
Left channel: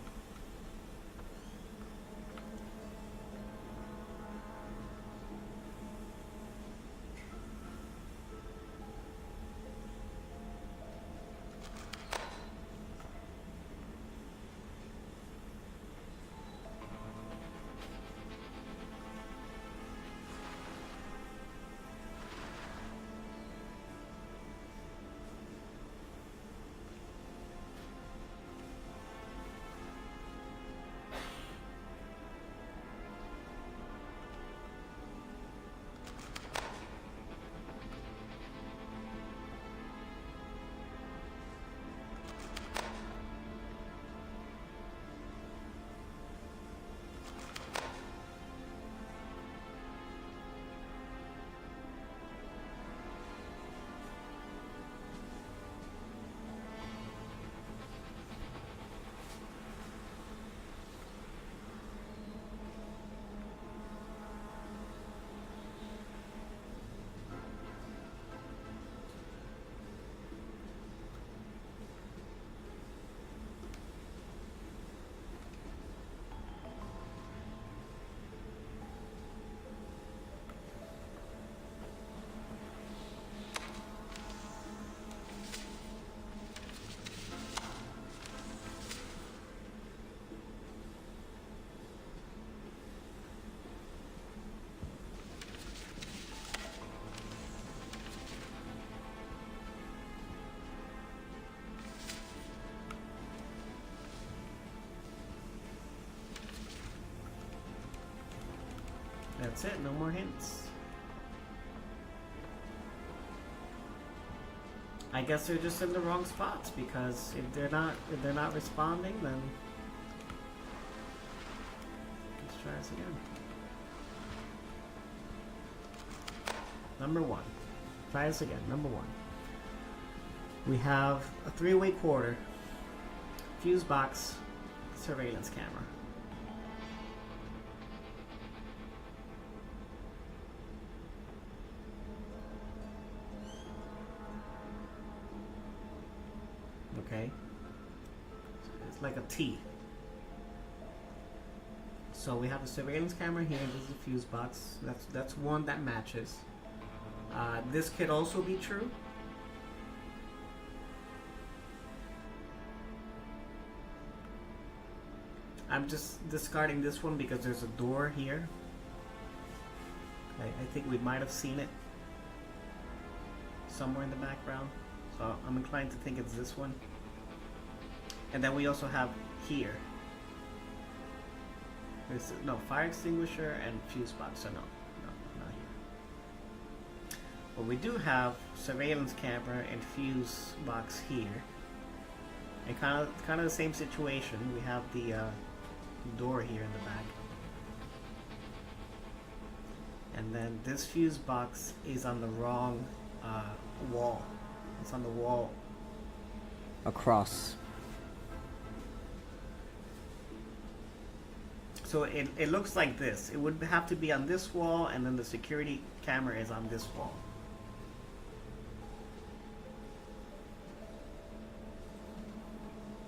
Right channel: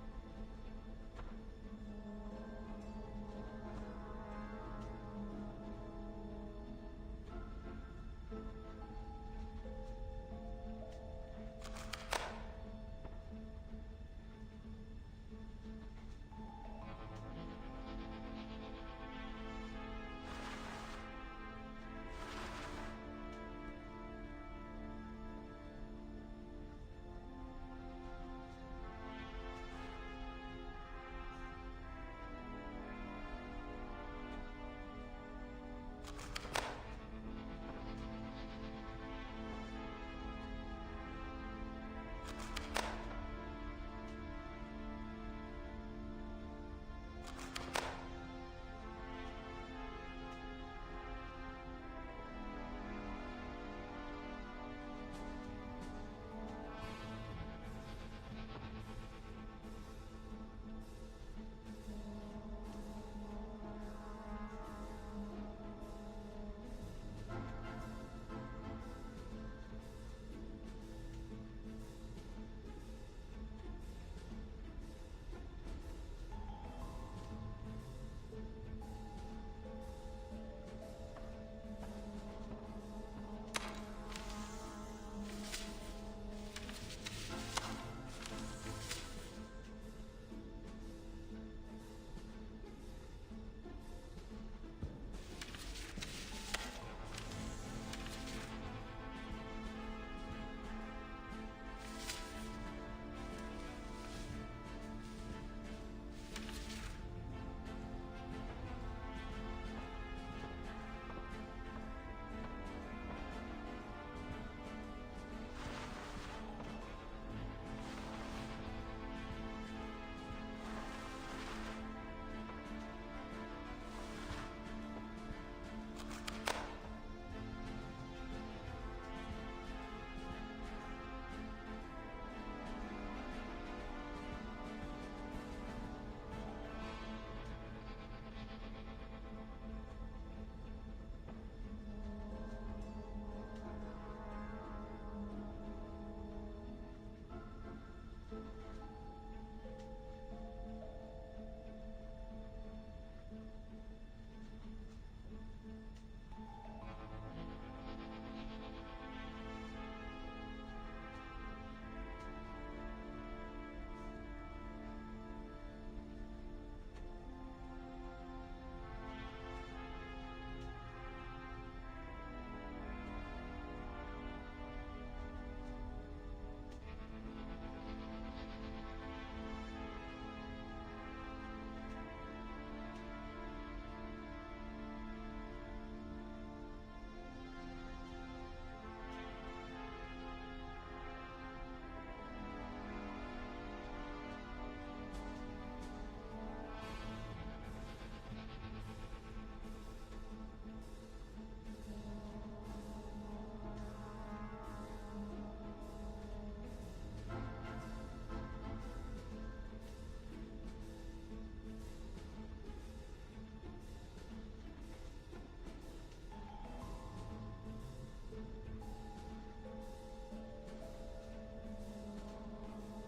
That's it, no more hints. I guess they're just in the wrong spots because if they're not responding, then let's try this again. Number one. Try this again. Number one. We have a 3-way quarter, fuse box, surveillance camera. Okay, it's like a T. So we have a surveillance camera here. This is a fuse box. That's one that matches. This could also be true. I'm just discarding this one because there's a door here. I think we might have seen it somewhere in the background. So I'm inclined to think it's this one. And then we also have here. No, fire extinguisher and fuse box. So no, not here. But we do have surveillance camera and fuse box here. And kind of the same situation. We have the door here in the back. And then this fuse box is on the wrong wall. It's on the wall across. So it looks like this. It would have to be on this wall, and then the security camera is on this wall.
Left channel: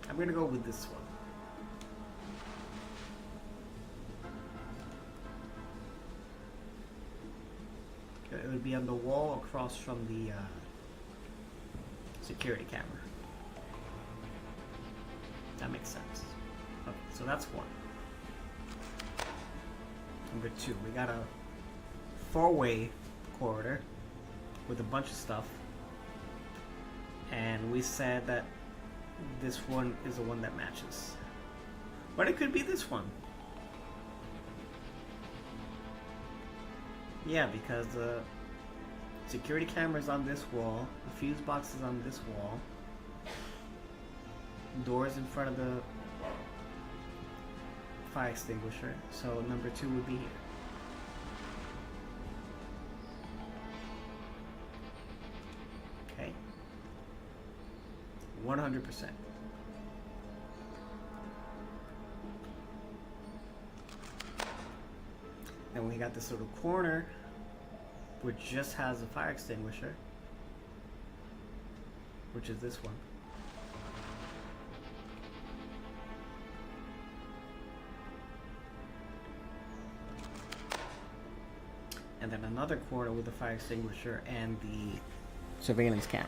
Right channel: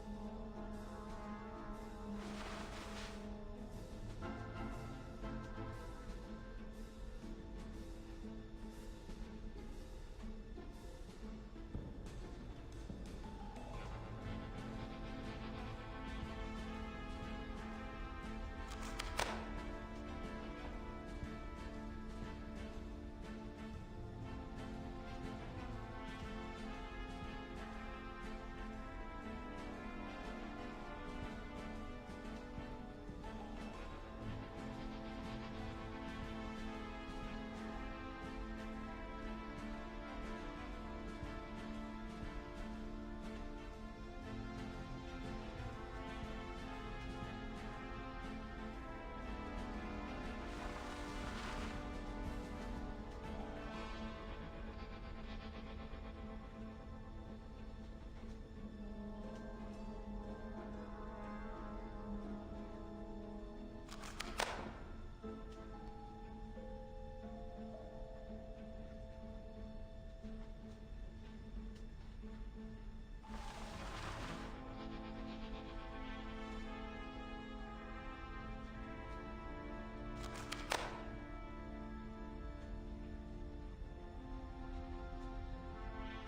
I'm gonna go with this one. It would be on the wall across from the security camera. That makes sense. Okay, so that's one. Number two, we got a 4-way corridor with a bunch of stuff. And we said that this one is the one that matches. But it could be this one. Yeah, because the security camera is on this wall, the fuse box is on this wall, doors in front of the fire extinguisher, so number 2 would be here. Okay. 100%. Then we got this little corner which just has a fire extinguisher, which is this one. And then another corner with the fire extinguisher and the surveillance camera.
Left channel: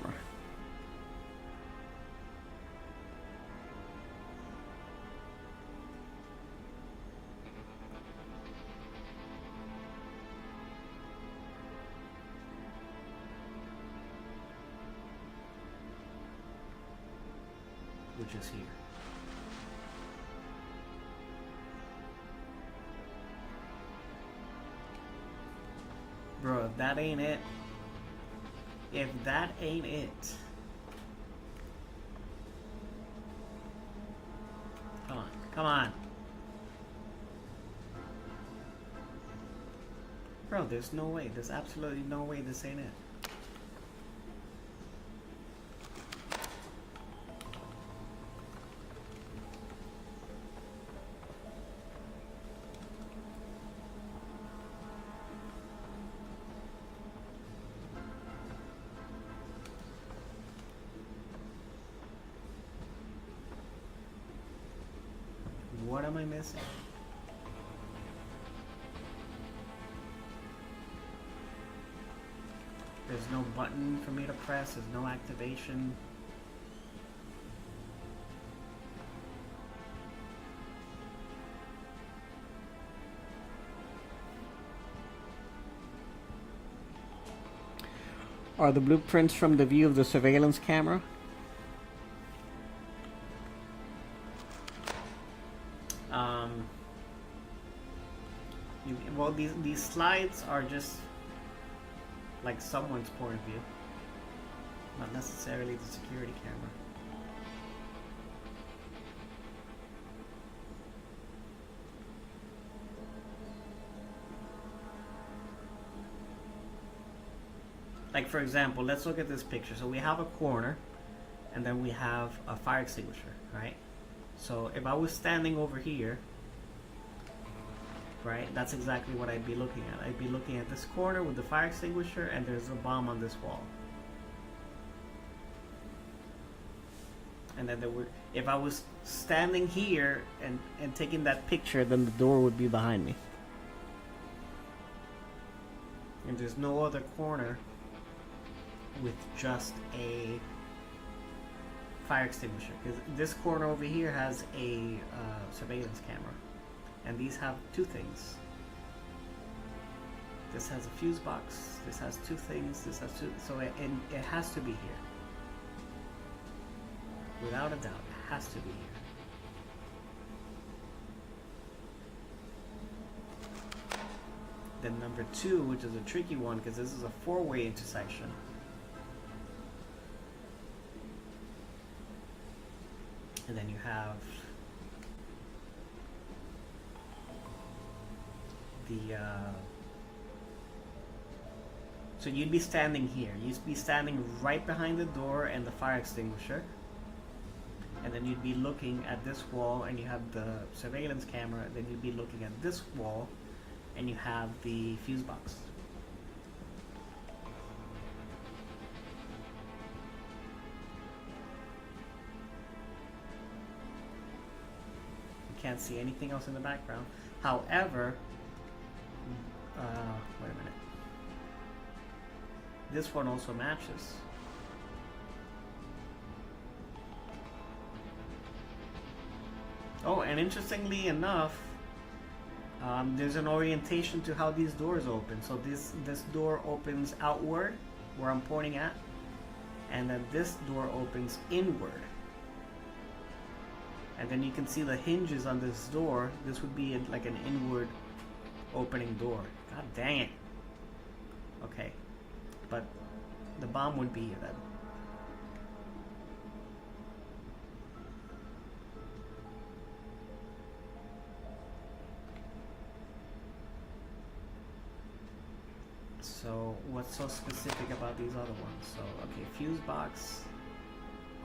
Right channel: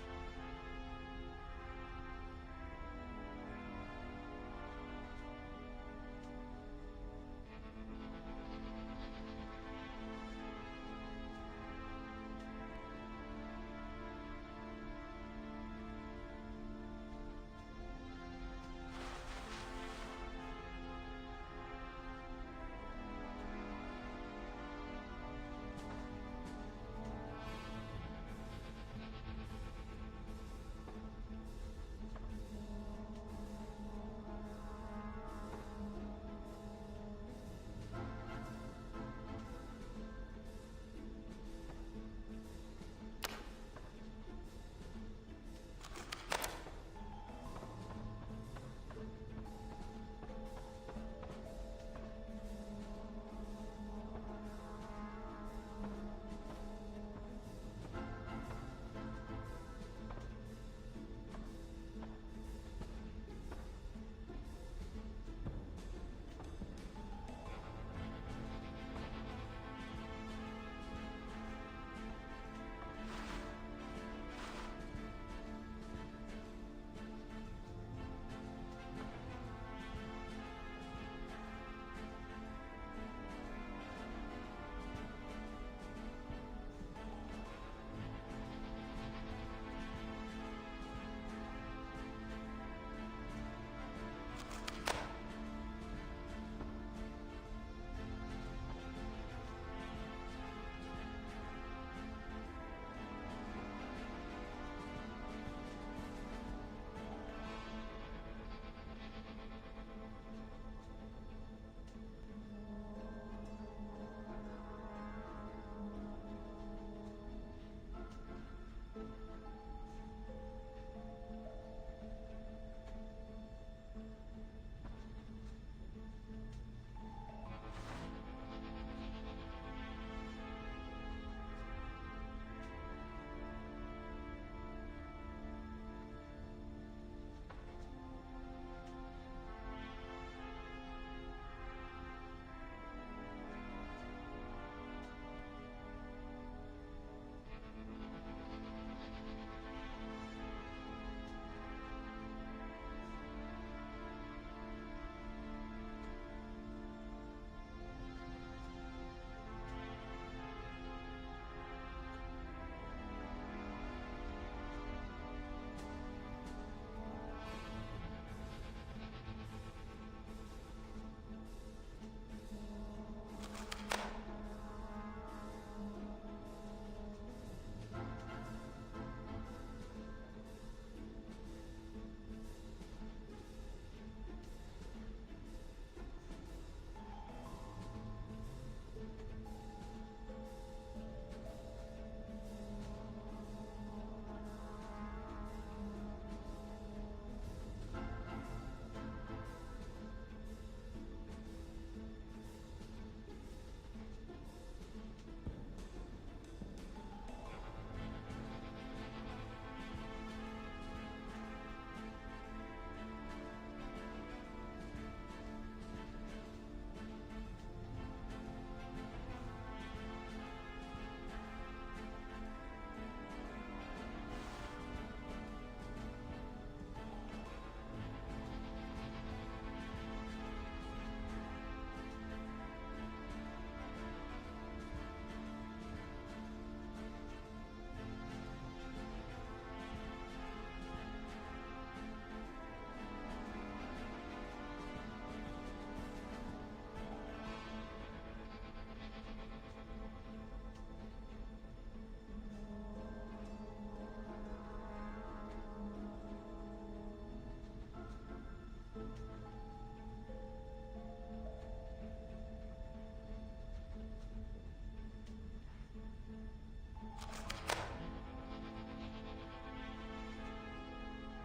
Which is here. Bro, if that ain't it, if that ain't it, come on, come on. Bro, there's no way, there's absolutely no way this ain't it. What am I missing? There's no button for me to press, there's no activation. Are the blueprints from the view of the surveillance camera? Well, these slides are just like someone's point of view, not necessarily the security camera. Like, for example, let's look at this picture. So we have a corner, and then we have a fire extinguisher, right? So if I was standing over here, right, that's exactly what I'd be looking at. I'd be looking at this corner with the fire extinguisher, and there's a bomb on this wall. And then if I was standing here and taking that picture, then the door would be behind me. And there's no other corner with just a fire extinguisher, because this corner over here has a surveillance camera, and these have two things. This has a fuse box, this has two things, this has two, so it has to be here. Without a doubt, it has to be here. Then number 2, which is a tricky one because this is a 4-way intersection. And then you have the so you'd be standing here. You'd be standing right behind the door and the fire extinguisher. And then you'd be looking at this wall, and you have the surveillance camera. And then you'd be looking at this wall, and you have the fuse box. You can't see anything else in the background. However, wait a minute. This one also matches. Oh, and interestingly enough, there's an orientation to how these doors open. So this door opens outward, where I'm pointing at, and then this door opens inward. And then you can see the hinges on this door. This would be like an inward opening door. God dang it. Okay, but the bomb would be here then. what's so specific about these other ones. So, okay, fuse box,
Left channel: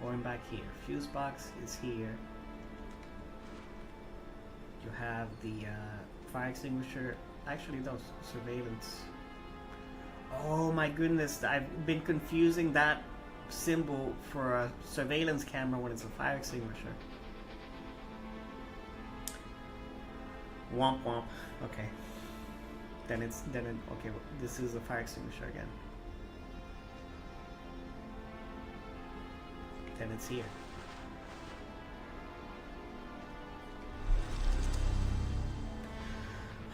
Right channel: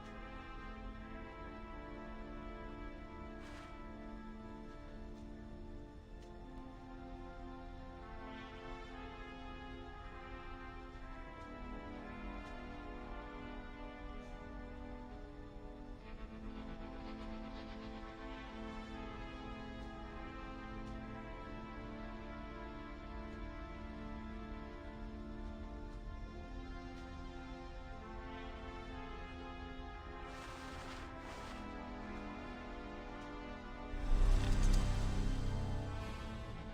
going back here. Fuse box is here. You have the fire extinguisher. Actually, those surveillance. Oh my goodness, I've been confusing that symbol for a surveillance camera when it's a fire extinguisher. Womp womp. Okay. Okay, this is a fire extinguisher again. Then it's here.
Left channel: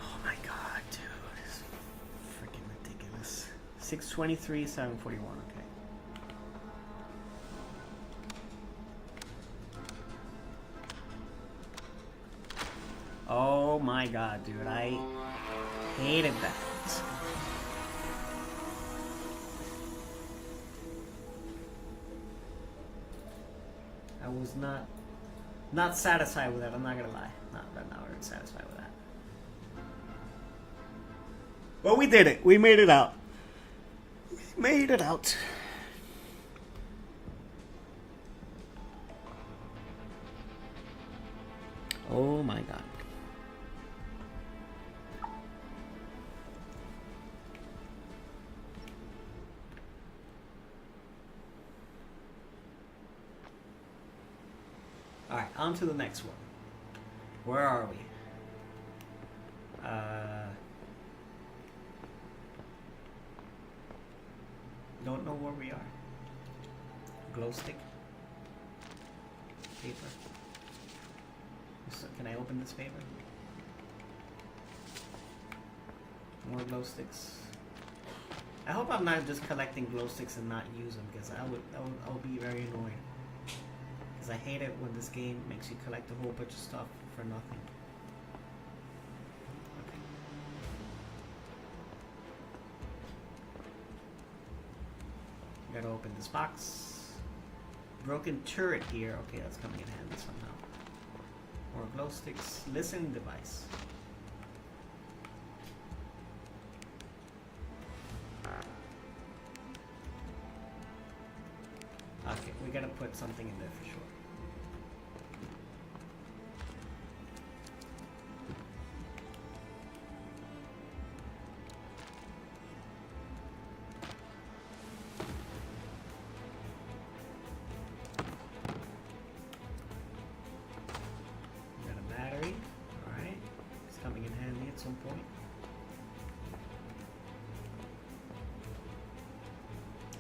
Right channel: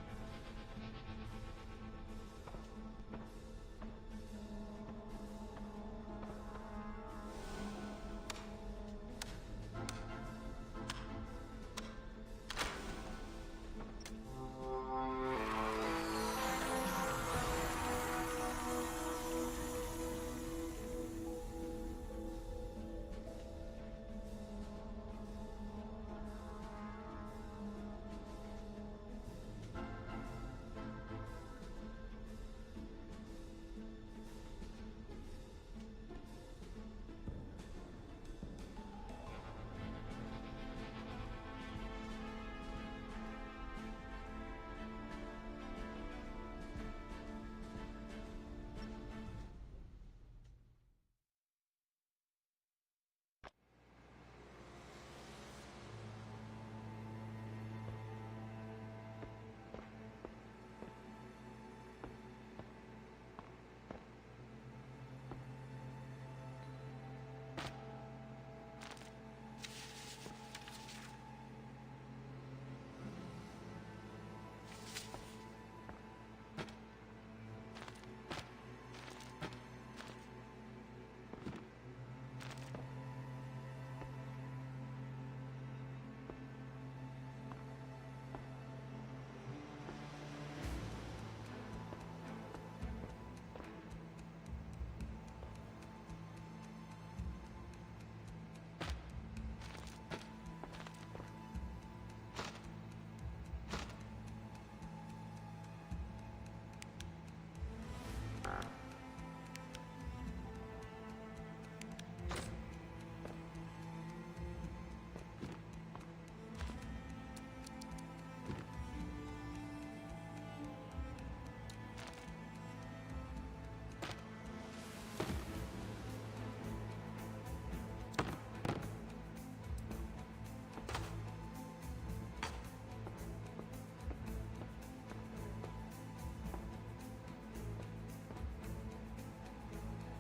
Oh my god, dude. It's freaking ridiculous. 623, 741, okay. Oh my god, dude. I hated that. I was not satisfied with that, I'm not gonna lie. Not satisfied with that. But we did it. We made it out. We made it out. Oh my god. Alright, on to the next one. Where are we? Don't know where we are. Glow stick. Paper. So can I open this paper? More glow sticks. I hope I'm not just collecting glow sticks and not use them, because that would be very annoying. I hate it when this game makes you collect a whole bunch of stuff for nothing. Gotta open this box. Broken turret here. Okay, that's coming in handy somehow. More glow sticks. Listening device. Okay, we gotta put something in there for sure.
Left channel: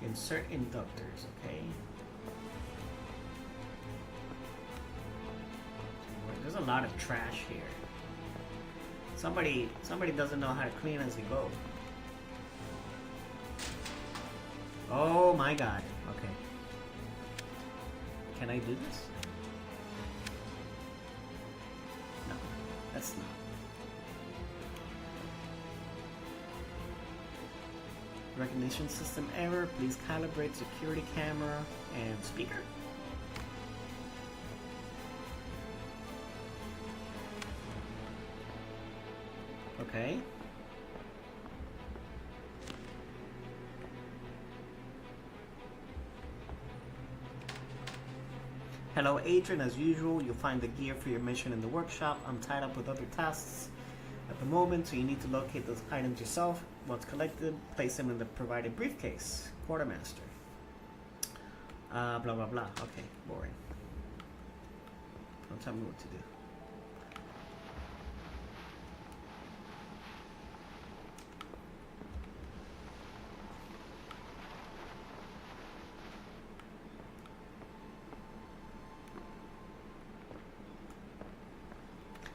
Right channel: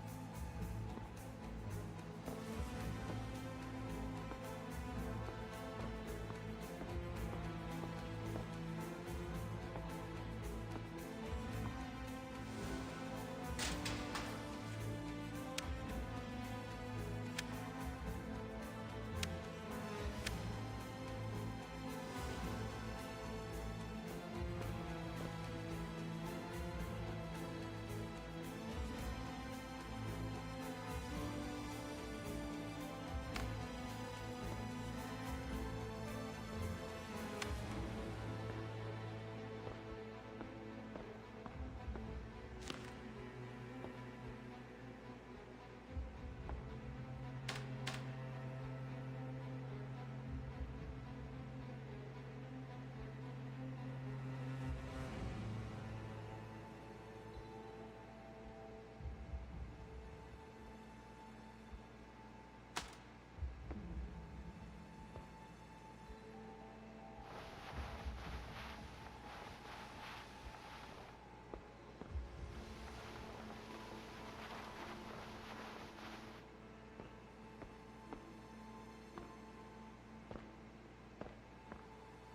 Insert inductors, okay. There's a lot of trash here. Somebody doesn't know how to clean as you go. Oh my god. Okay. Can I do this? No, that's not. Recognition system error. Please calibrate security camera and speaker. Okay. Hello, Adrian. As usual, you'll find the gear for your mission in the workshop. I'm tied up with other tasks at the moment, so you need to locate those items yourself. Once collected, place them in the provided briefcase. Quartermaster. Blah blah blah. Okay, boring. Don't tell me what to do.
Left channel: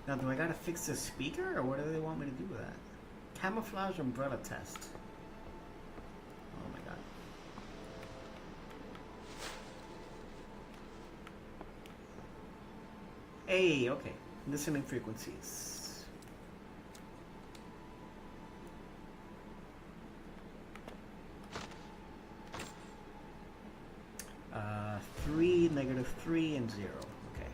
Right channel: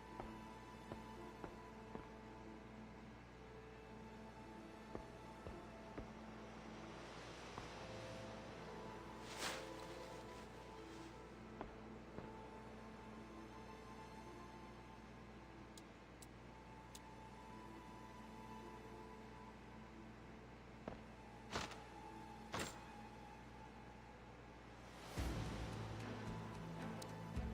Now, do I gotta fix the speaker, or what do they want me to do with that? Camouflage umbrella test. Oh my god. Hey, okay. Listening frequencies. 3, -3, and 0. Okay.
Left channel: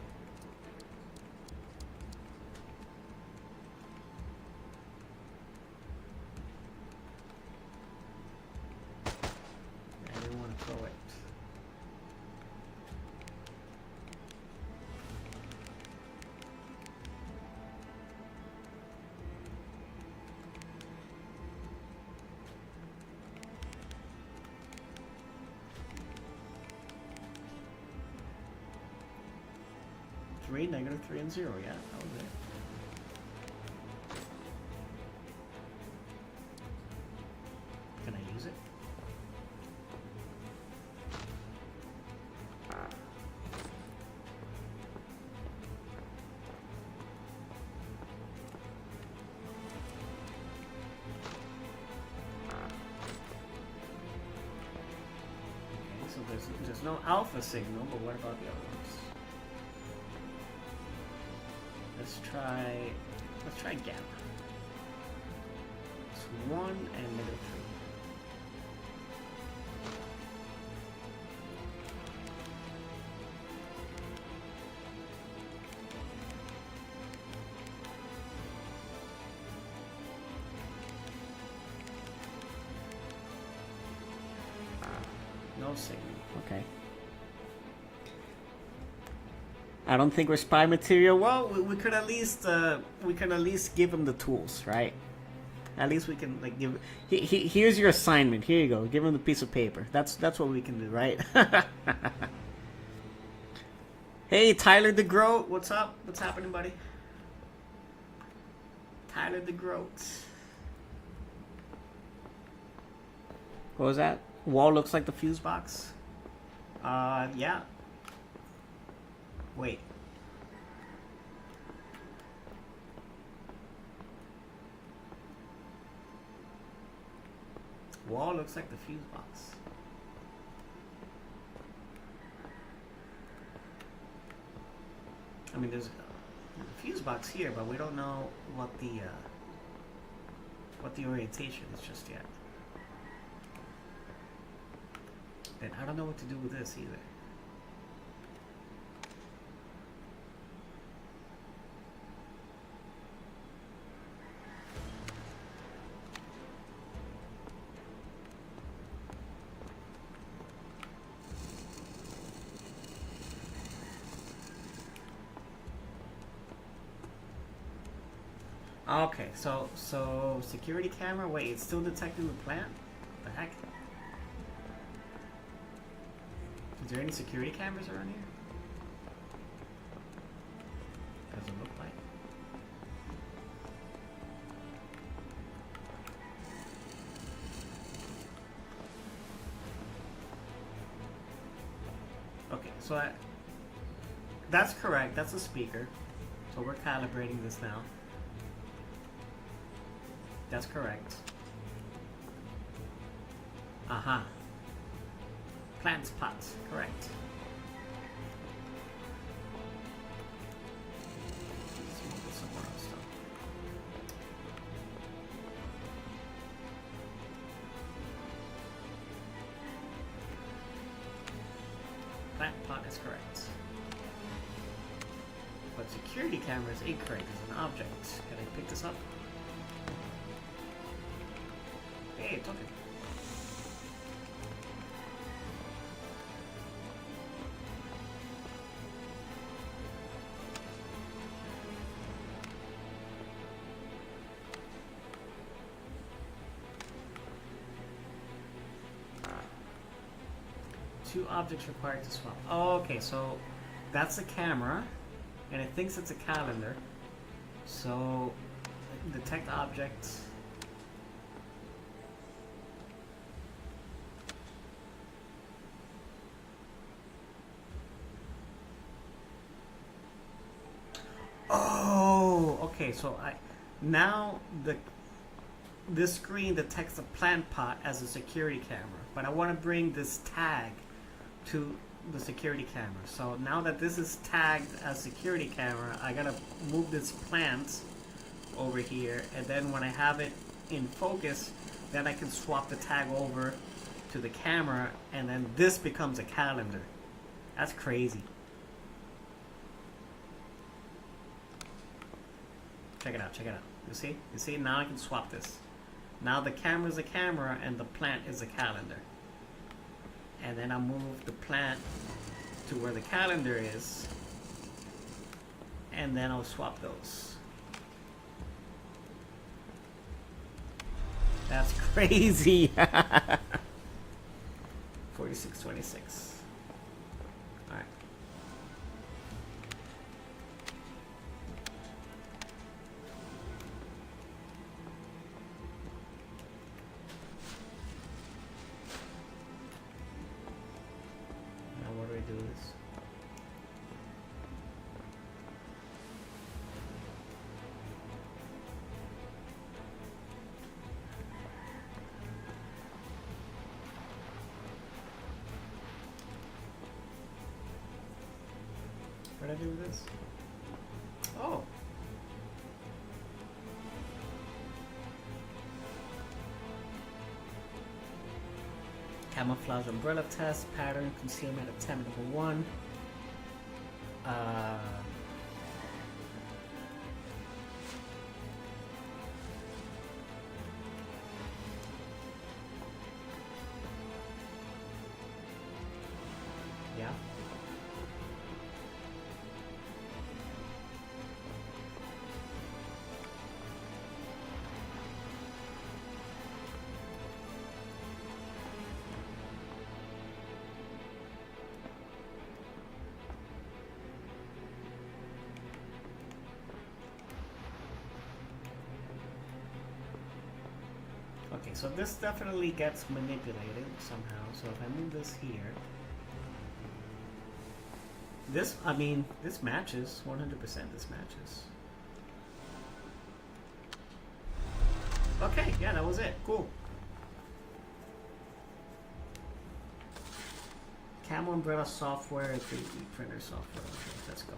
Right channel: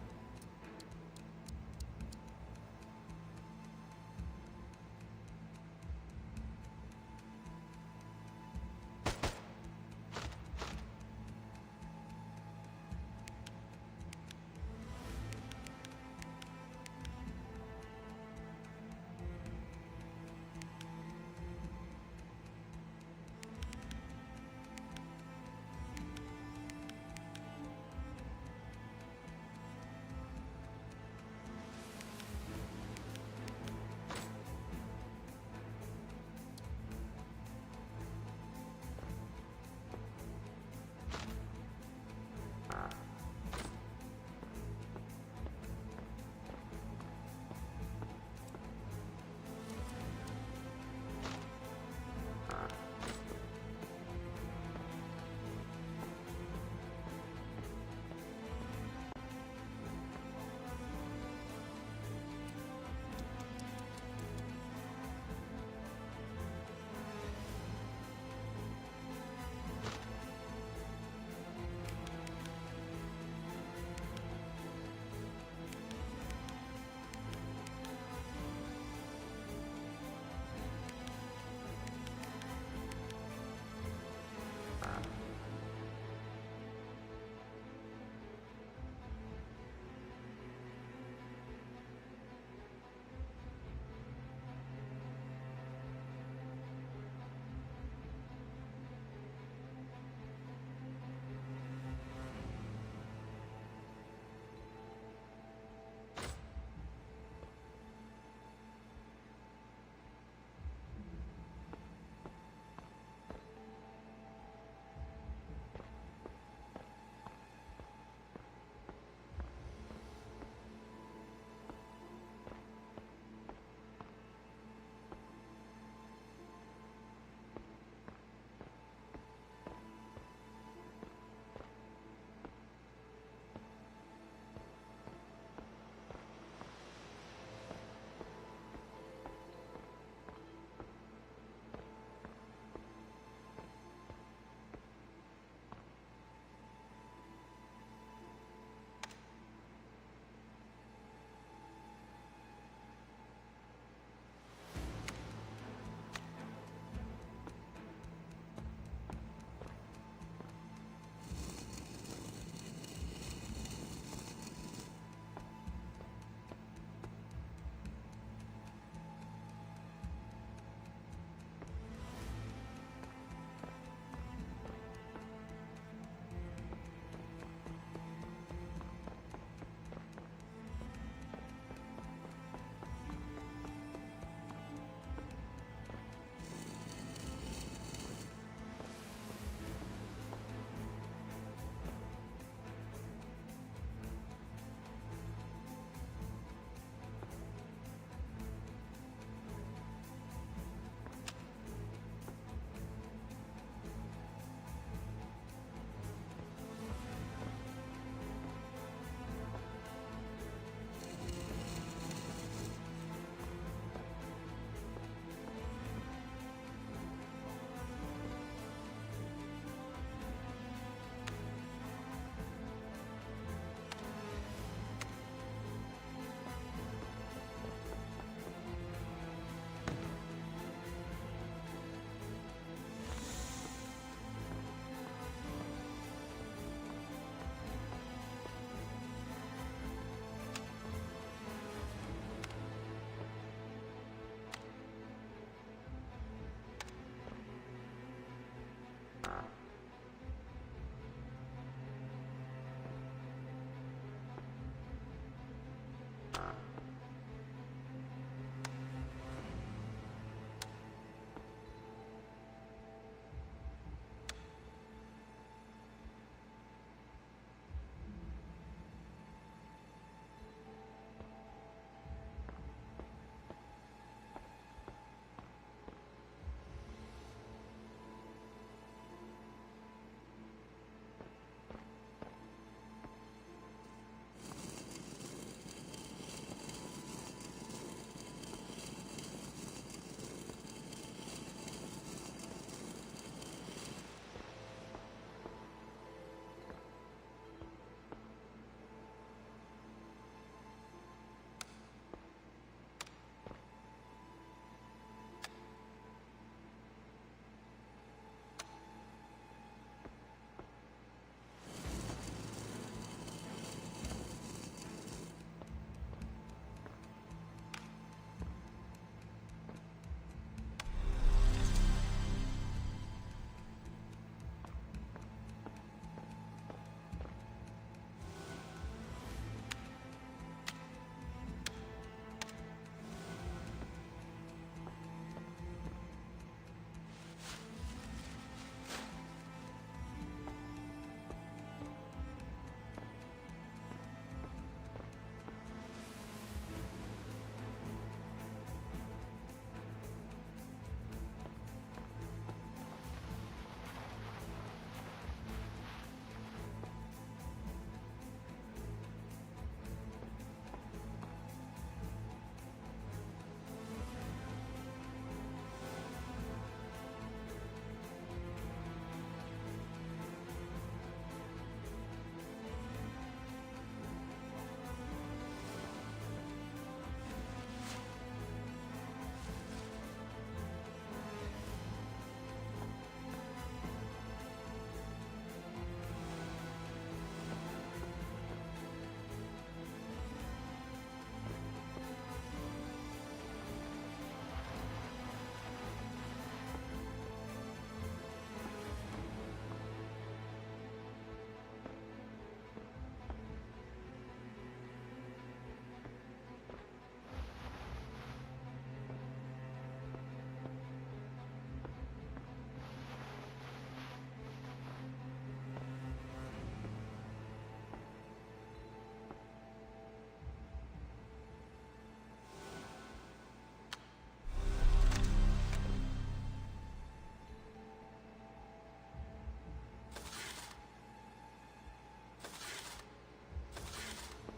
3, -3, and 0. Yeah. Can I use it? There's no alpha signal, but what about the others? Let's try gamma. It's 1 and -3. No signal. Okay. I don't think we're spy material. Well, we could at least give him the tools, right? At least we can like give. Here's your assignment. Here you go. Give him the piece of paper. That's what we can do, right? Hey, Tyler DeGroat, what's up? What's happening, buddy? Tyler DeGroat. What was that? Wall looks like the fuse box. Yeah. Wait. Wall looks like the fuse box. I mean, there's a fuse box here, but we don't know what the orientation is just yet. And I don't know what to do with this either. Okay, so security camera. Wait, it's still detecting the plant? What the heck? Is there any security cameras around here? Doesn't look like. Okay, so that's correct. That's a speaker. So we're calibrating this now. That's correct. Uh-huh. Plant pots, correct. Plant pot is correct. But security camera is incorrect. An object. Can I pick this up? Hey, it's okay. Two objects required to swap. Oh, okay, so that's a camera, and it thinks it's a calendar. So detect objects. Oh, okay. So now this screen detects a plant pot as a security camera, but I want to bring this tag to the security camera. So now that this is tagged as security camera, I gotta move this plant over here, and then when I have it in focus, then I can swap the tag over to the camera, and then this becomes a calendar. That's crazy. Check it out, check it out. You see, now I can swap this. Now the camera is a camera and the plant is a calendar. And then I move the plant to where the calendar is, and then I'll swap those. That's crazy. 4626. Alright. do this? Oh. Camouflage umbrella test, pattern, concealment attempt number 1. Yeah. Okay, so this definitely gets manipulated somehow. So if I move this here, this matches 100%. This matches. Okay, yeah, that was it. Cool. Camo Umbrella software, 3D printer software. Let's go.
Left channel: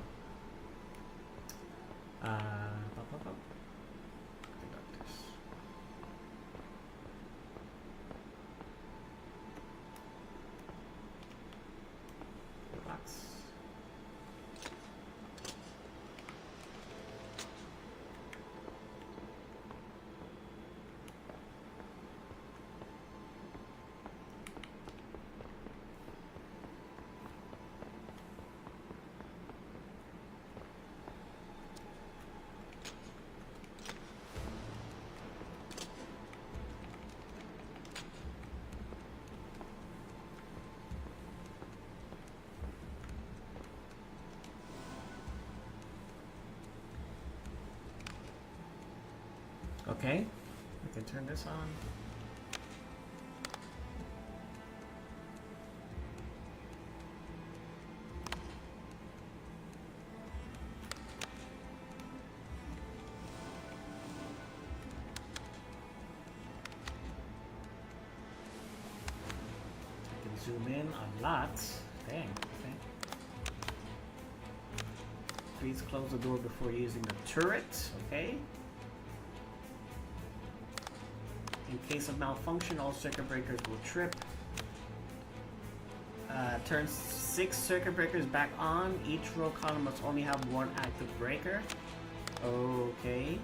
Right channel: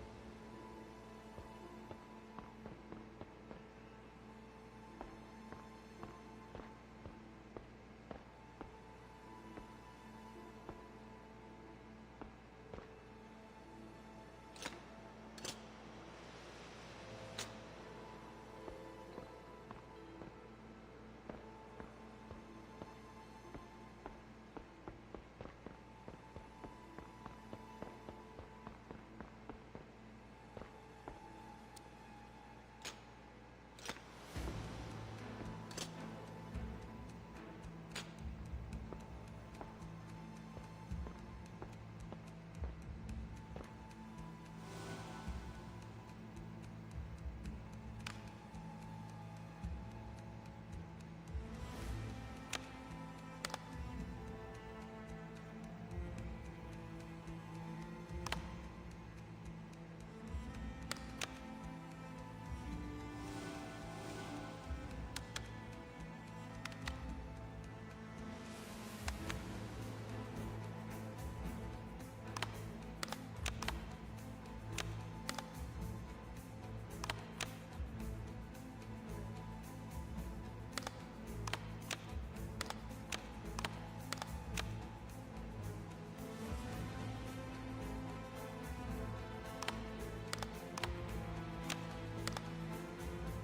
Okay, we can turn this on. Zoom in a lot. Dang. Okay. Please close the door before using the turret. Okay. In case of malfunction, all circuit breakers will trip. Turn 6 circuit breakers back on. Each row column must only have one active breaker. Okay.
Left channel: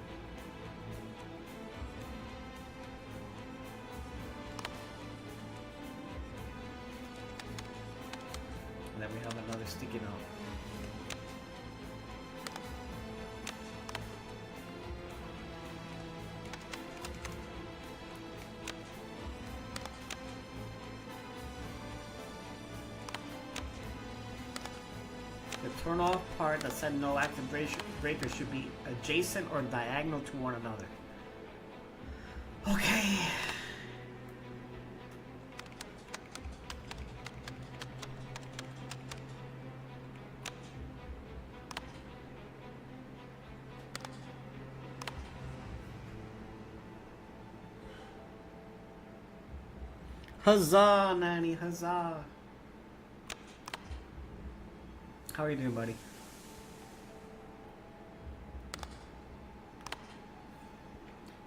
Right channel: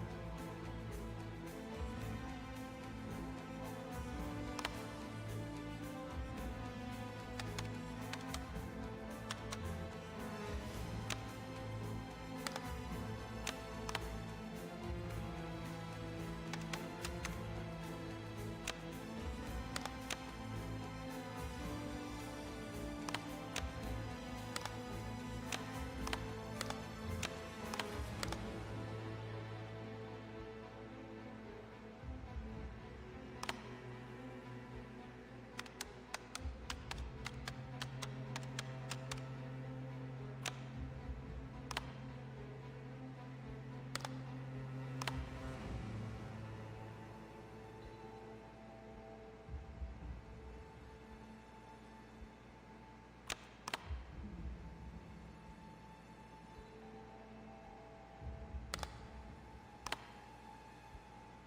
And then we have another sticky note. Turn off part that said no active breakers should be adjacent or diagonal to one another. Okay. Huzzah, Nanny, huzzah. How are you doing, buddy?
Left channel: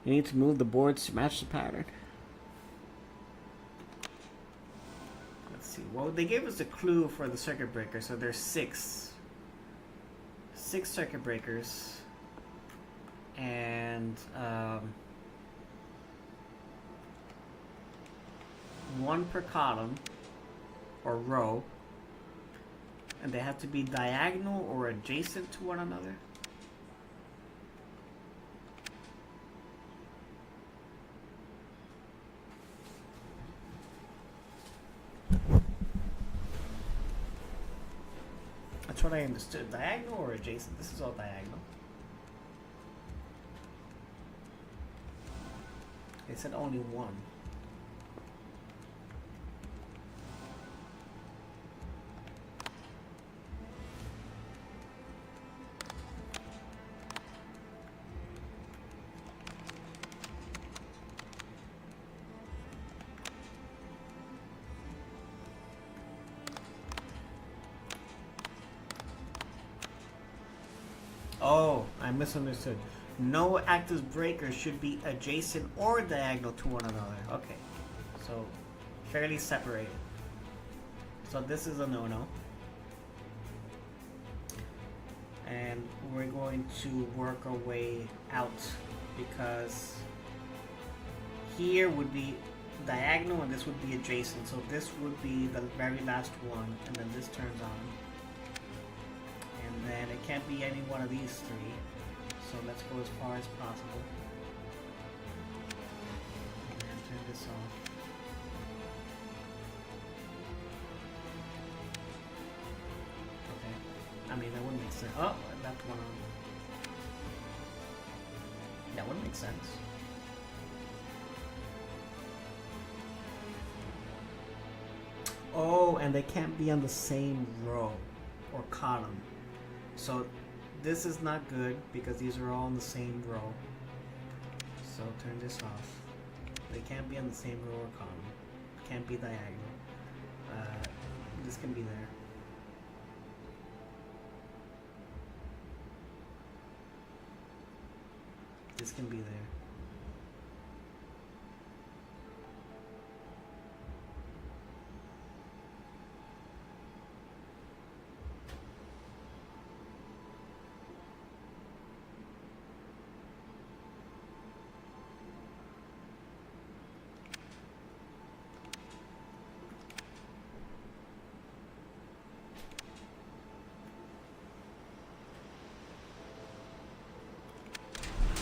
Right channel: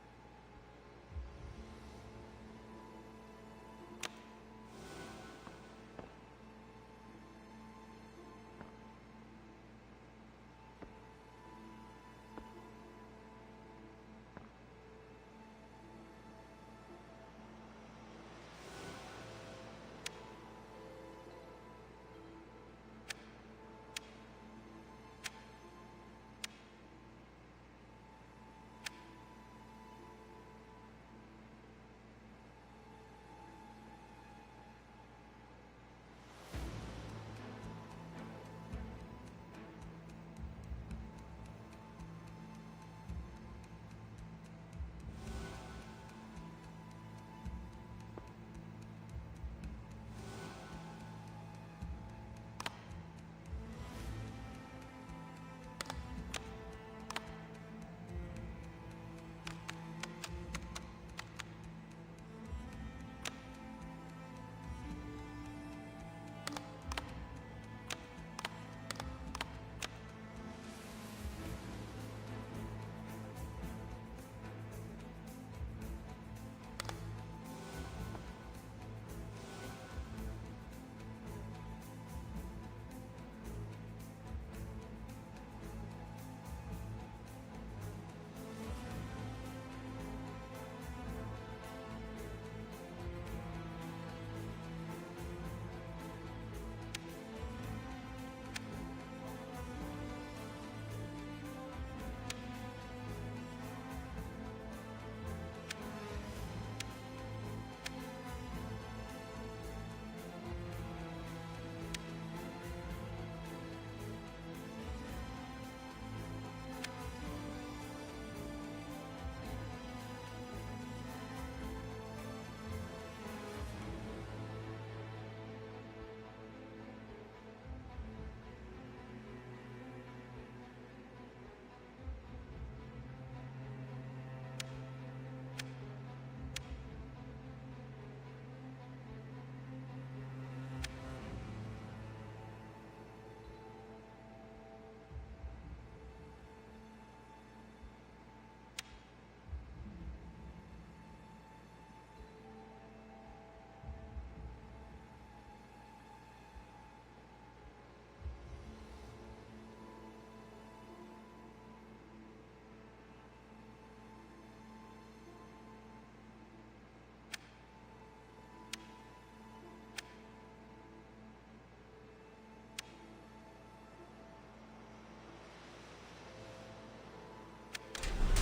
You need to move the boards to match the pattern. Let's see. Well, they gave us a clue for the circuit breaker, so there's 6 circuit breakers, and one per column or row. And they have to be diagonal or adjacent to one another. That's what I understood. Diagonal or adjacent? This is all diagonal. They said only one. I misunderstood. No active breakers should be adjacent or diagonal to one another. Okay, so fairly separated. So this is a no-no. And we're going to work our way out because here would be diagonal and this would be adjacent. So this would be the very last one, and then this turns on. And then it can't be any one of these three. So let's go as far as possible. Turn this off. I mean, that wouldn't make sense. Oh, that's one on. That wouldn't make sense. Oh, and they can't be on the same row or column. So this is not good because these are all in the same row. So turn this off. They can't be on the same row or column. Can't be diagonal. This can be there. This can be there.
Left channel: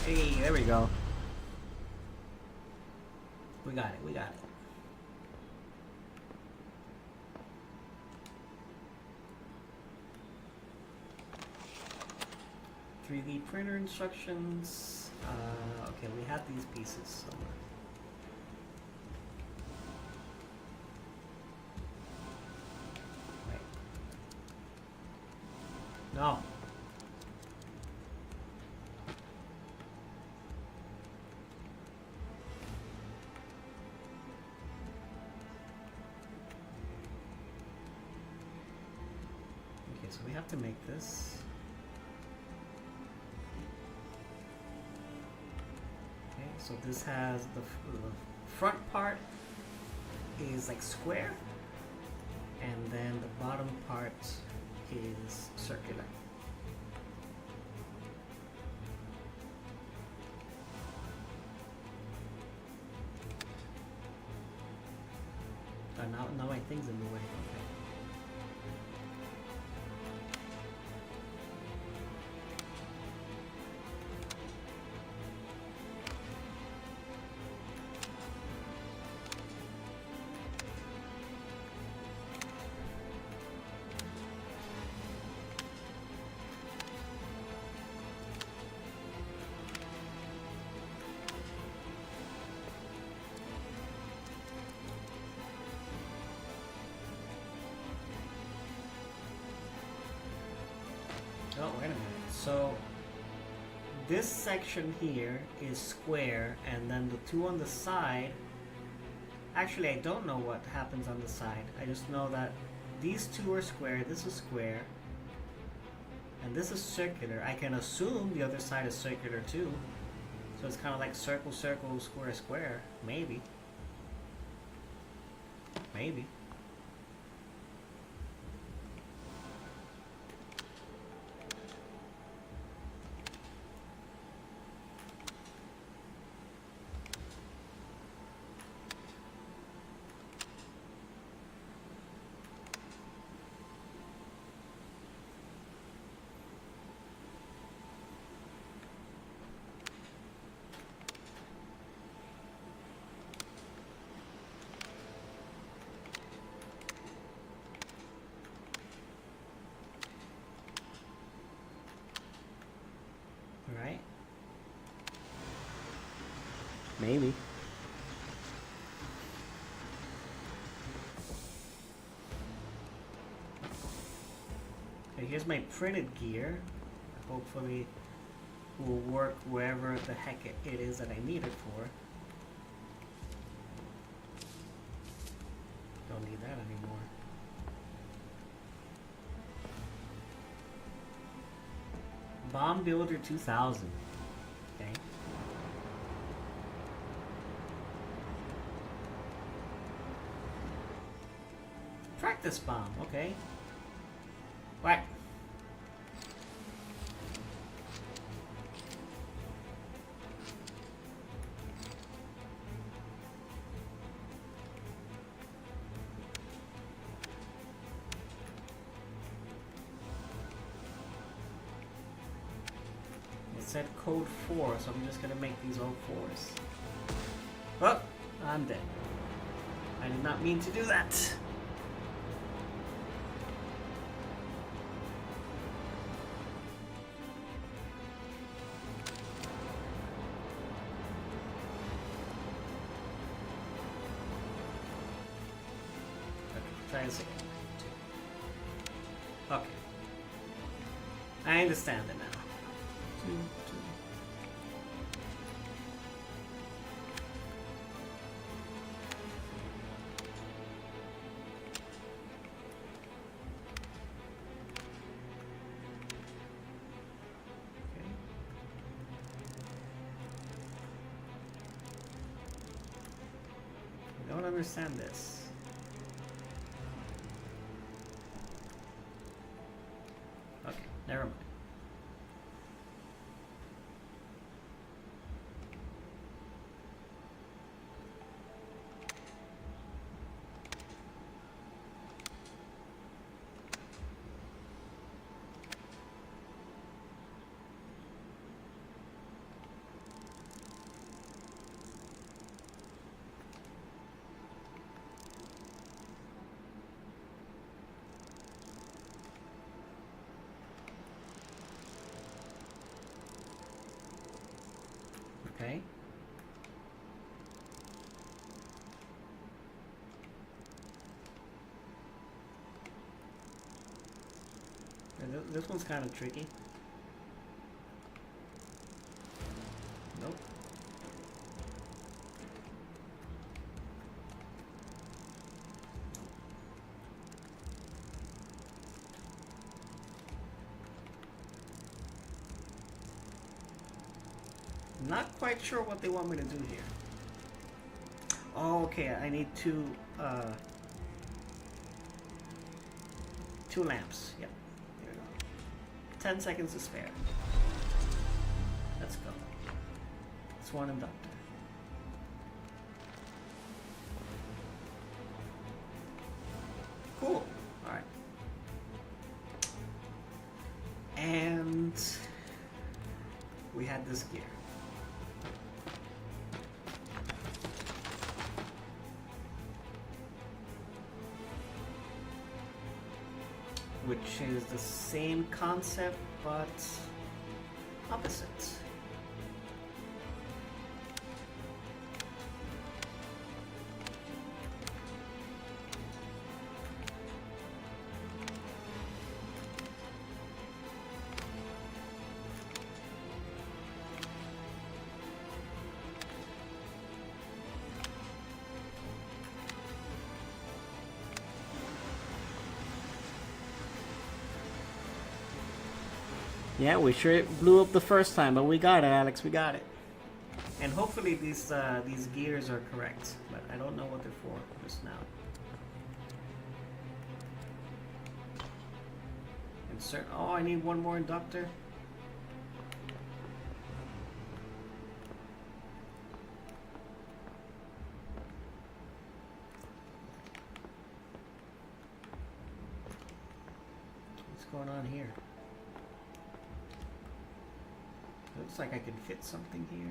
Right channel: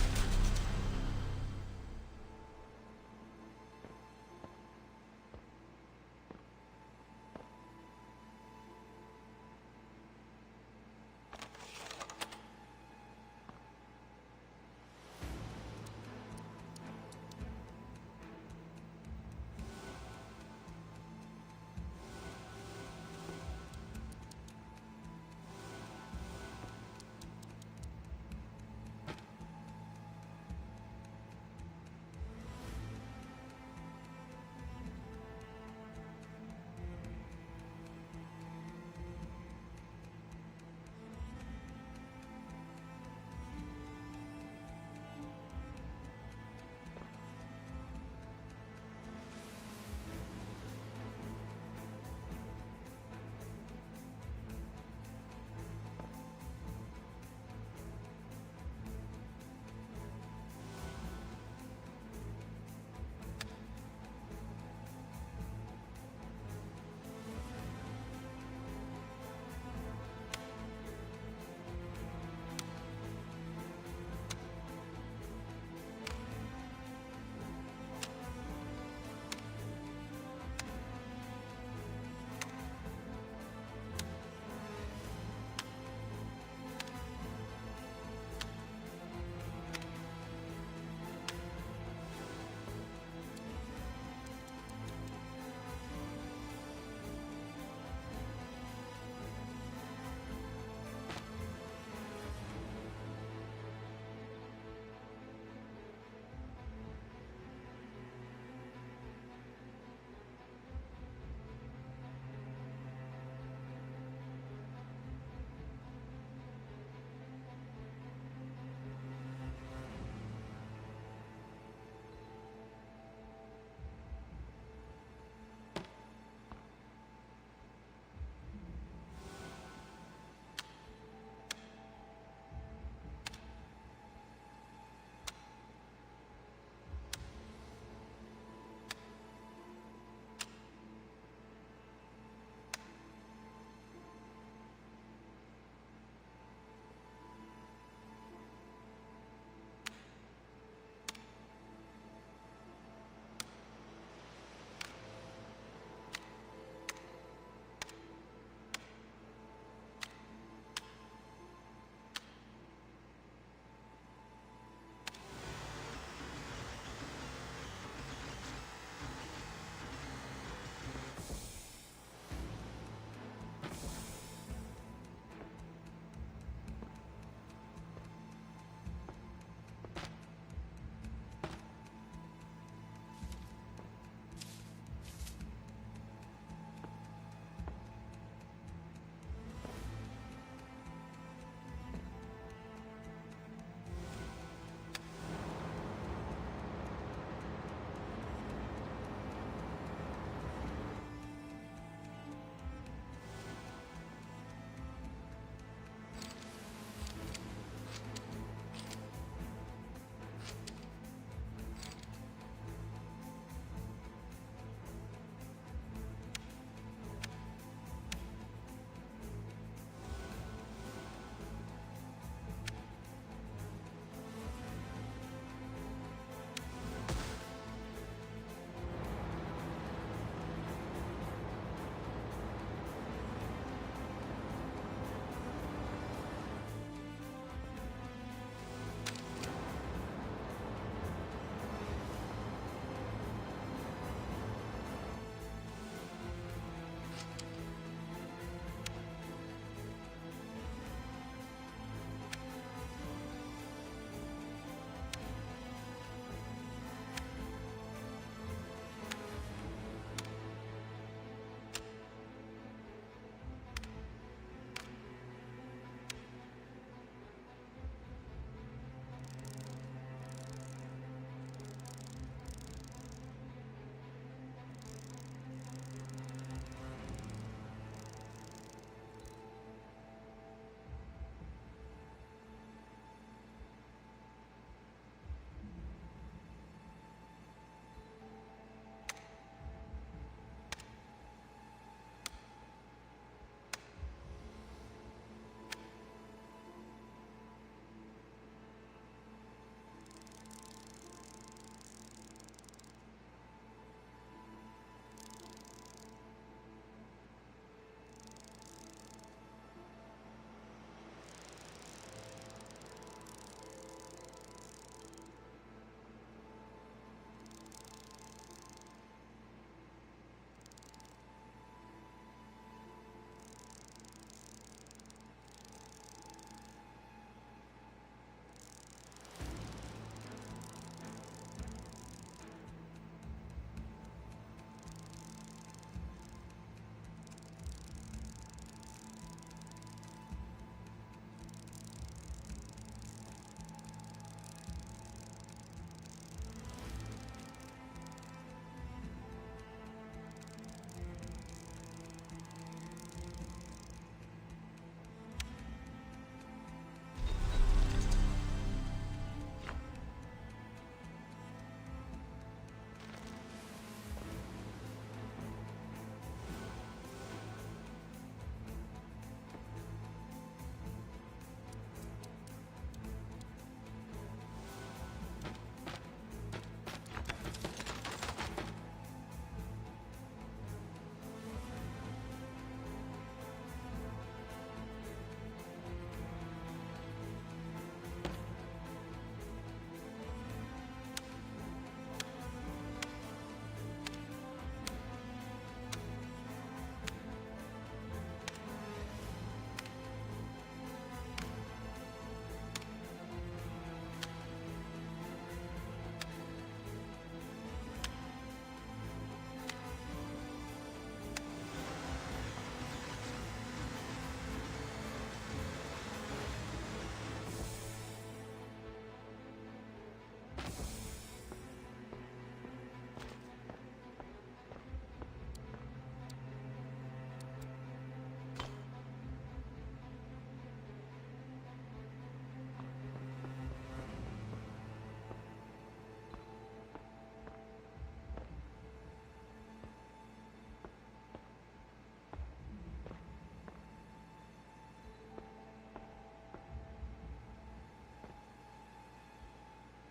Hey, there we go. We got it, we got it. .3D printer instructions. Okay, we have these pieces. So. No. Okay, so we have to make this. Okay, so this has the front part is like square, and then the bottom part is circular. Now my thing's in the way. Okay. Oh, wait a minute. So this section here is square, and then the two on the side, actually I don't know what happens on the side. I just know that these two are square, this is square, and this is circular. I can assume the other side is circular too. So it's kind of like circle, circle, square, square. Maybe. Maybe. Right? Maybe. Okay, here's my printed gear. Hopefully it will work wherever the heck it is that I need it for. Don't need that anymore. Bomb Builder 2000. Okay. Practice bomb, okay. Whack. Said code 4, so I'm just gonna make these all 4s. Oh, I'm dead. I did not mean to do that. Okay. I understand it now. I don't understand this. Okay, never mind. Okay. This one's kind of tricky. Nope. Not quite sure what they want me to do here. Oh, okay, I need two lamps. Yep. 10 seconds to spare. Let's go. It's one and done. Cool. Alright. And we had this gear. Which is the same concept, but opposite. Yeah, we sure blew up the first time, but we got it, Alex. We got it. And hopefully these gears are correct, but I don't know what they're for just now. Insert. Oh, I need one more inductor. What's going on here? Looks like I can fit something here.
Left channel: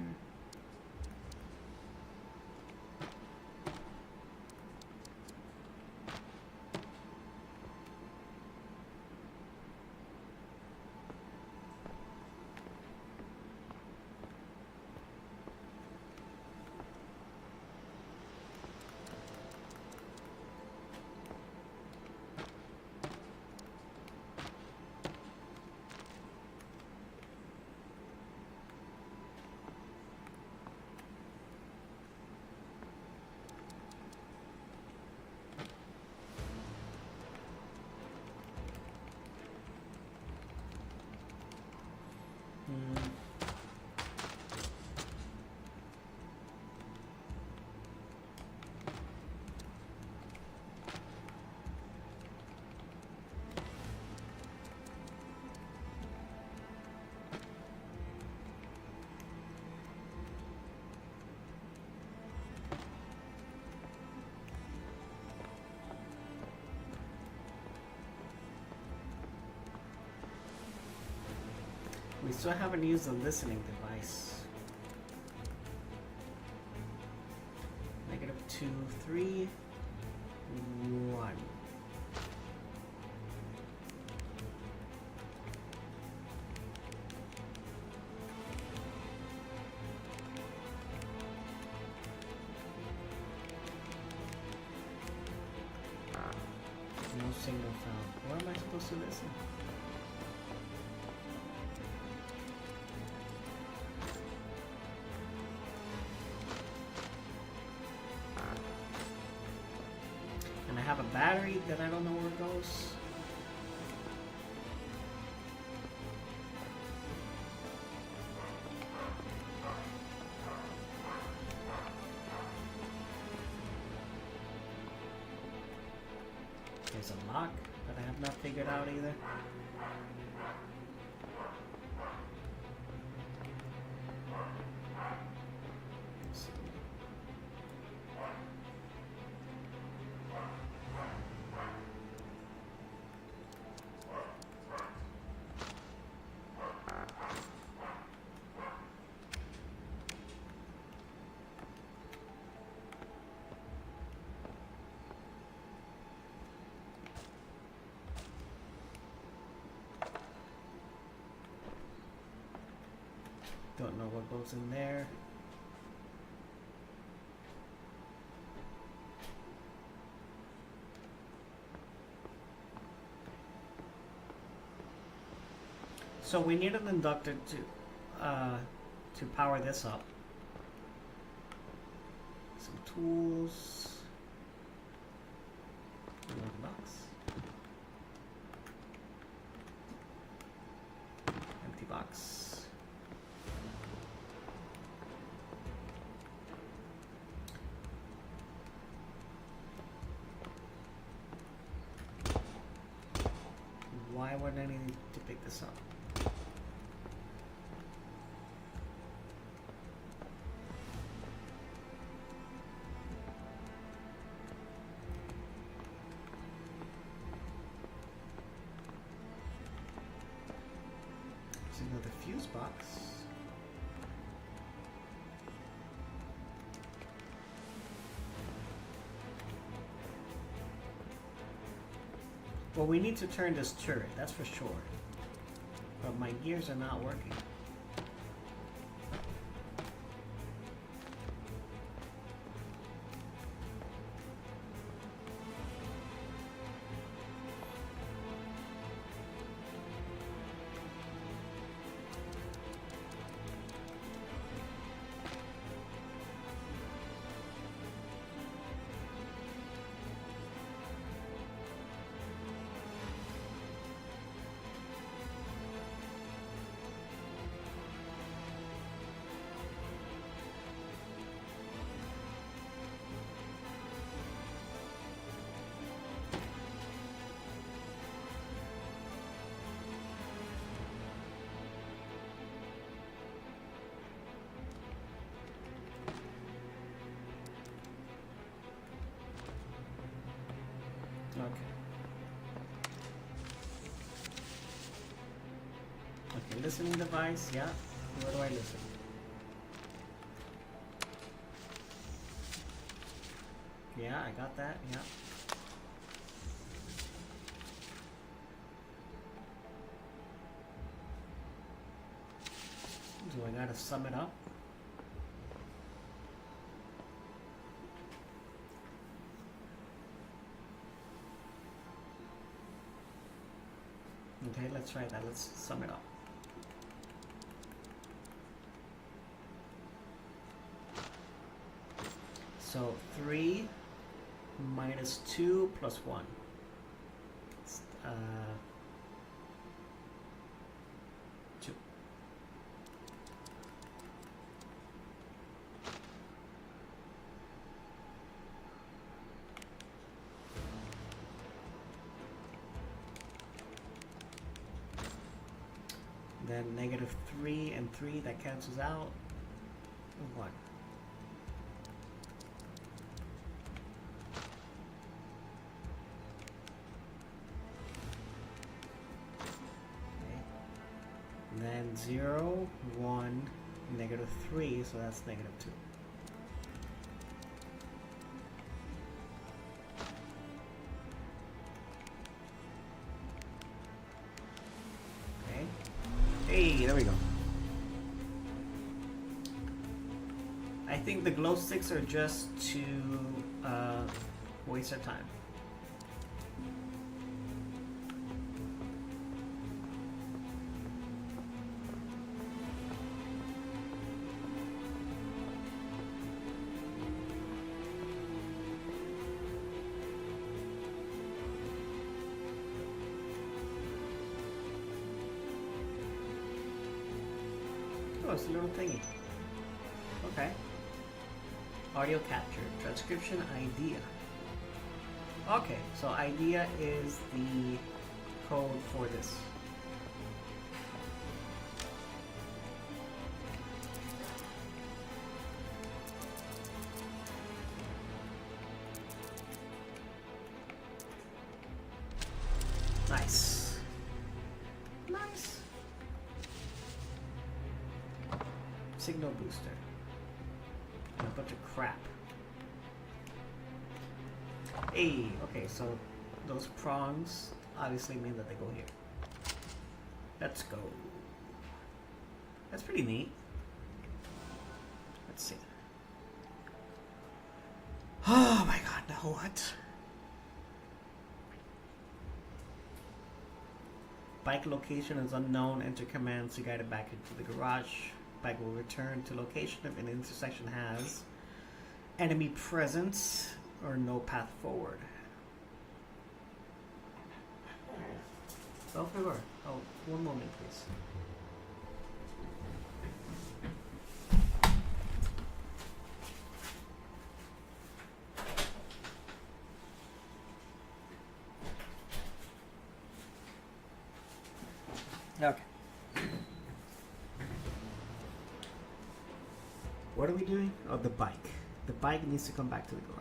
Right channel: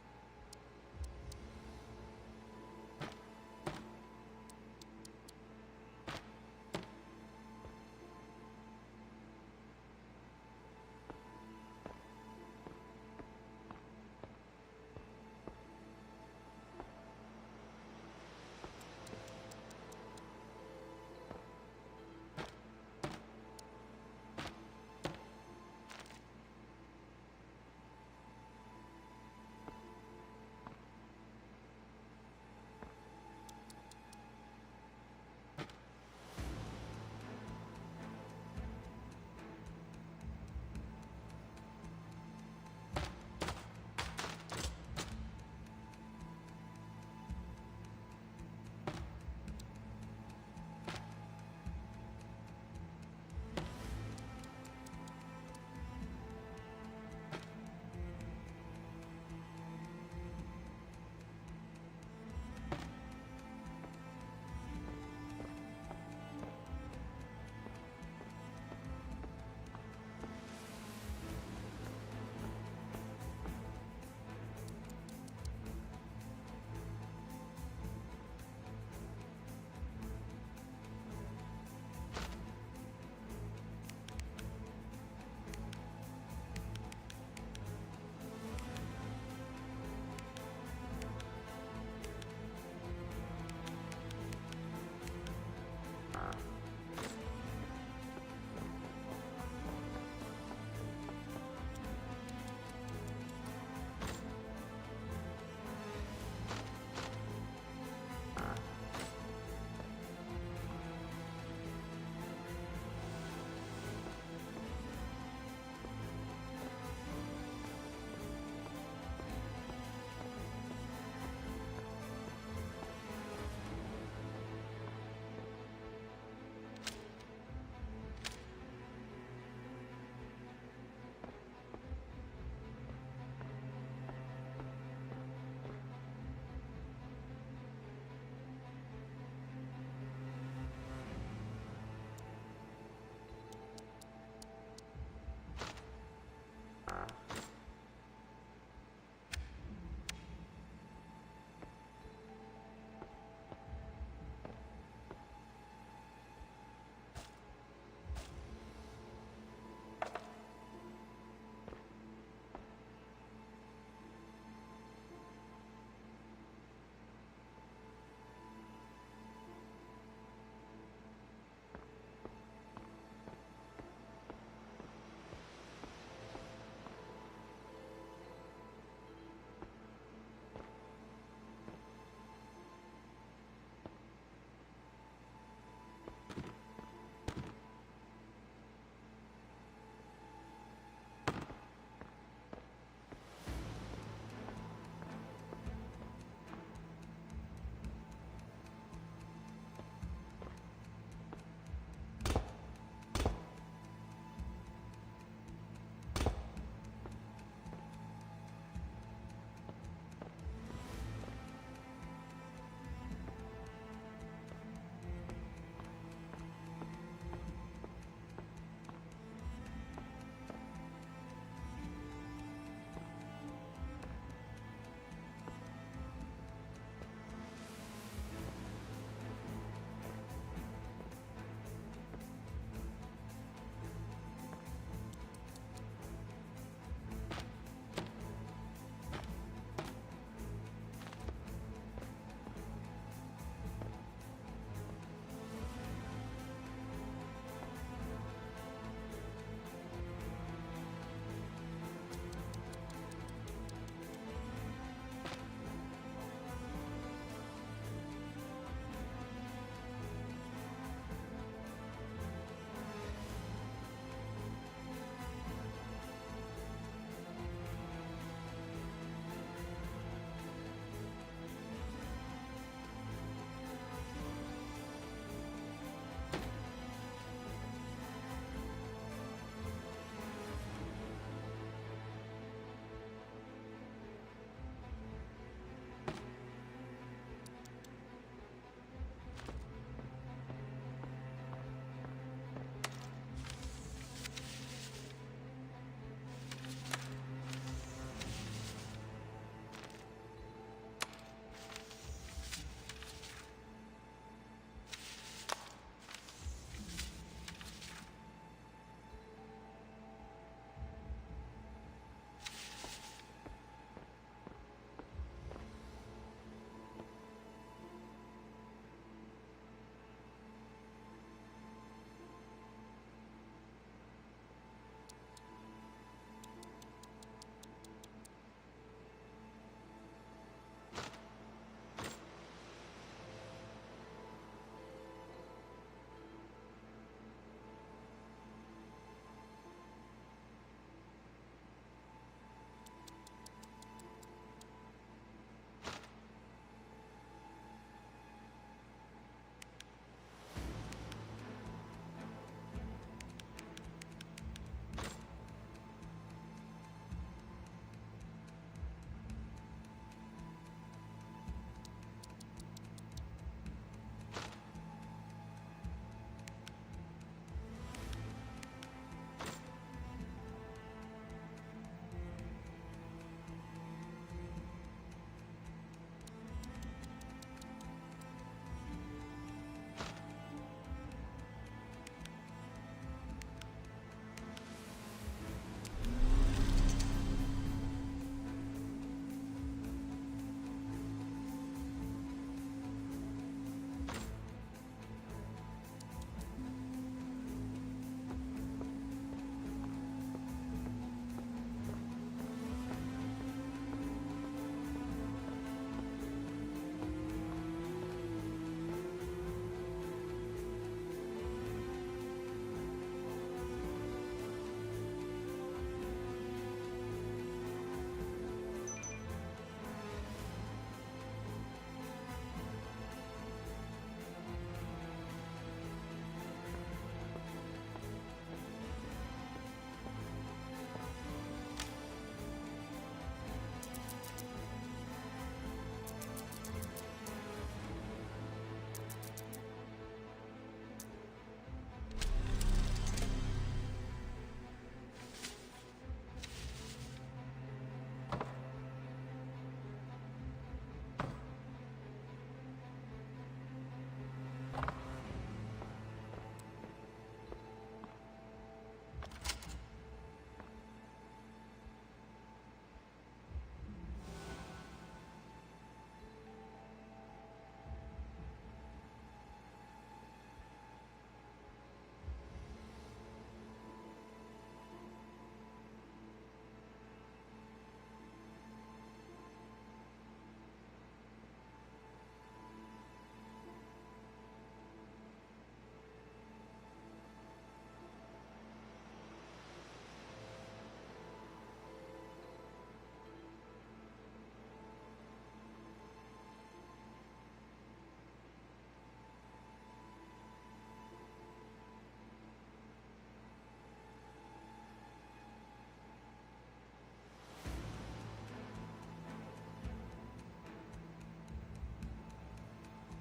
so I haven't used the listening device. -2, 3, 1. No signal found. Where am I supposed to listen? And I have a battery that I don't know where it goes. There's a lock that I have not figured out either. Let's see. Don't know what goes in there. So we need an inductor to power this up. Some tools. Box. Empty box. Why would I need to pick this up? See with the fuse box. Well, we need to turn this turret, that's for sure. But my gears are not working. Okay, listening device, yeah. Where do I listen? Yeah, I got that, yeah. So I gotta sum it up. Okay, let's try that. Let's sum it up. So 3 minus 2 plus 1. It's, 2. Then negative 3 and 3, that cancels out. 1. Then 0. 0, 1, negative 3, so that's negative 2. Okay. Hey, there we go. I think the glow sticks are just to waste our time. Oh, it's a little thingy. Okay. Audio capture, transcription idea. Okay, so idea is the code for this. Nice. Nice. Signal booster. A bunch of crap. Hey, okay, so those prongs obviously mean that they go here. Let's go. That's pretty neat. Let's see. Oh my god, now what? Bike location is unknown. Enter command to guide it back into the garage. Bike will return to location if an intersection has enemy presence or no path forward. Belphegor. Oh, one moment, please. Okay. What are we doing? Oh, the bike. The bike needs to come back to the garage.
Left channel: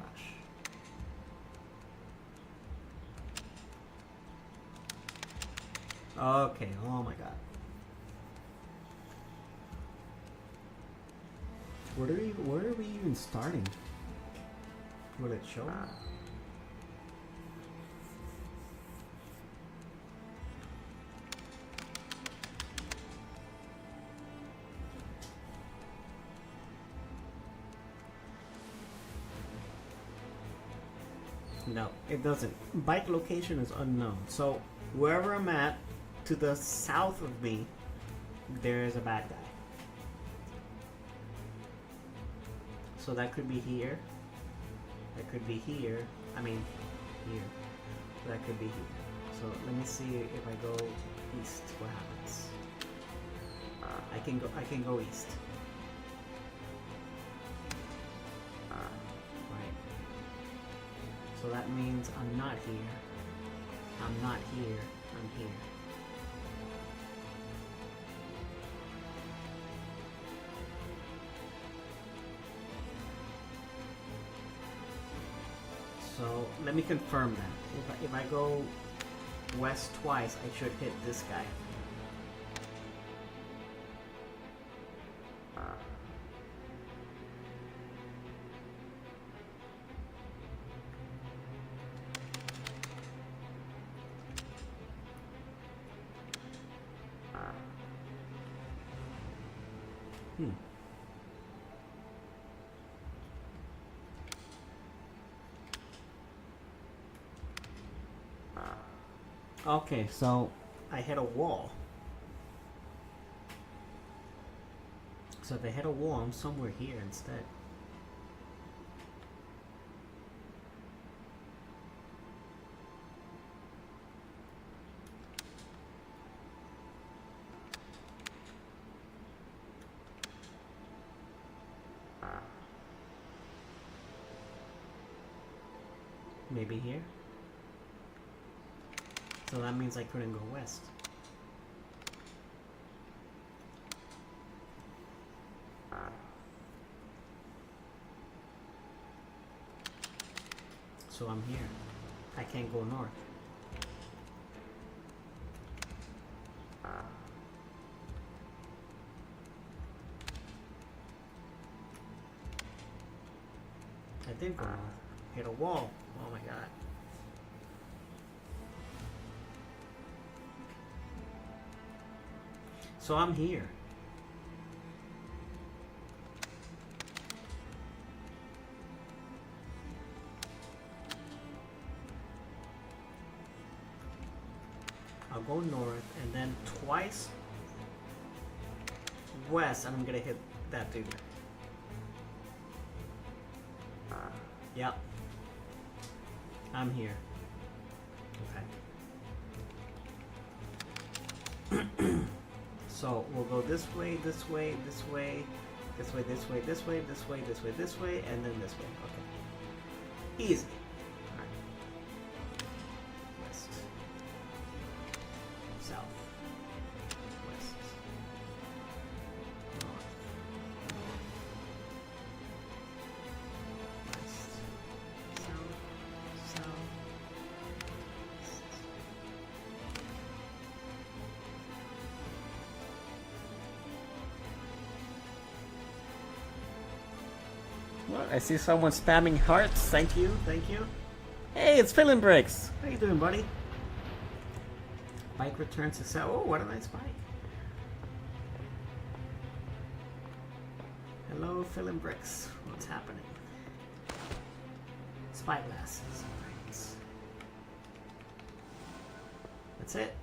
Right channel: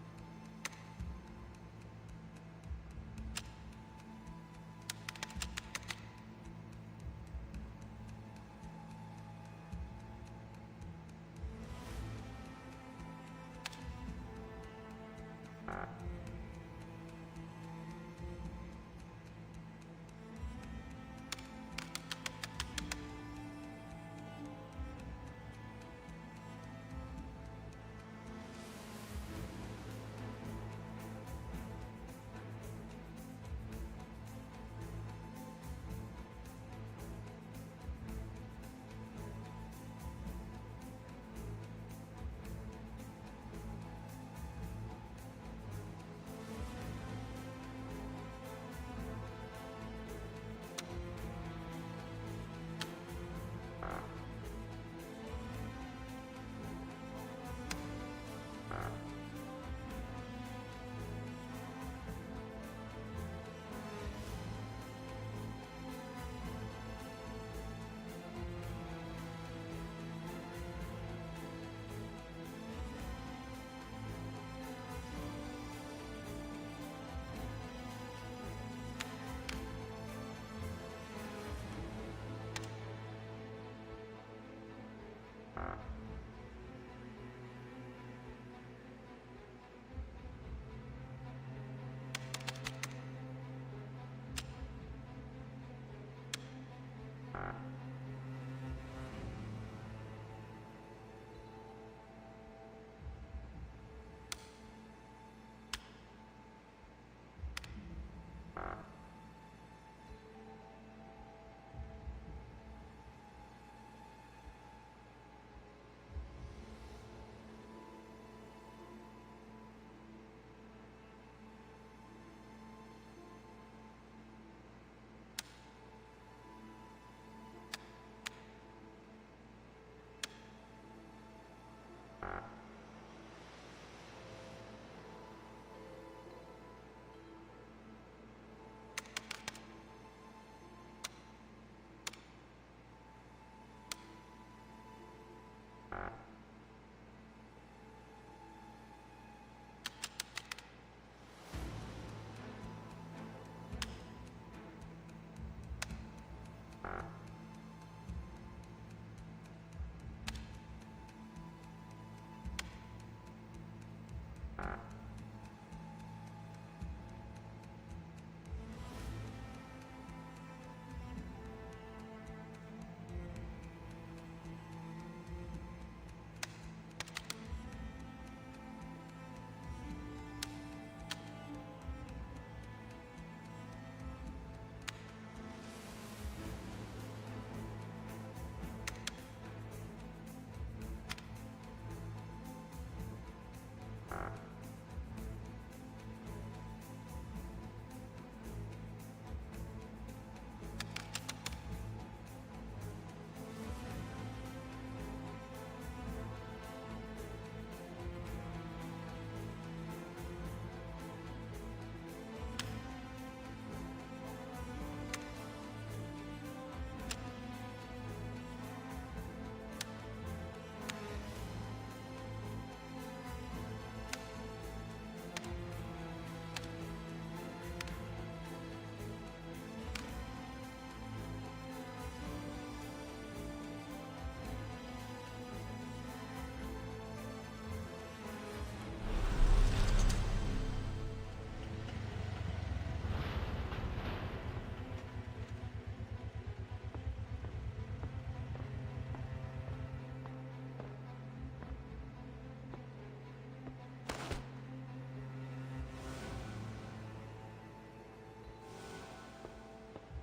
Okay, oh my god. Where are we even starting? Will it show? No, it doesn't. Bike location is unknown. So wherever I'm at, to the south of me, there is a bad guy. So that could be here. That could be here. I mean, here. That could be here. So let me see if I go east, what happens. I can go east. Right. So that means I'm not here. I'm not here. I'm here. So let me confirm that. If I go west twice, I should hit this guy. Okay, so I hit a wall. So if I hit a wall, I'm somewhere here instead. Maybe here? So that means I couldn't go west. So I'm here. I can't go north. came from. Hit a wall. Oh my god. So I'm here. I'll go north and then twice west, and I'm gonna hit that dude. Yep. I'm here. Okay. So we'll go this way, this way, this way, this way, this way, this way, this way, this way, this way, and then this way. Okay. Easy. West. South. West. I see someone spamming hearts. Thank you, thank you. Hey, it's Fillin' Bricks. How you doing, buddy? Bike returns to sell. Oh, what a nice bike. Hello, Fillin' Bricks. What's happening? Spyglasses. Right. That's it.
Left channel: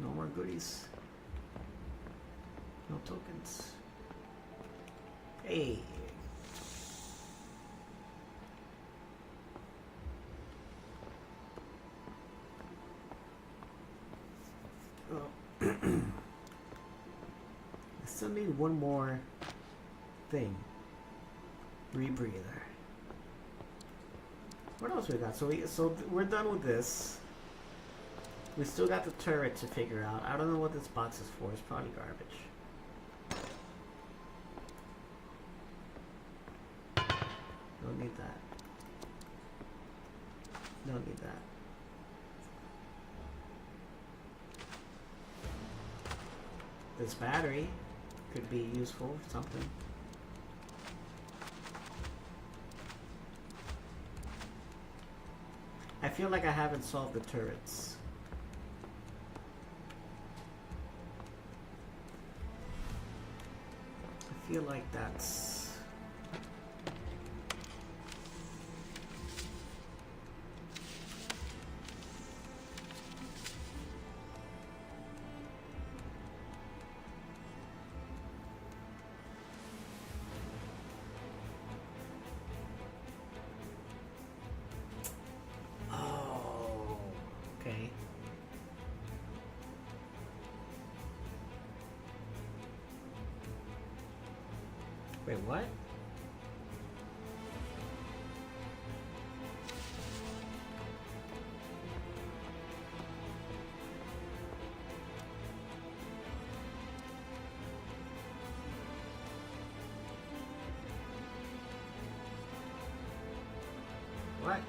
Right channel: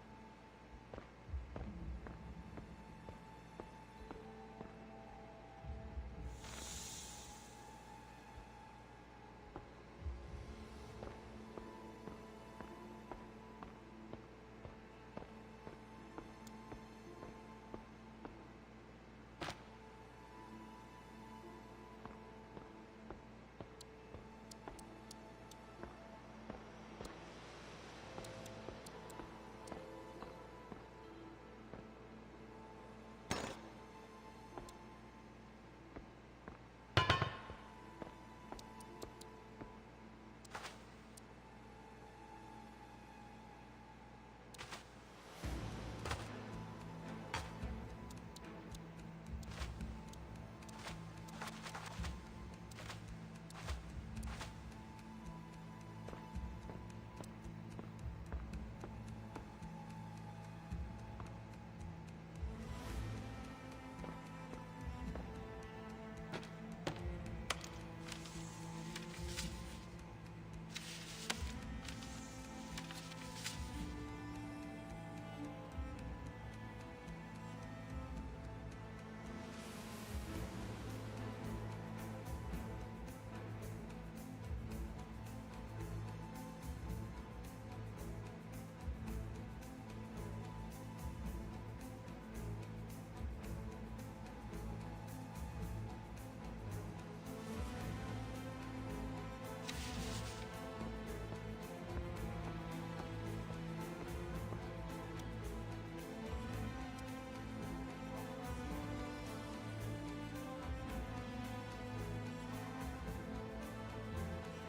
No more goodies. No tokens. Hey. Oh. I still need one more thing. Rebreather. What else we got? So we're done with this. We still got the turret to figure out. I don't know what this box is for. It's probably garbage. Don't need that. Don't need that. This battery could be useful for something. I feel like I haven't solved the turrets. I feel like that's... Wait, what? What?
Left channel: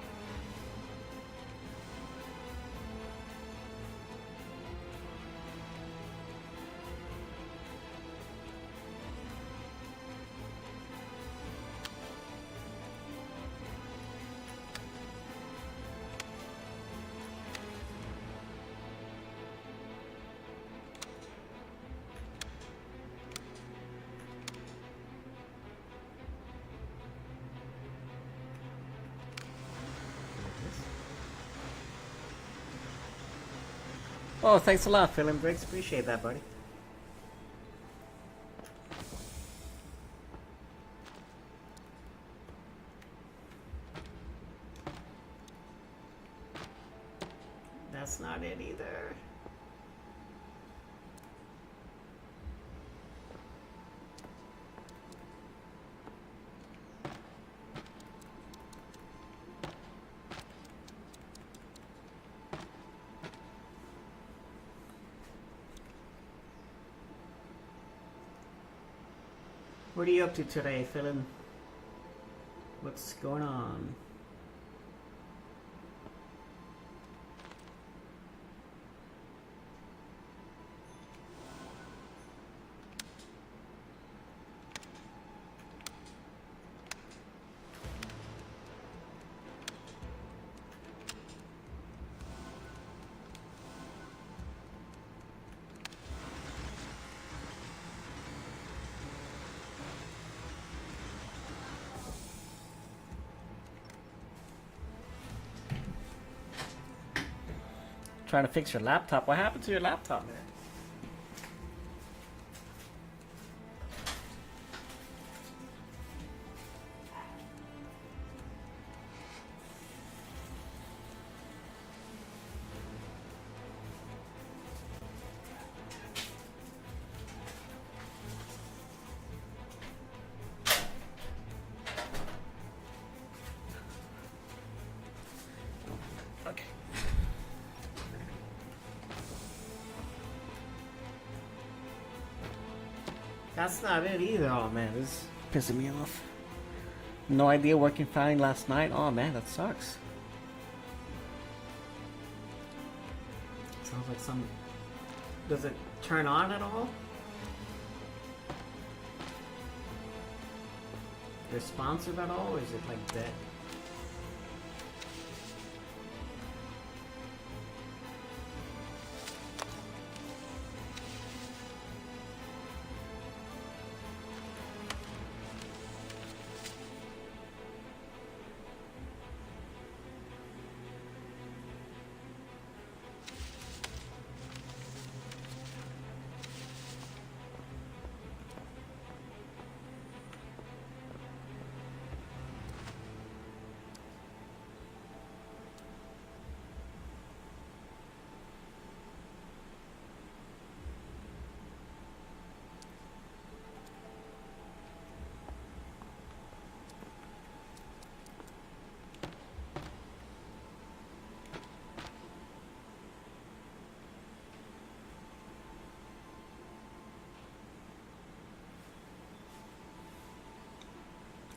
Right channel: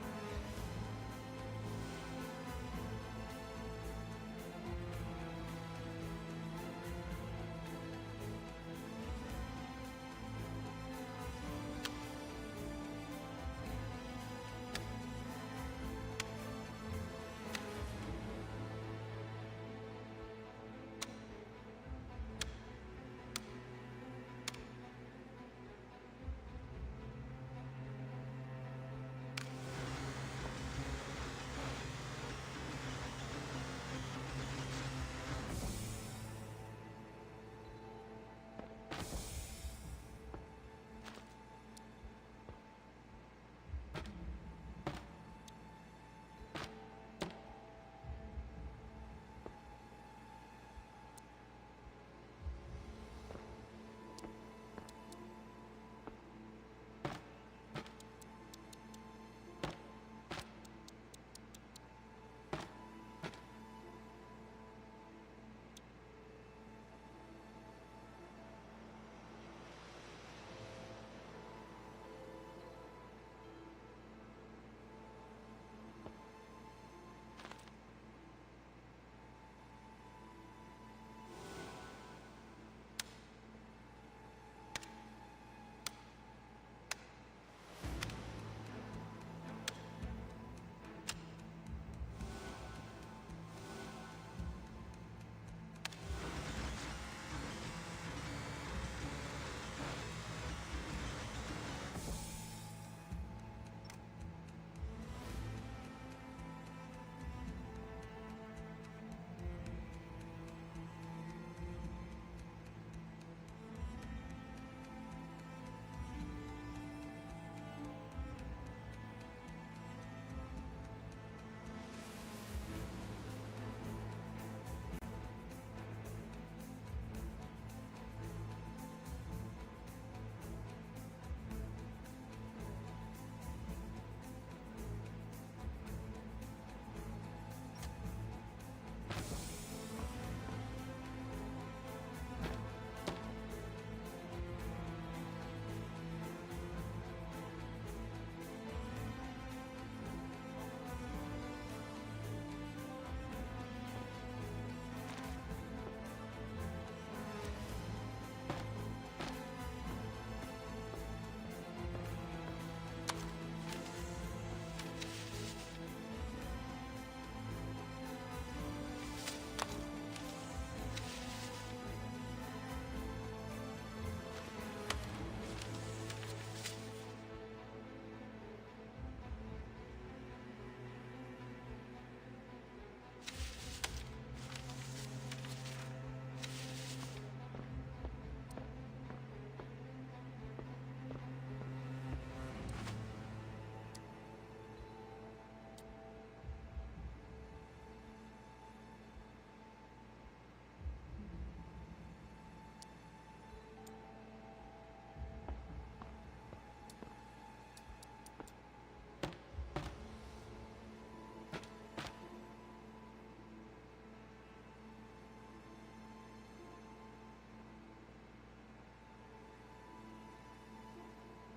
Oh, thanks a lot, Phil and Briggs. Appreciate that, buddy. That's not it either. What are you up to today, Philin? What's going on? Trying to fix your laptop. What happened to your laptop, man? Okay. That's not it either. Oh man, this is pissing me off. No idea working fine last night. Oh man, that sucks. Sounds like some. Does it turn on at all? Responsive at all, or is it like dead?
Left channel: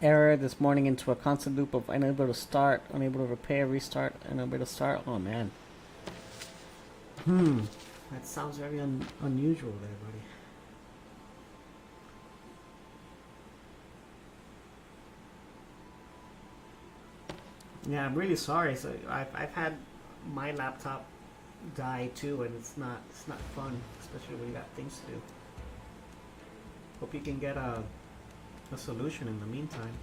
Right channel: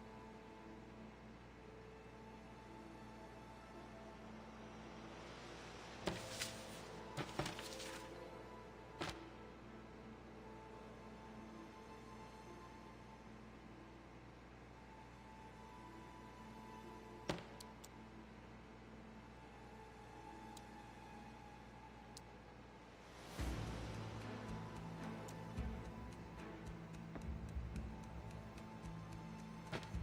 Error this morning into a constant loop of unable to start, unable to repair, restart, unable to start. Oh man. That sounds very unusual there, buddy. Yeah, I'm really sorry. So I've had my laptop die too, and it's not fun, especially when you got things to do. Hope you can get a solution in the meantime.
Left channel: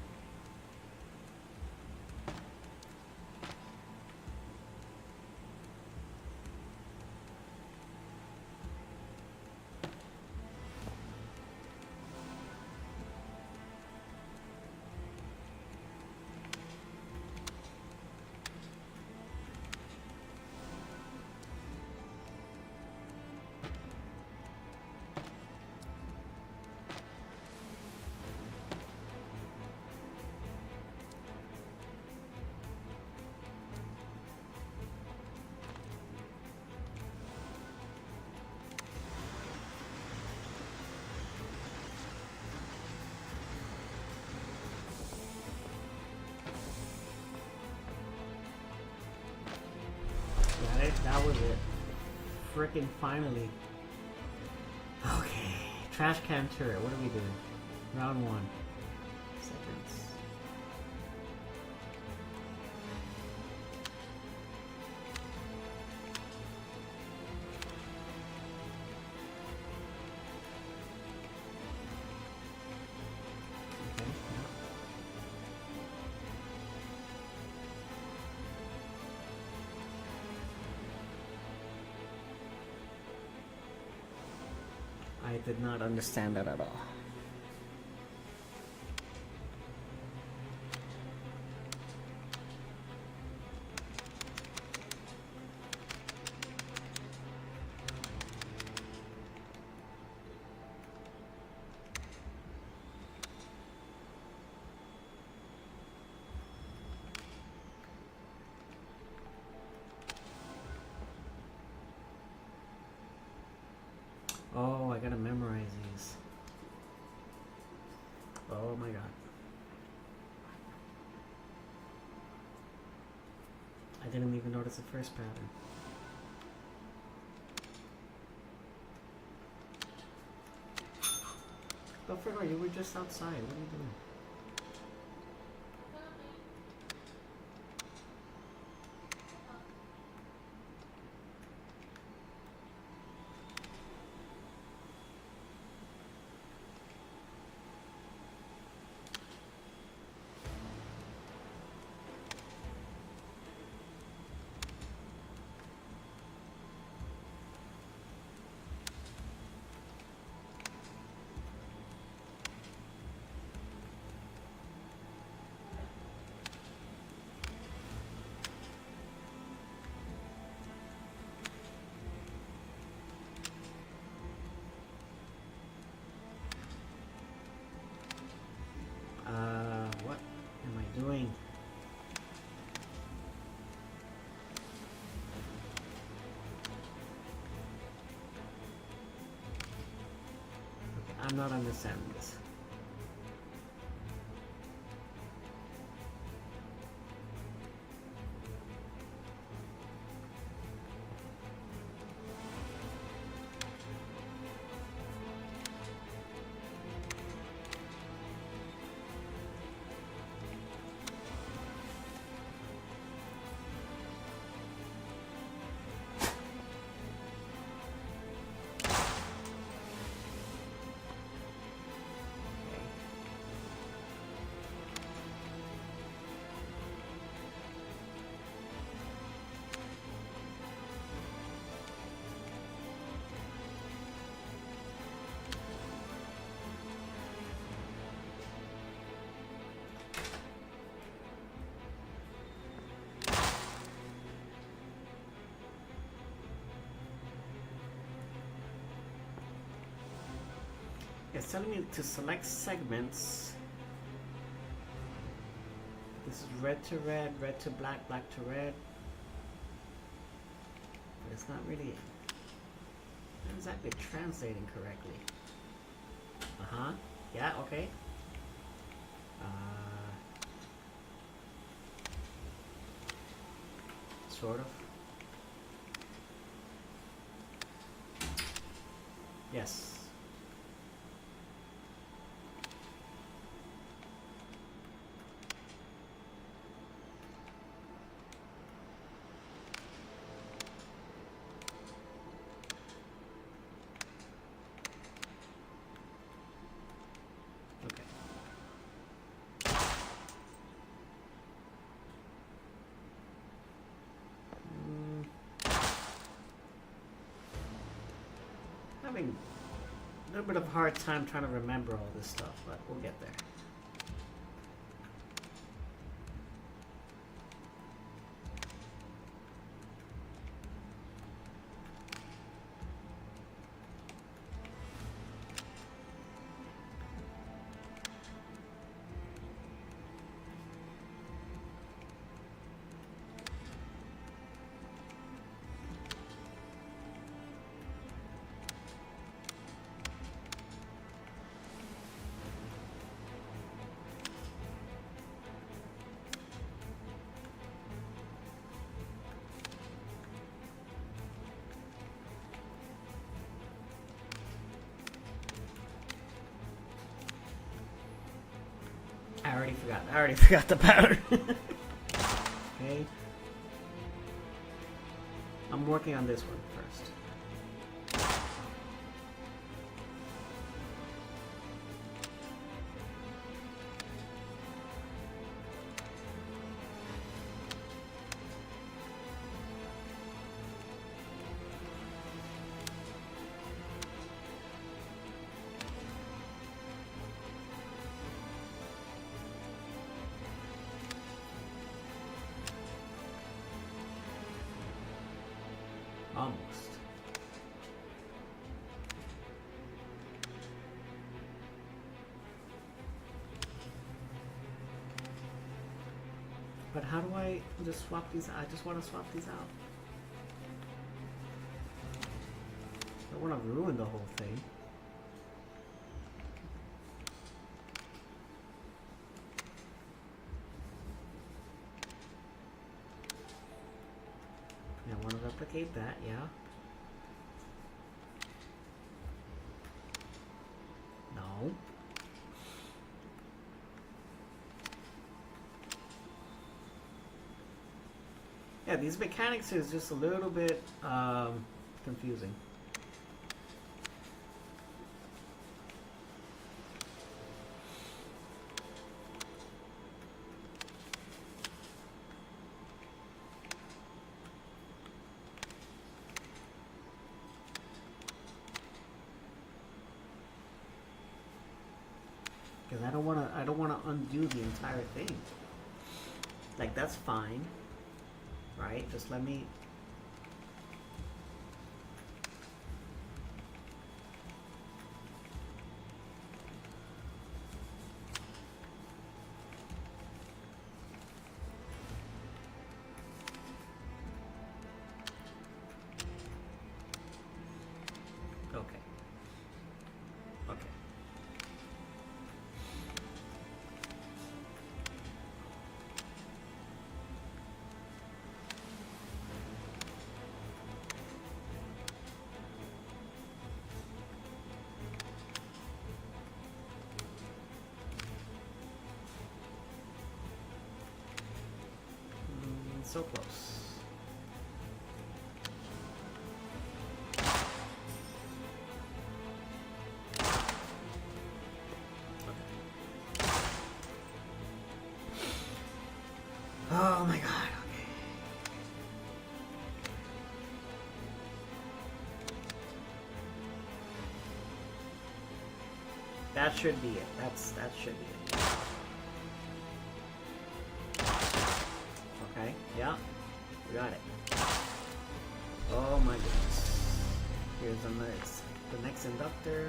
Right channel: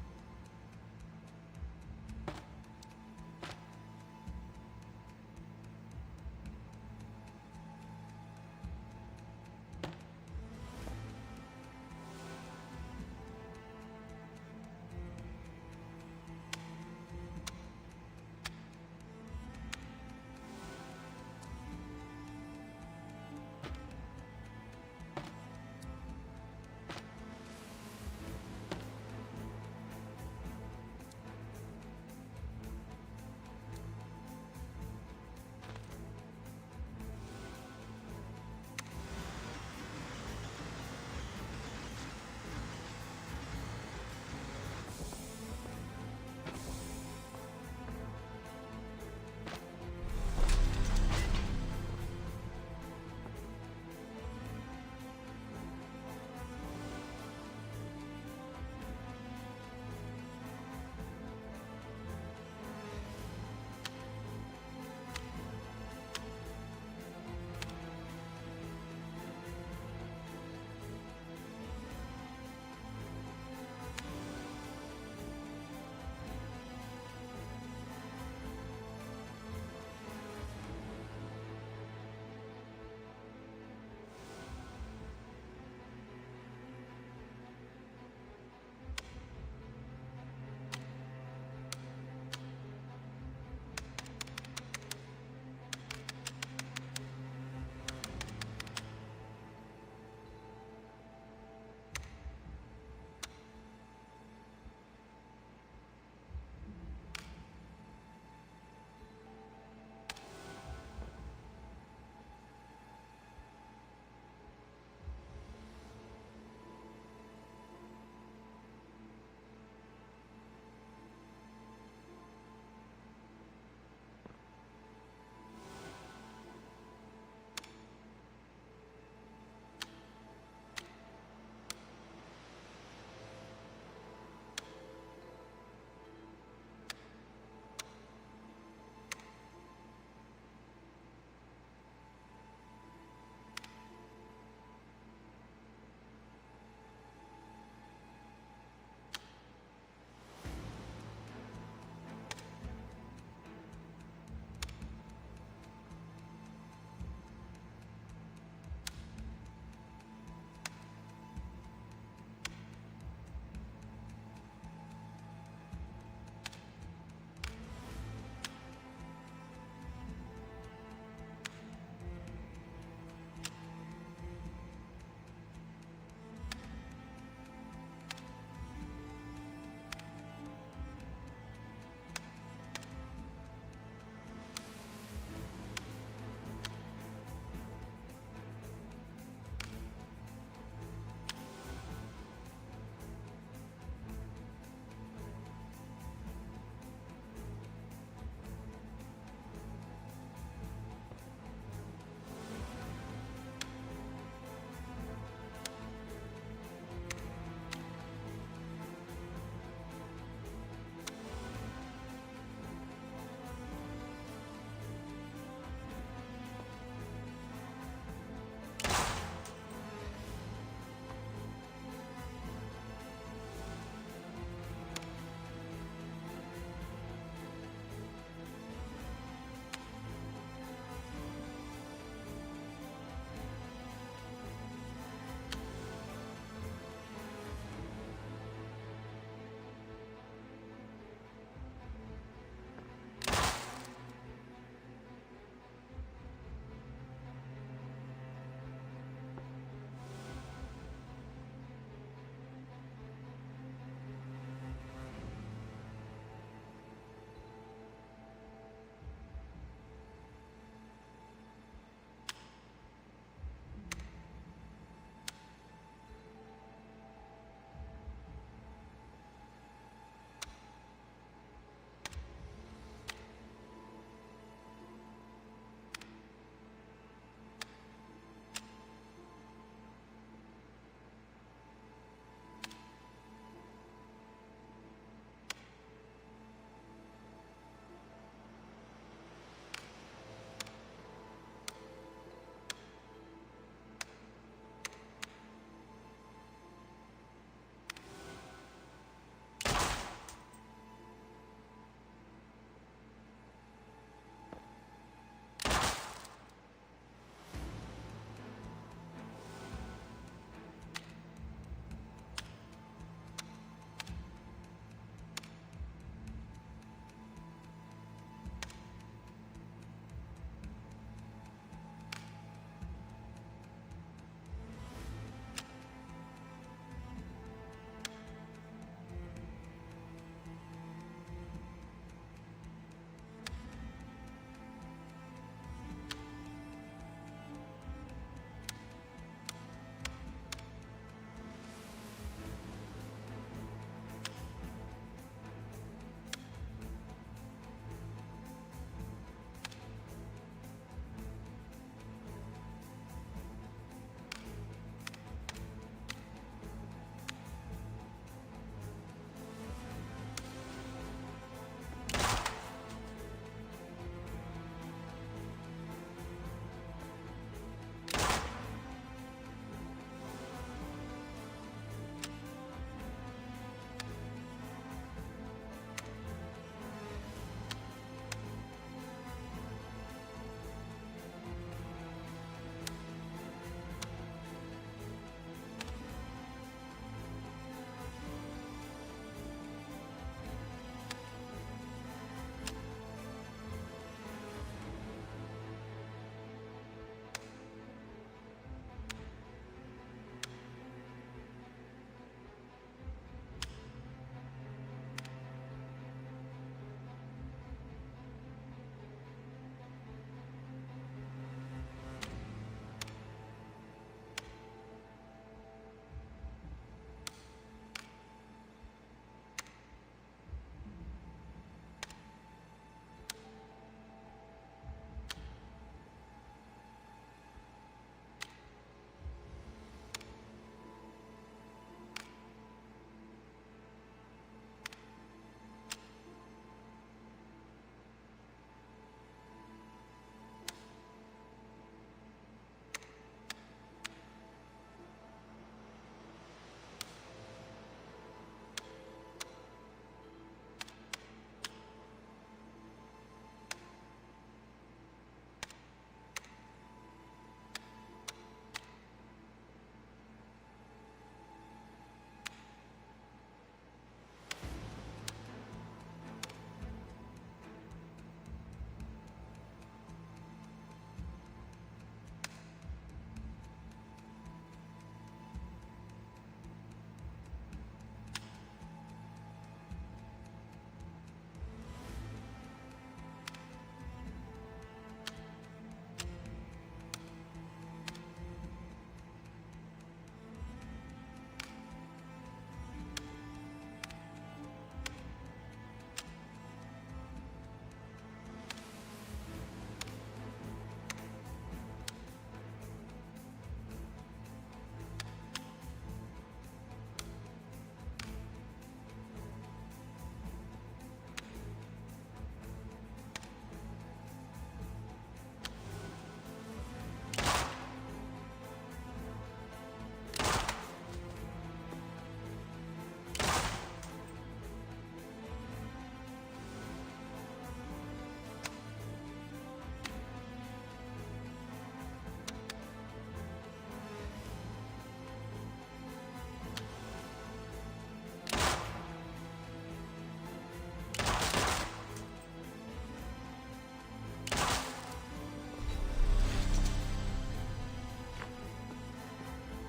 That was it. Frickin' finally. Okay. Trash can turret. What are we doing? Round 1. Seconds. I did not understand that at all. Oh, I gotta memorize these. Oh my god. I didn't even notice the first pattern. Belphegor, you were just outside. What are you doing? not understanding this. It's telling me to select segments. This is red to red, red to black, black to red. It's not really exactly translating correctly. Uh-huh. Yeah, okay. Sort of. Yes. Having a little bit of a hard time trying to remember all this stuff, but we'll get there. I already forgot the pattern. Okay. I'm working on this one first. Almost. But how do I just swap these? I just want to swap these out. I don't want to ruin the whole thing. I want to replicate that, yeah. No. Yeah, these mechanics is just a little bit confusing. Because I don't wanna undo the entire thing. Like, that's fine. Right? Just let me... Okay. Okay. should be it. That should be it. Okay, yeah, got it. Oh my goodness. Here's the next inductor.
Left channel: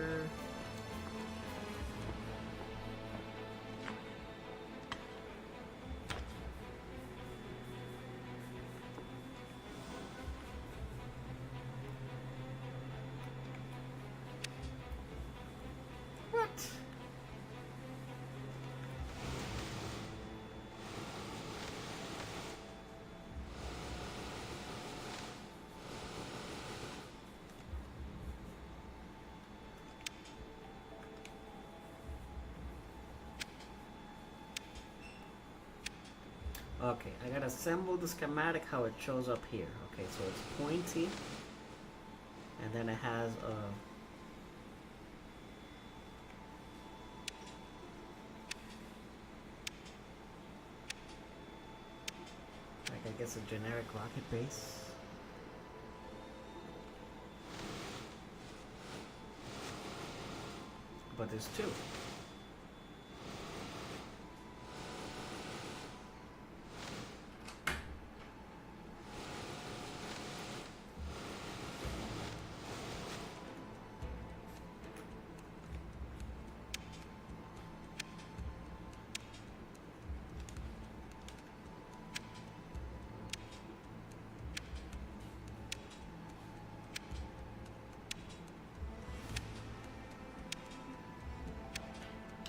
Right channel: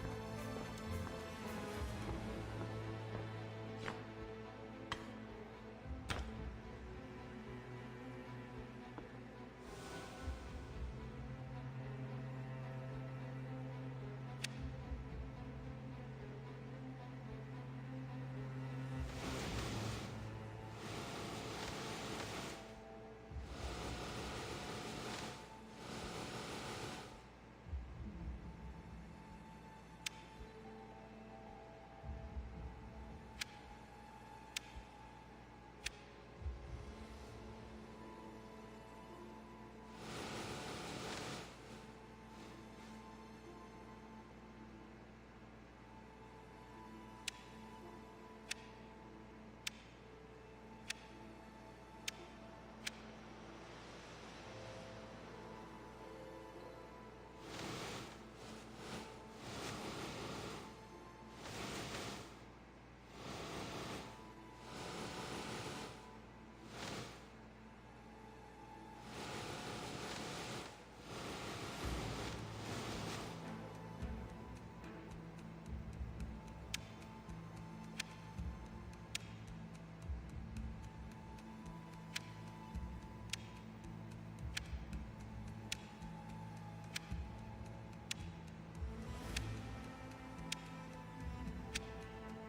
Okay, I gotta assemble the schematic how it shows up here. Okay, so it's pointy, and then it has a I guess a generic rocket base. But there's two.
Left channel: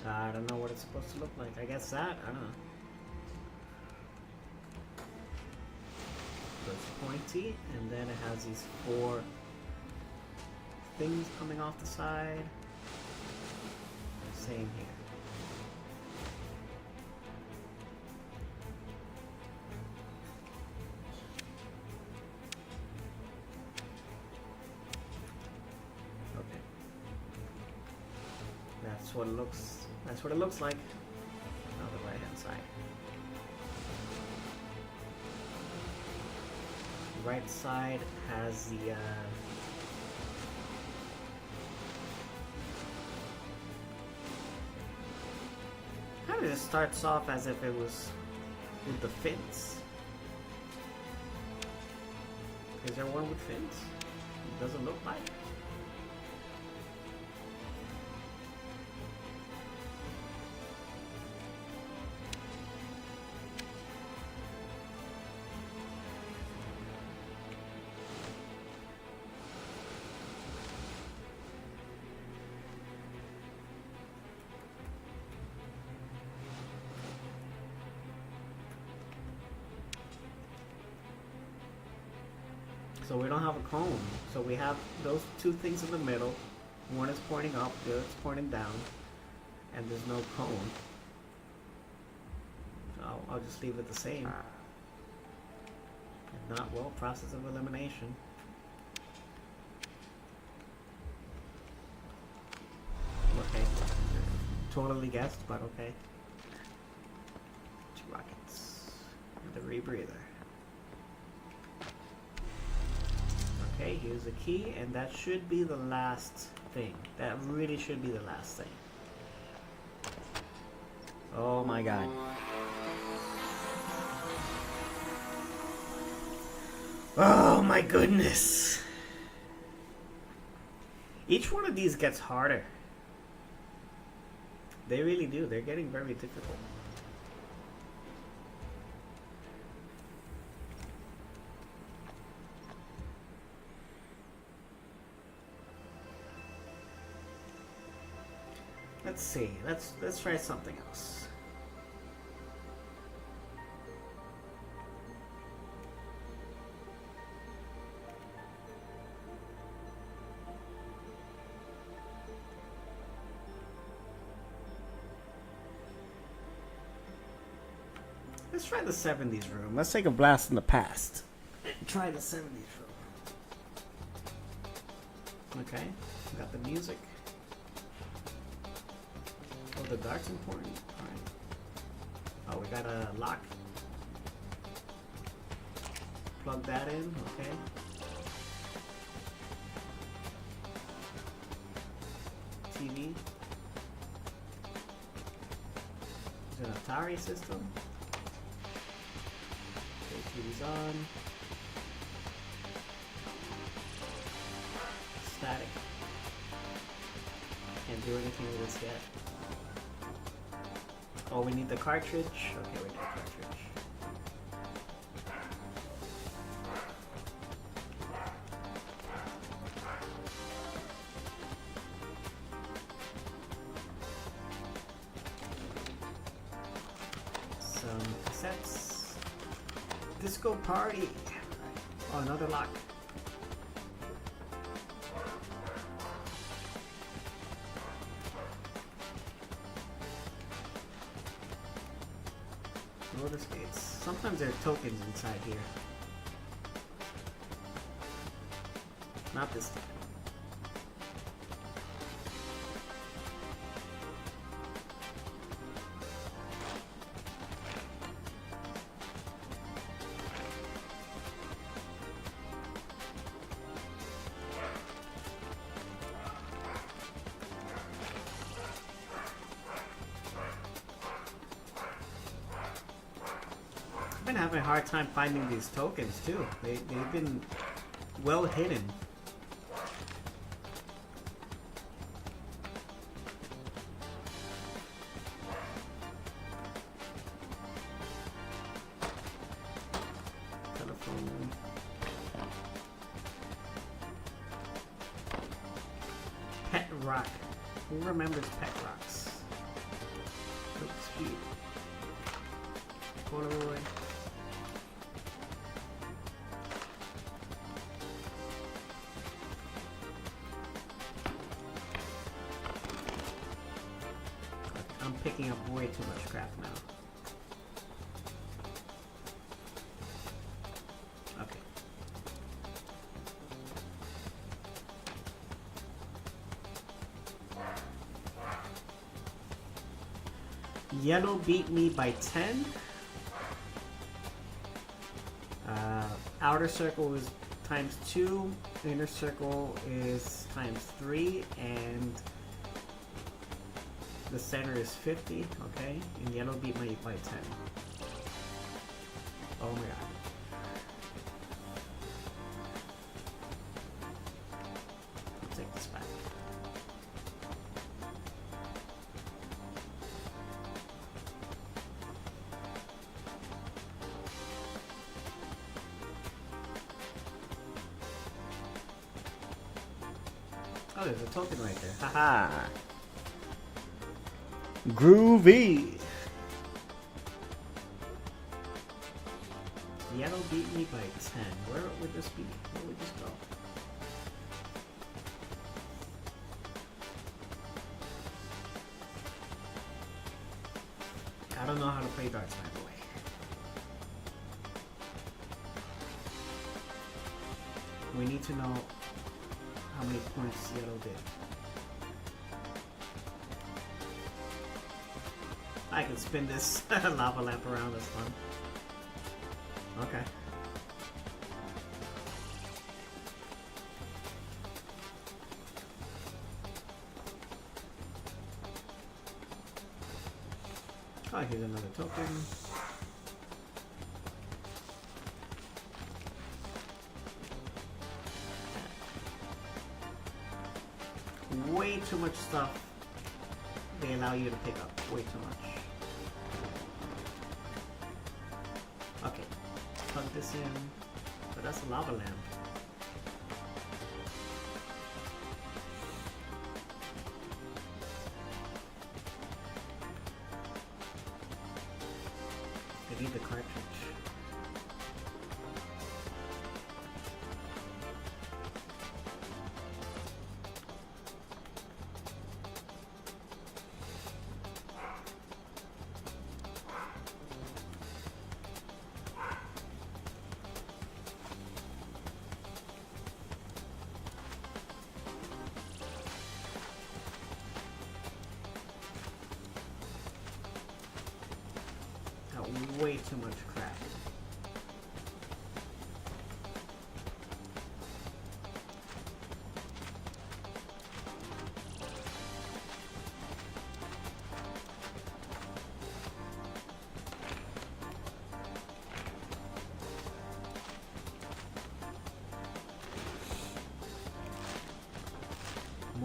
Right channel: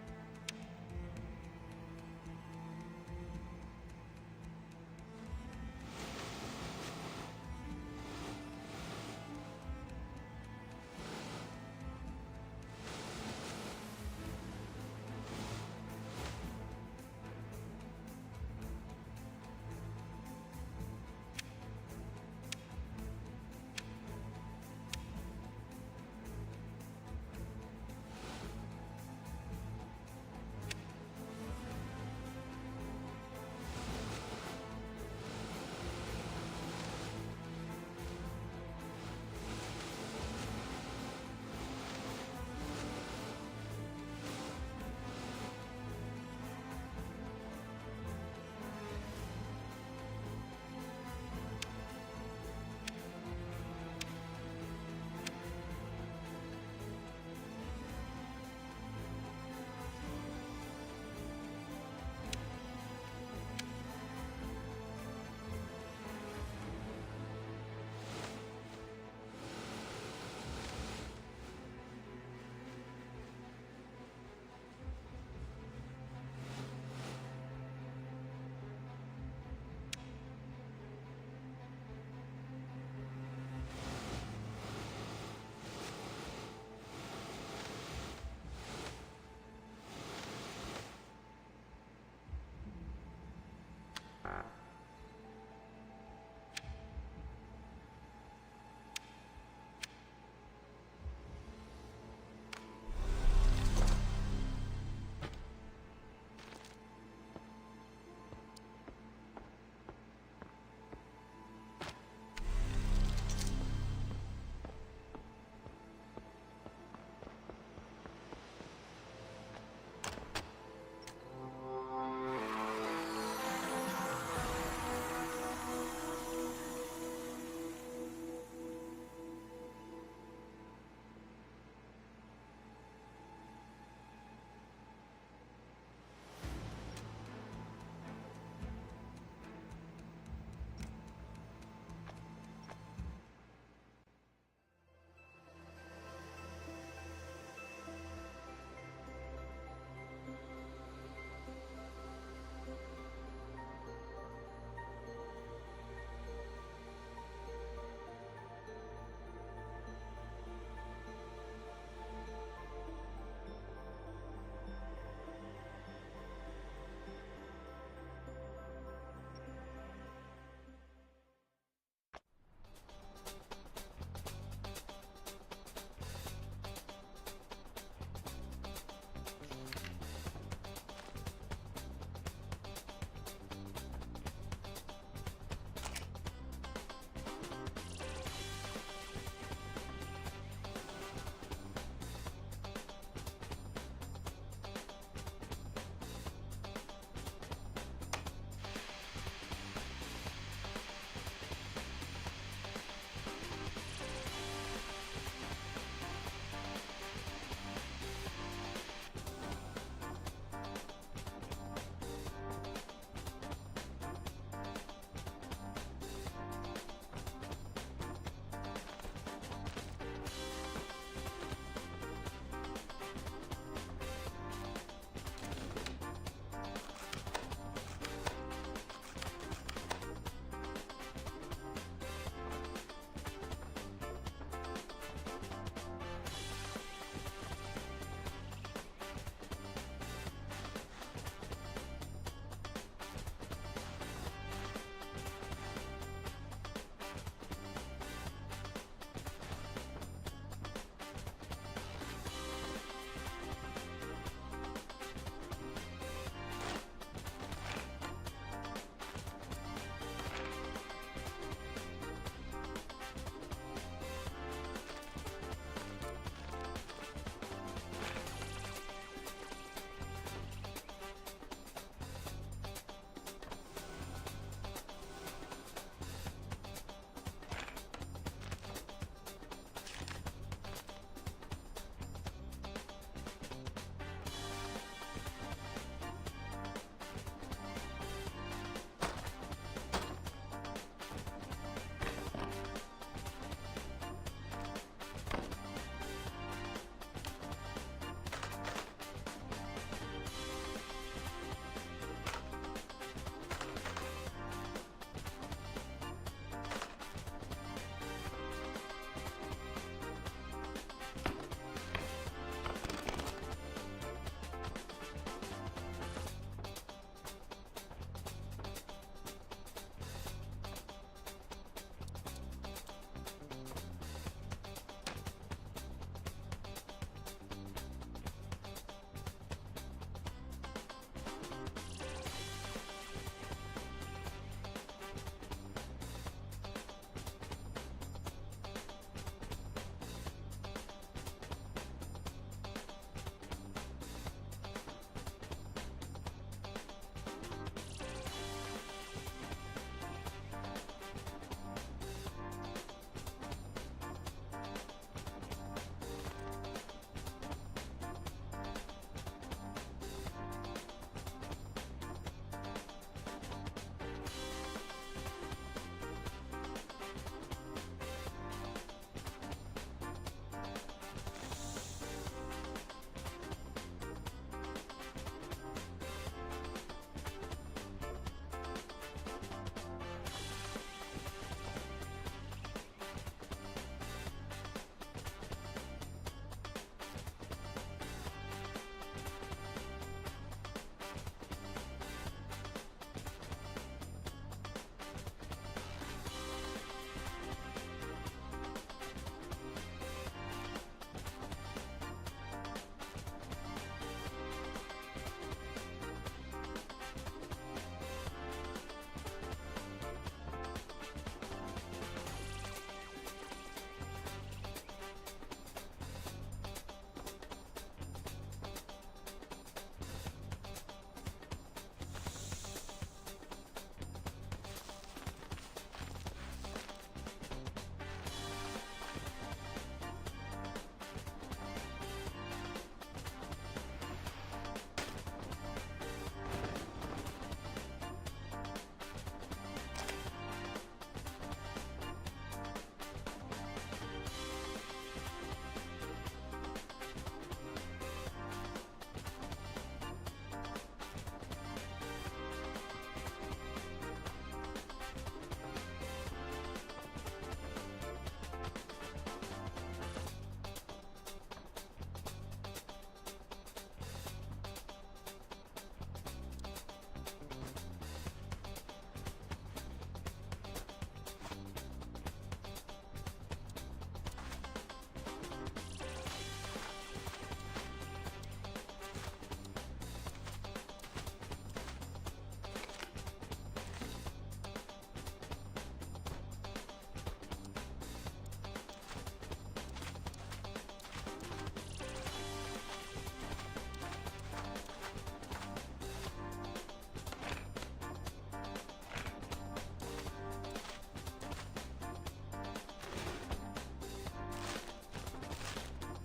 I don't know what it's supposed to look like. I guess that? I don't know. So it's pointy, and then it has these four things coming off the side. Same here. Okay. That's what it looks like on the right hand side. The right side has the kind of just starts off as if it was with the fins. Is there one with fins? It doesn't look like it. So we don't have a cone. So we have those two things in the middle. One is pointing up, the other is pointing down. And there's no cone. I'll just leave it the same. If not, well, process of elimination. Okay. Totally guessed, but okay. Two rockets. The rebreather. Okay, here's the key, and that should be the last thing. That really should be the last thing. Oh my god. Oh my goodness. Each one of these gets harder. They really do. They're getting very difficult. Let's see. Let's try something else. Let's try the 70s room. Let's take a blast in the past. Try the 70s room. Okay, got the music. Oh, the dark's important. Oh, we got a lock. Plug that in, okay. TV. Sorry, system. These on. Static. Can't do anything with this yet. Oh, we need the cartridge. Okay, we need the cartridge. Disco party. Oh, another lock. Notice gates. Sometimes there are tokens inside here. Not this time. I've been having a hard time finding these tokens too. They've been well hidden. Telephone. Pet rock. Who remembers pet rocks? Quick speed. Polaroid. Picking up way too much crap now. Okay. Yellow beat me by 10. Outer circle is times 2. Inner circle is times 3. And the center is 50, okay? And yellow beat me by 10. Oh my god. I'll take this back. Oh, there's a token right there. Haha! Groovy! Yellow beat me by 10. Where would this be? Where would this go? I don't know how to play darts, by the way. We need to know how many points yellow did. I can spin this lava lamp around, that's fun. Okay. Oh, here's another token. Way too much stuff they allow you to pick up. Way too much. Okay, plug this in. But that's a lava lamp. I need the cartridge.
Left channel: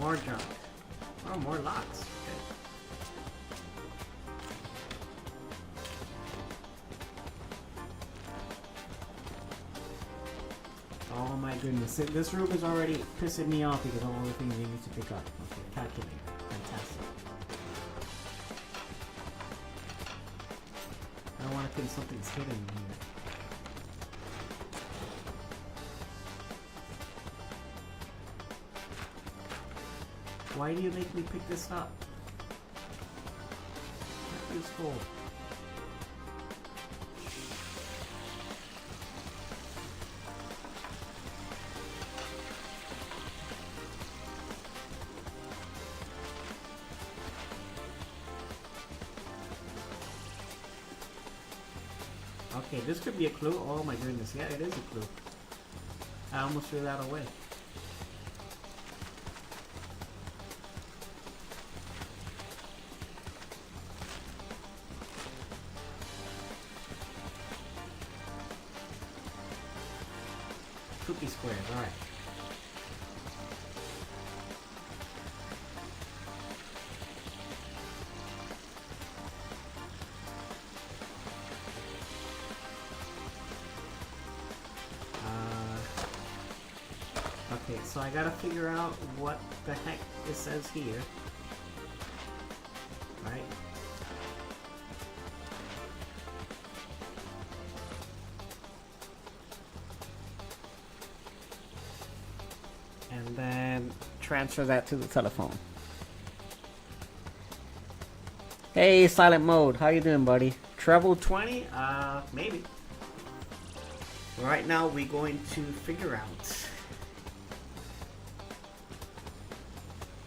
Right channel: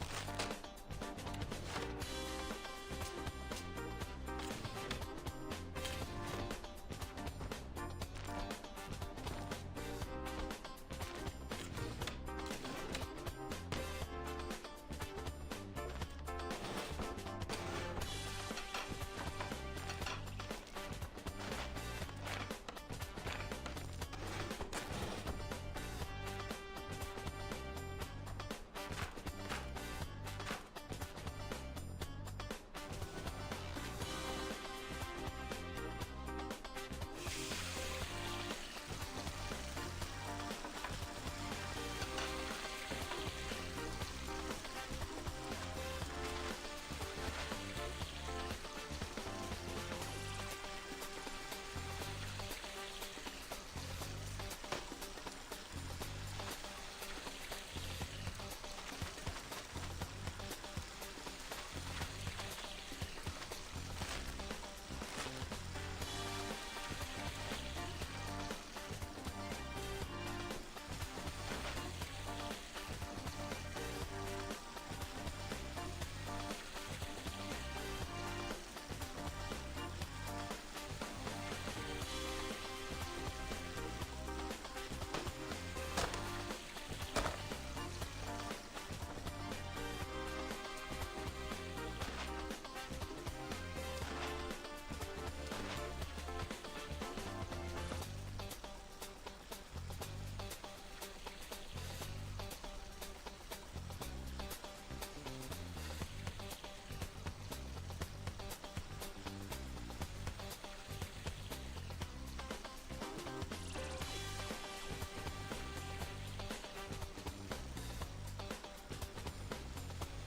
more junk. Oh, more locks. Oh my goodness. This room is already pissing me off because of all the things you need to pick up. Calculate. I want to think something's hidden in here. Why do you make me pick this up? It's cool. Okay, this could be a clue. Oh my goodness, yeah, it is a clue. I almost threw that away. Cookie square, alright. Okay, so I gotta figure out what the heck this says here. Right? And then transfer that to the telephone. Hey, silent mode. How you doing, buddy? Treble 20? Maybe. Right now we're going to figure out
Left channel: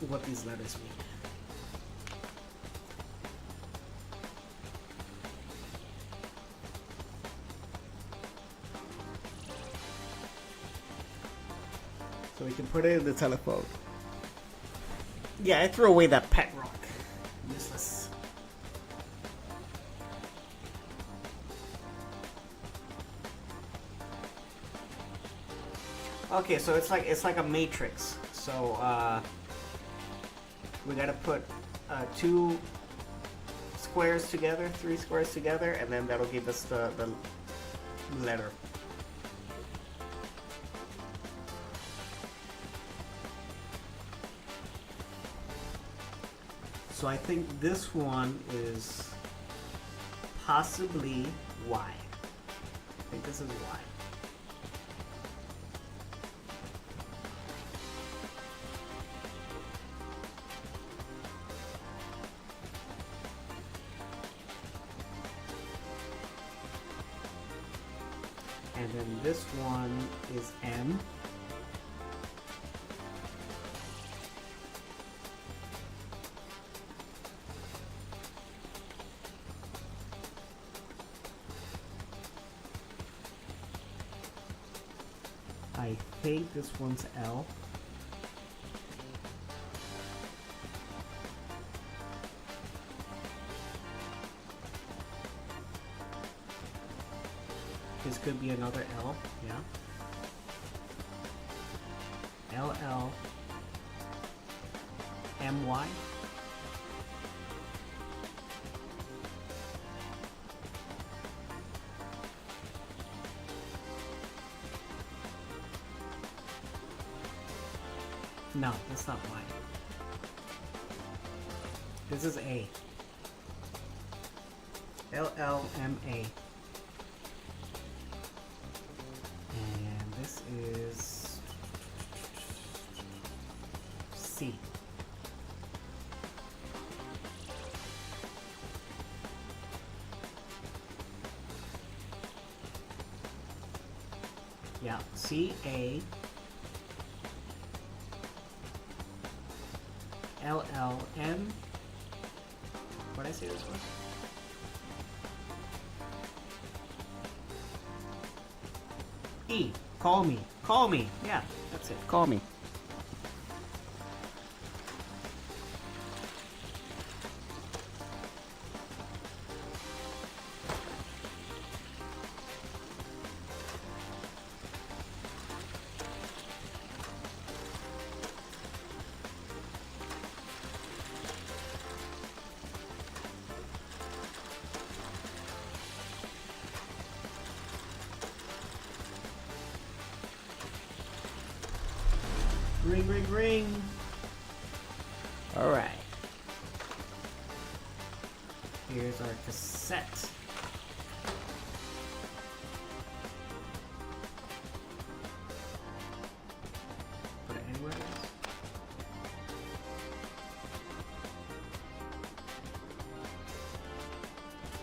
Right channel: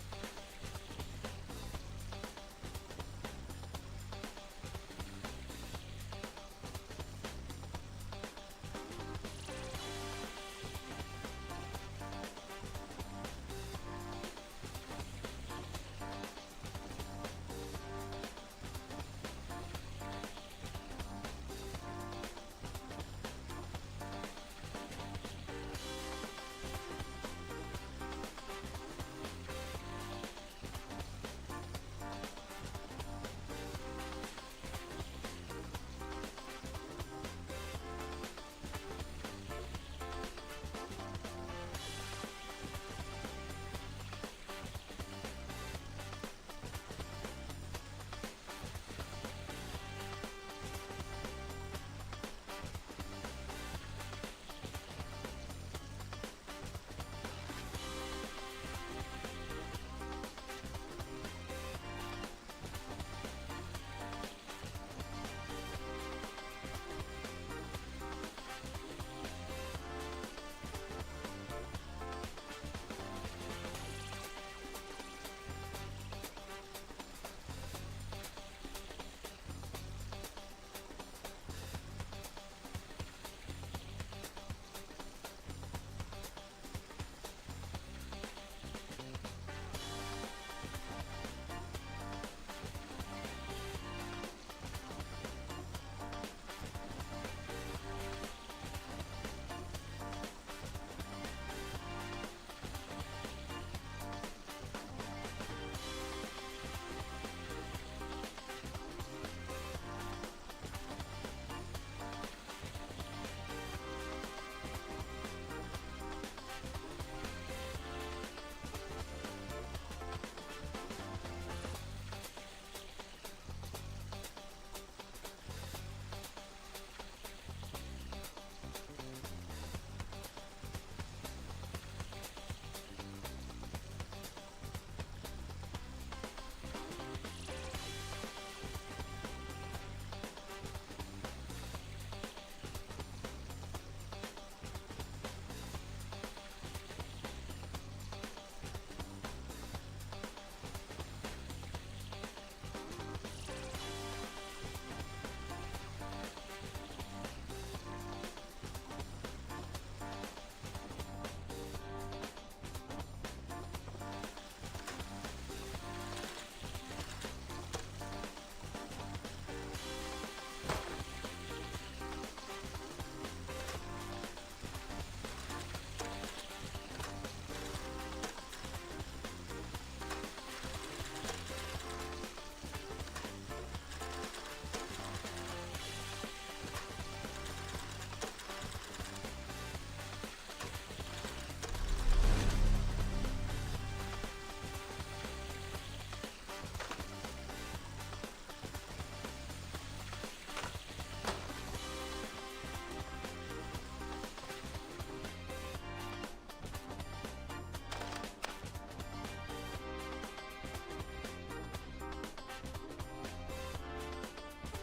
what these letters mean. So we can put it in the telephone. Yeah, I threw away that pet rock. Useless. Okay, so it's like a matrix. So we gotta put two squares together, three squares together, and then that'll give us the letter. So I think this one is possibly Y. I think this is Y. And then this one is M. I think this one's L. This could be another L, yeah. LL MY. No, that's not Y. This is A. LLMA. And this is C. Yeah, CA. LLN. What did I say this one? E. Call me. Call me. Yeah, that's it. Call me. Ring, ring, ring. Alright. Here's our cassette.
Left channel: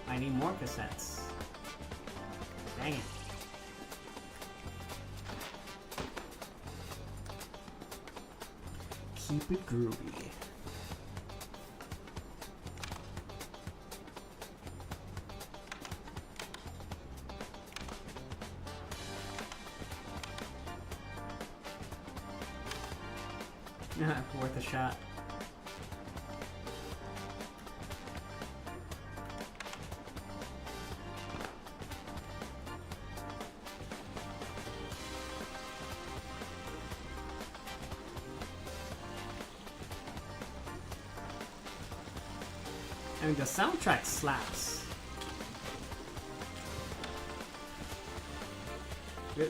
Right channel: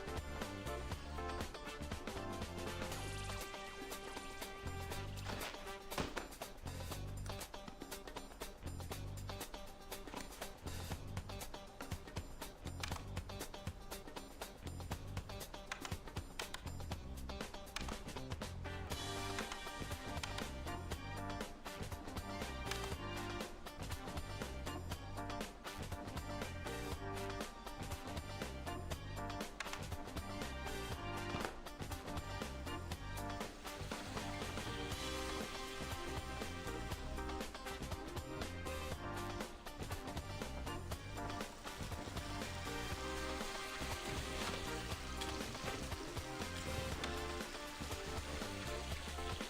I need more cassettes. Dang it. Keep it groovy. Worth a shot. I mean, the soundtrack slaps.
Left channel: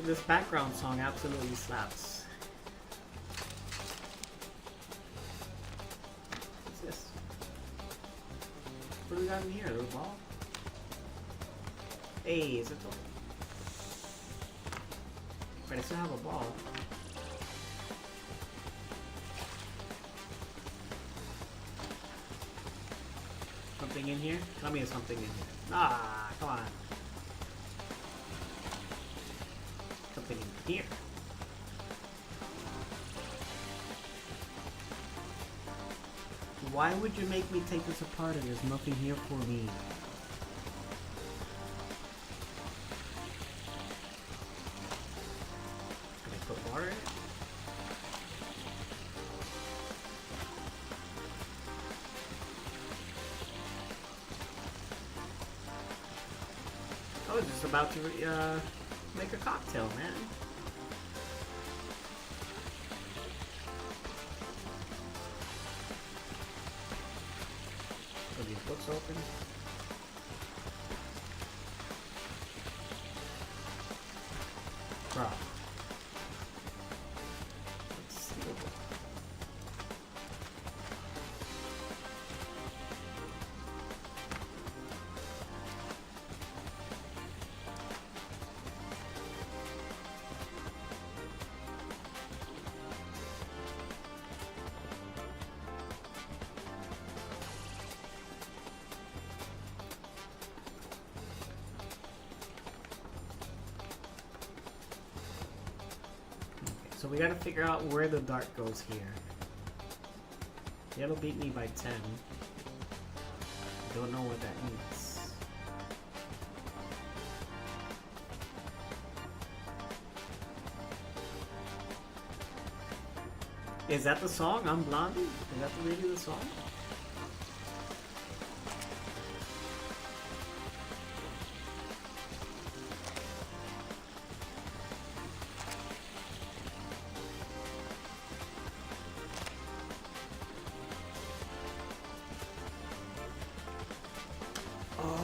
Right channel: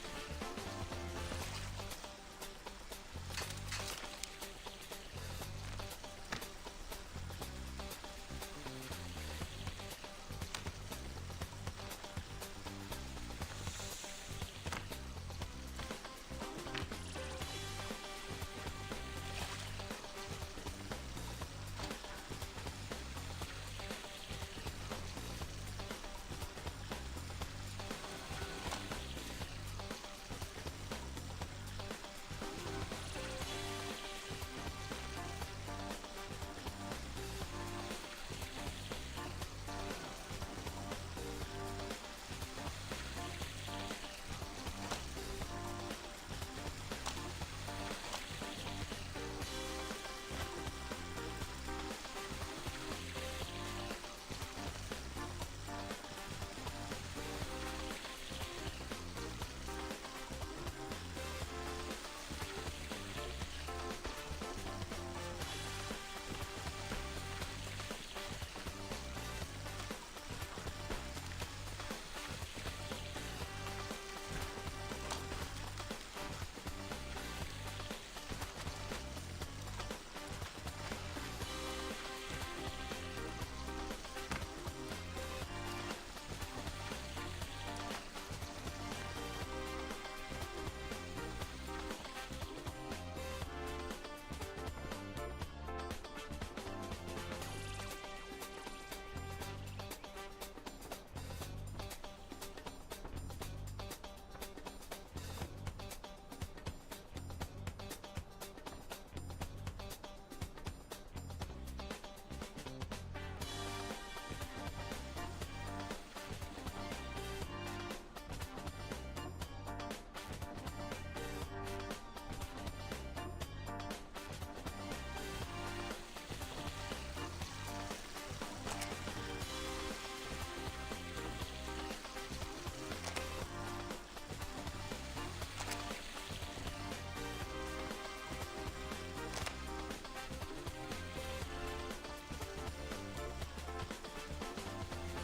This background song absolutely slaps. What's this? What do we got in here? A ball? Hey, is it ball? But I still have a ball. Something in here? Tell me there's something in here. Ah, come on. Something in here. Why would you make me take this apart if there's nothing here for me? Put water in? I was just about to make a cocktail, man. Are these books open? Bro. So we gotta figure out where the dart goes here. Yellow beat me by 10. Don't know what that means. Is that the song? I'm Blondie? Is that really the song?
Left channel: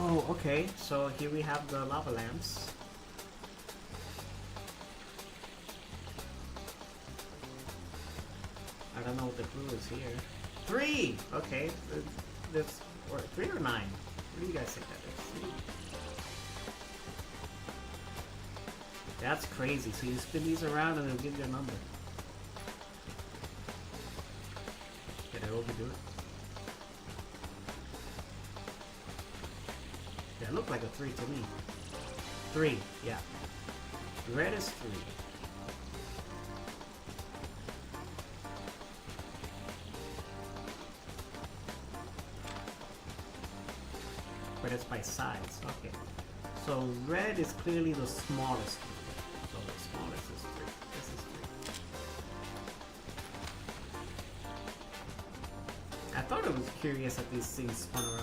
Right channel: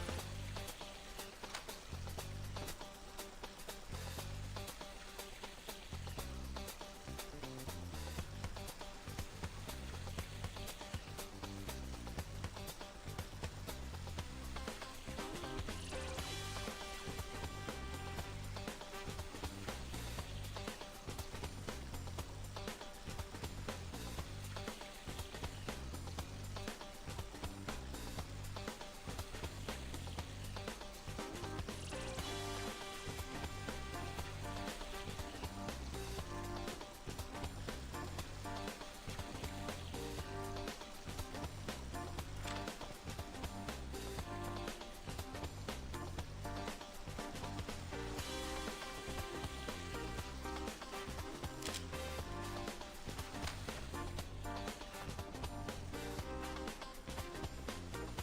Oh, okay. So here we have the lava lamps. I don't know what the clue is here. 3! Okay. That's 3 or 9? What do you guys think that is? That's crazy. So you spin these around and it'll give you a number. Did I overdo it? It looked like a 3 to me. 3, yeah. Red is 3. But it's by size, okay. So red is clearly the smallest. So the smallest is 3. This is 3. I thought it was curious that these things spun around.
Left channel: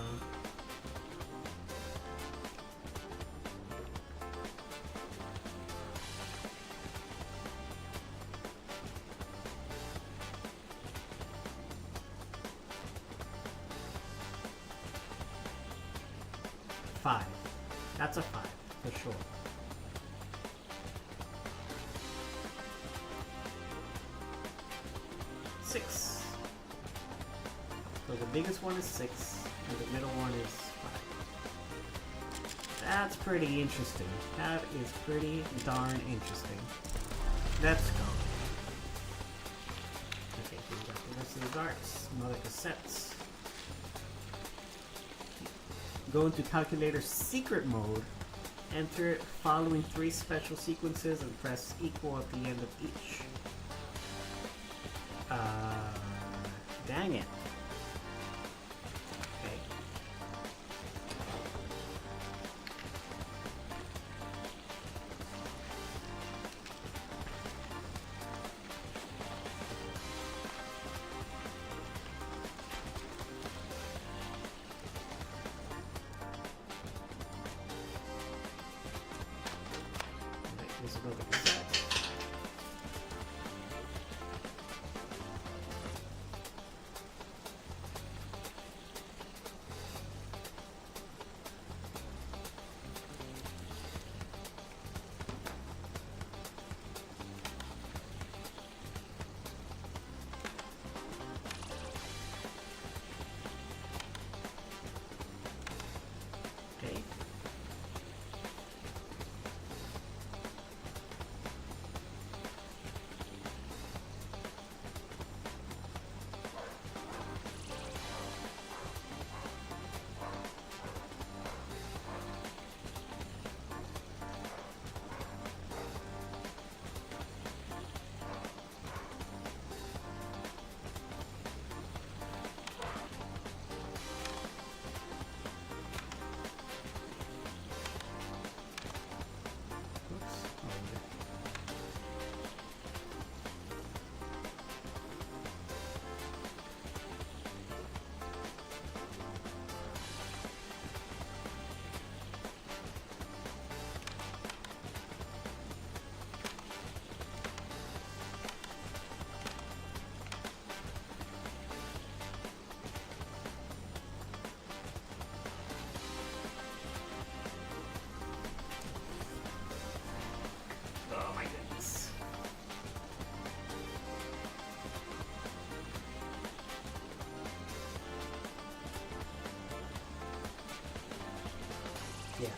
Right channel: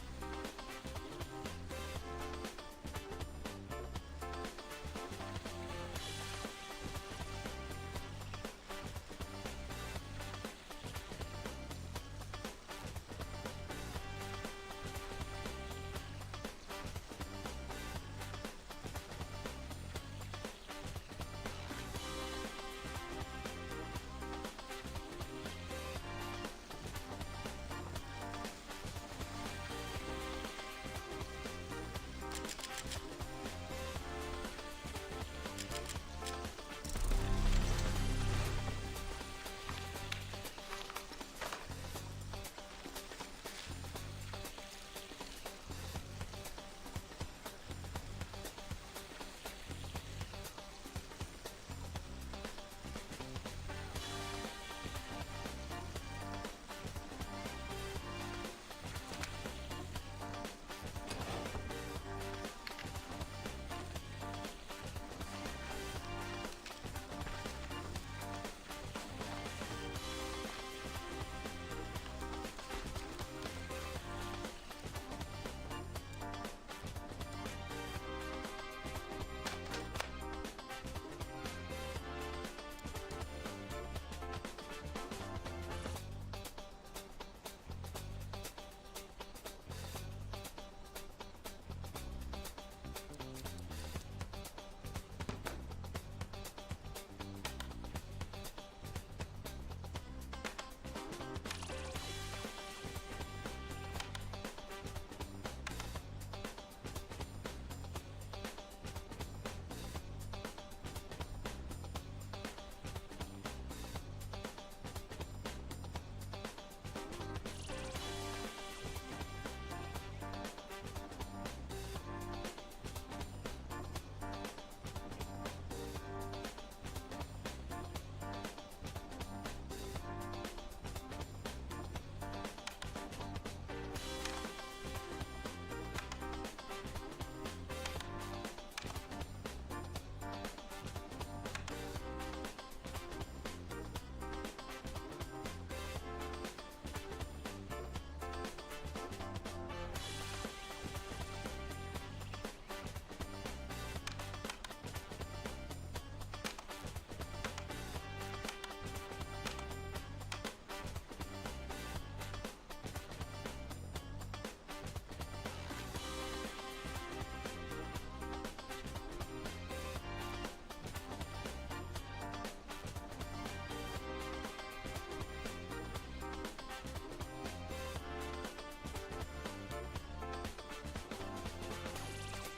That's a 5, for sure. biggest one is 6, and the middle one is 5. That's pretty interesting. That is pretty darn interesting. Let's go. This is arts, another cassettes. Go into calculator secret mode. Enter following 3 special sequences and press equal at the end of each. Dang it.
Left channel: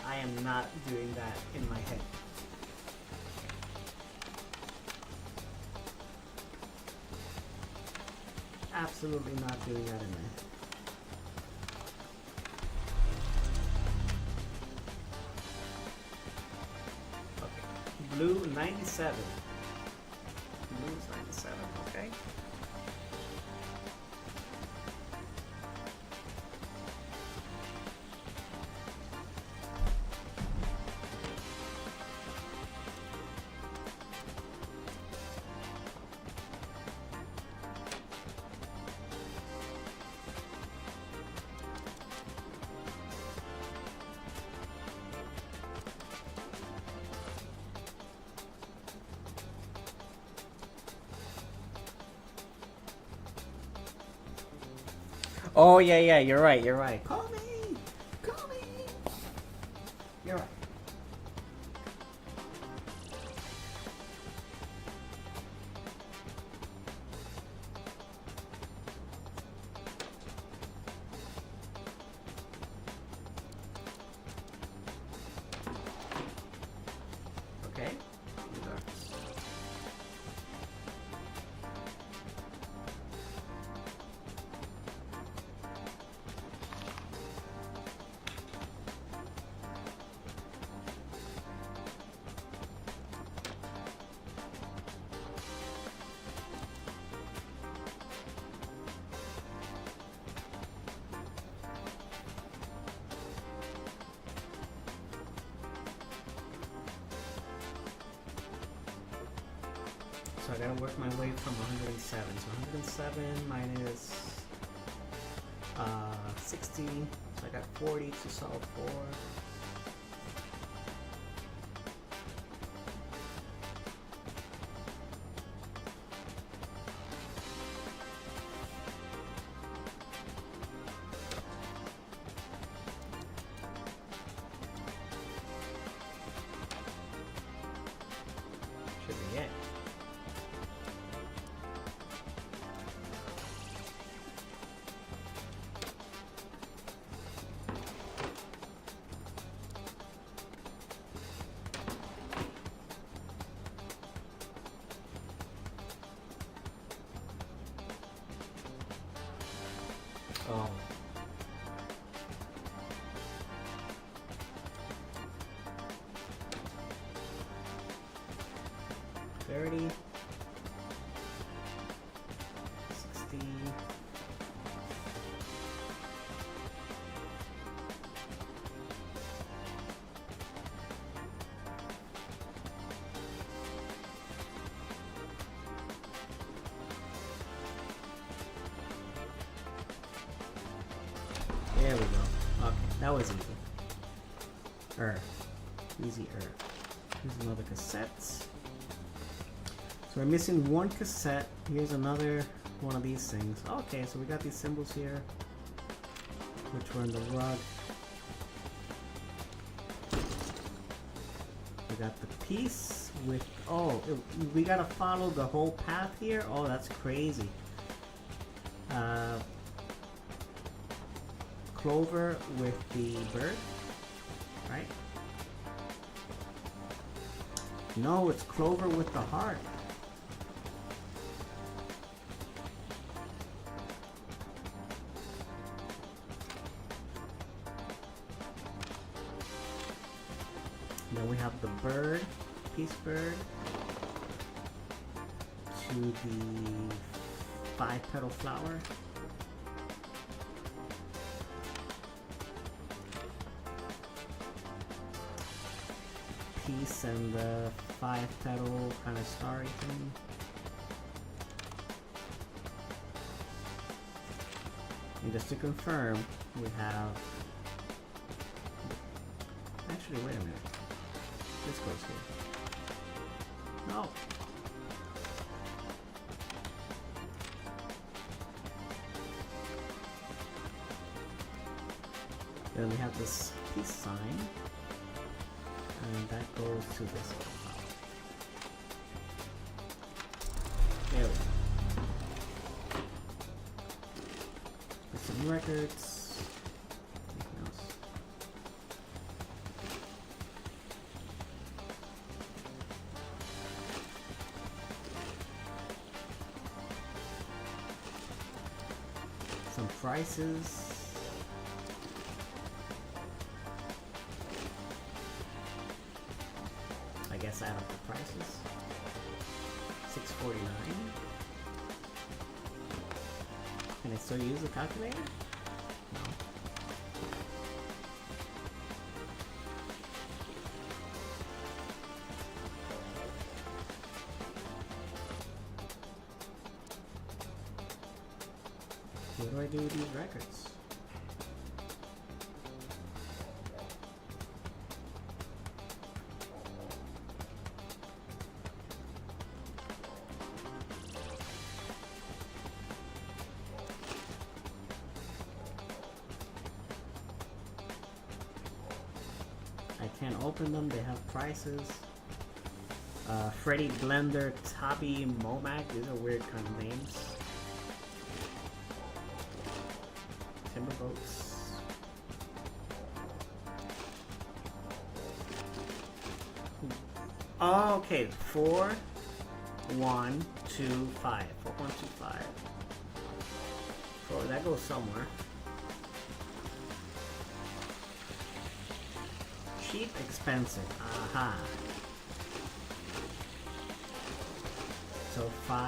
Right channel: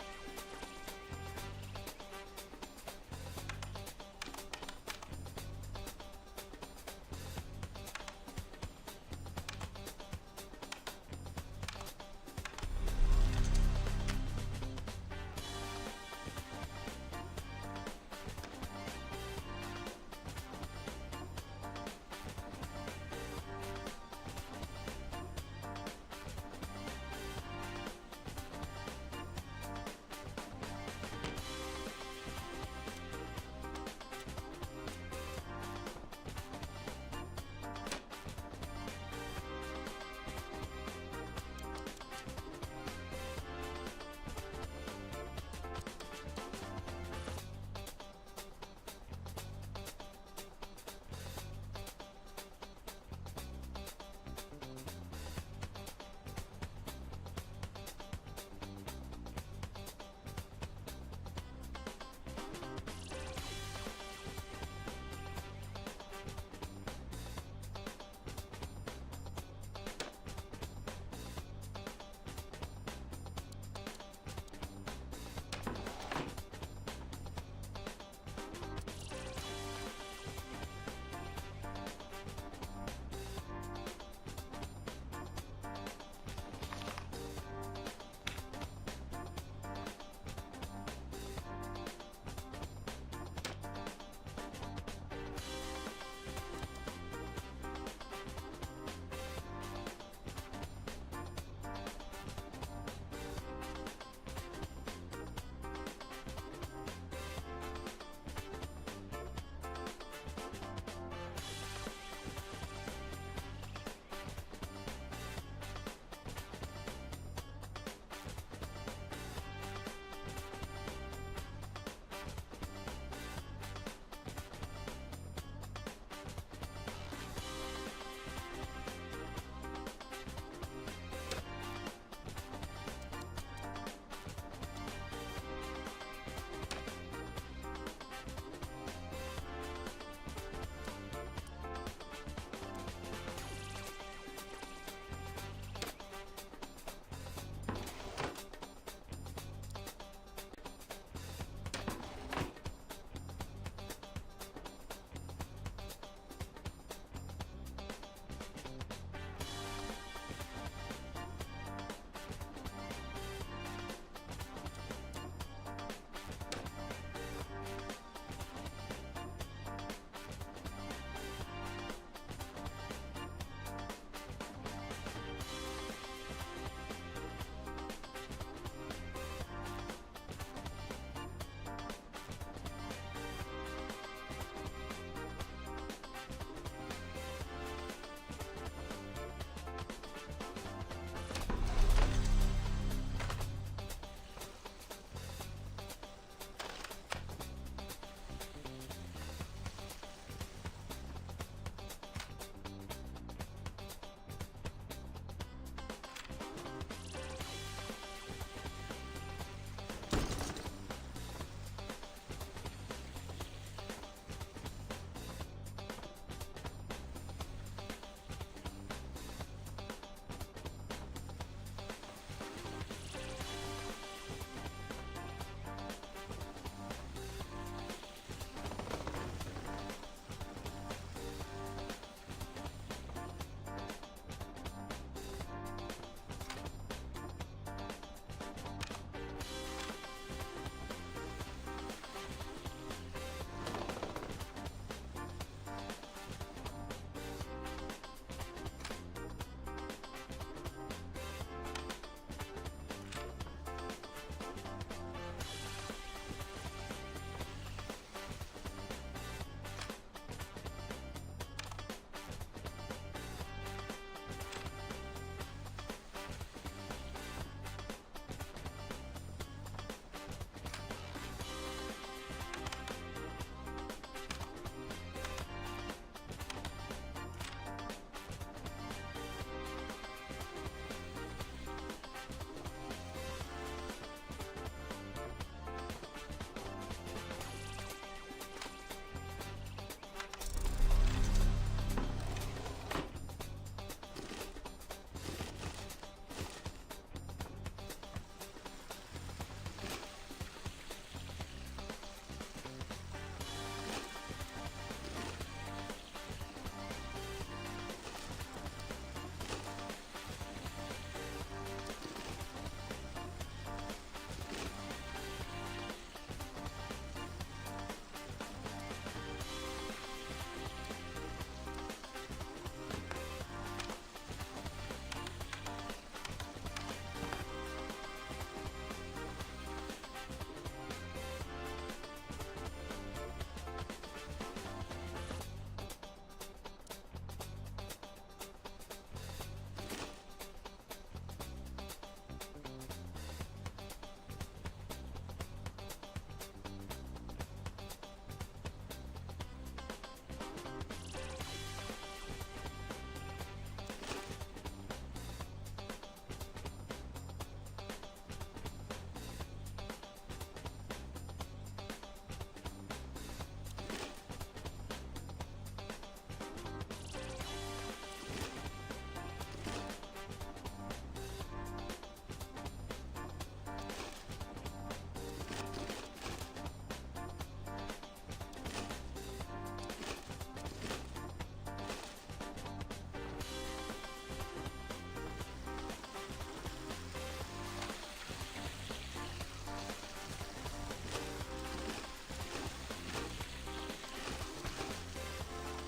I am not doing that in my head. Absolutely not doing that in my head. Okay. Blue 97. Blue 97, okay. Oh, yeah, you're right. Call me! You're right. Okay. So I gotta work my way from 107. So 107 minus 60. So I got 40 to solve for. We're missing one cassette. Here's another one of these things. Okay, so we got these symbols here, which were in the rug. We got the piece with, oh, we gotta follow the whole path here? Oh, that's crazy. Clover with the bird, right? No, it's Clover with the heart. Then we have the bird, peace bird, to the 5-petal flower. Peace and the 5-petal kind of starry thing. And just to confirm, we have. Actually, wait a minute. This goes here. No. Then we have this peace sign. And that goes to this one. There we go. Some records. Some prices. Add up the prices. $6.49. Can I still use the calculator? What do I do with these records? Can't open them, they have prices. Freddy Blender, Tabi, Momac, these are weird kind of names. Timber boats. Oh, okay, 4, 1, 2, 5. 4, 1, 2, 5. Oh, that goes somewhere. Cheap, expensive. Aha. So 5,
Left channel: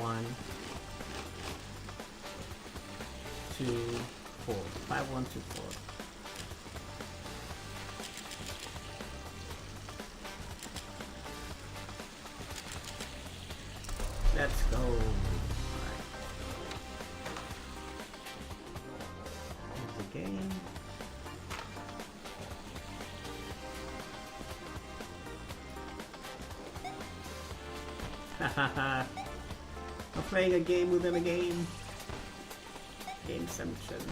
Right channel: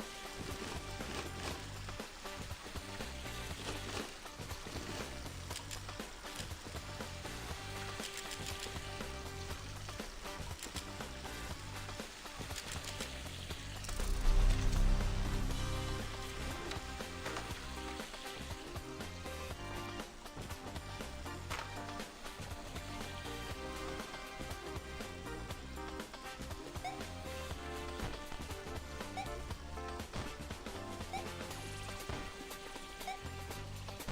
1, 2, 4. 5, 1, 2, 4. Let's go. I'm playing a game within a game. Game 77.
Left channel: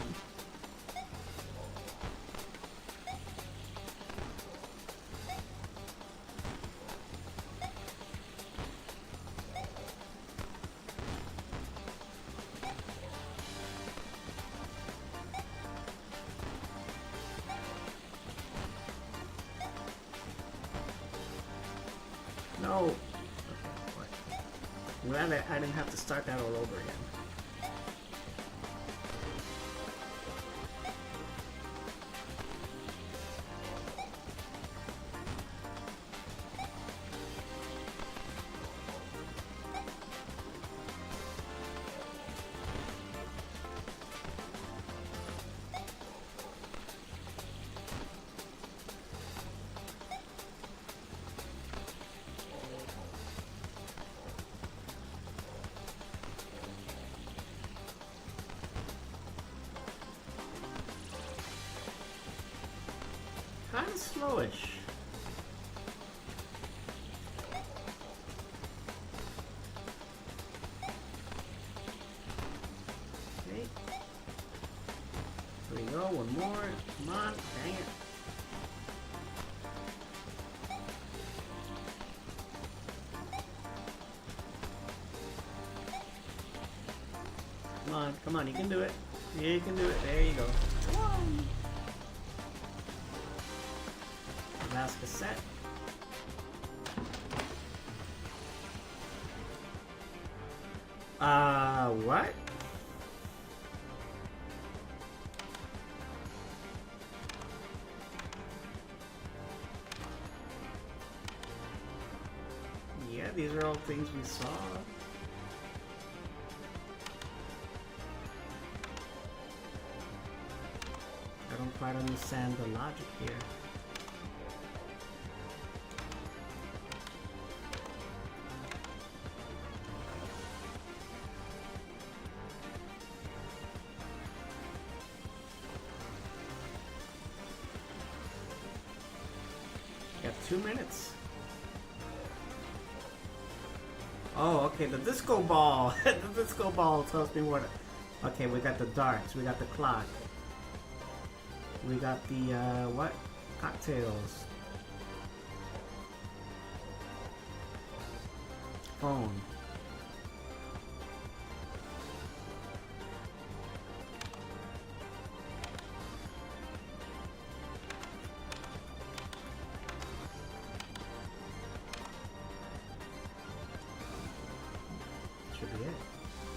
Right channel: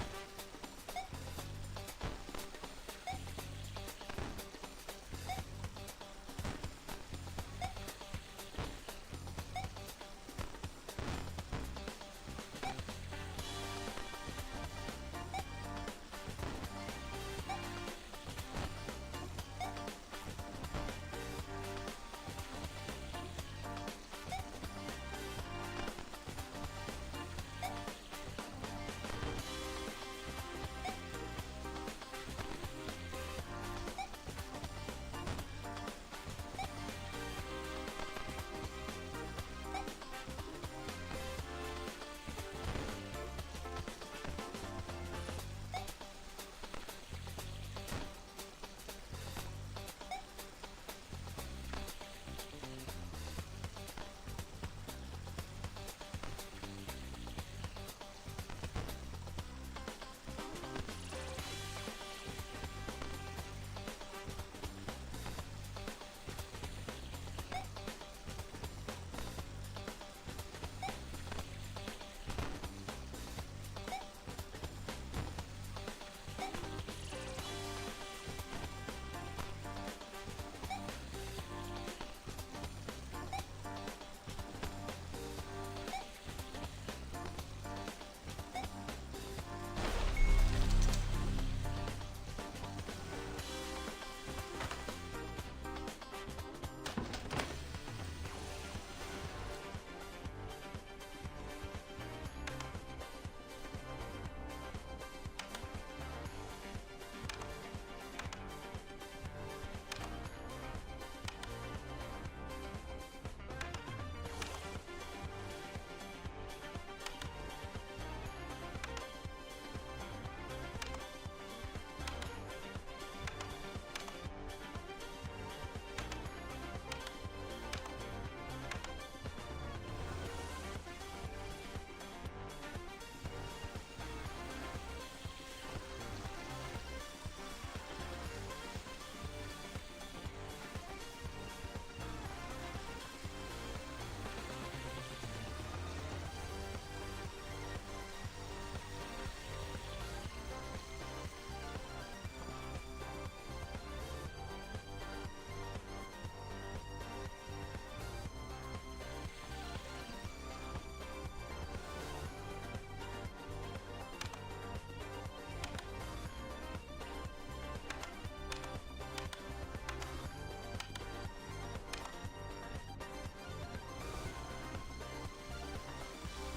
No. Glad I didn't have to start that all over again. Kind of slowish. Come on, you can do it. Yeah, you can do it. There you go. Last cassette. What? Yeah, these are all things we saw. I don't quite understand the logic here. Got 2 minutes. Oh, okay, the disco ball. The disco ball tells me what. Okay, we got the darts, we got the clock. We got the, what? Cocktails. Phone. Should be it.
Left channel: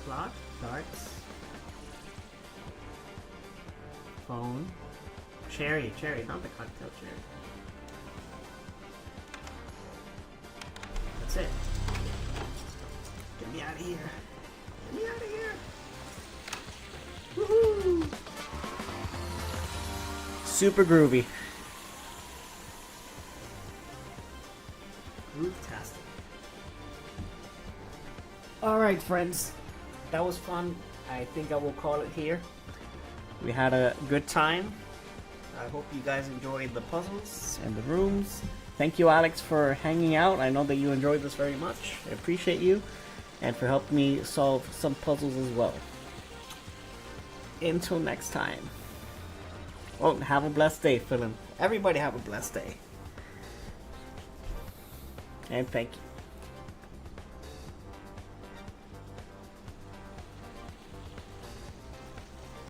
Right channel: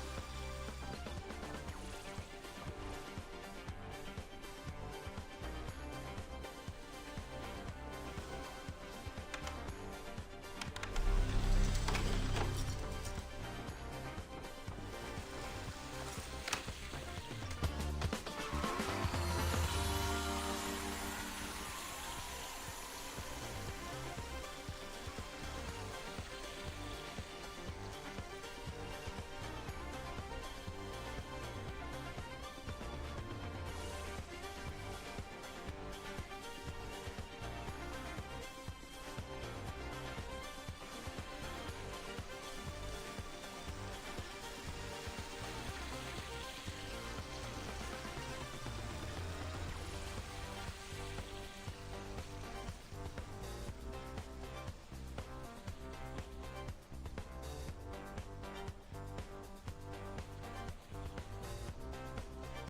Clock, darts. Phone. Cherry, not the cocktail cherry. That's it. Get me out of here. Get me out of here. Woohoo! Super groovy. Fantastic. Alright, friends. That was fun. I think I will call it here. We had a good time. I hope you guys enjoyed the puzzles and the rooms. Thank you, Alex, for hanging out. I know that you enjoyed this very much. I appreciate you, and for helping me solve some puzzles as well. Until next time. Well, have a blessed day, Philip. Everybody have a blessed day. And thank you.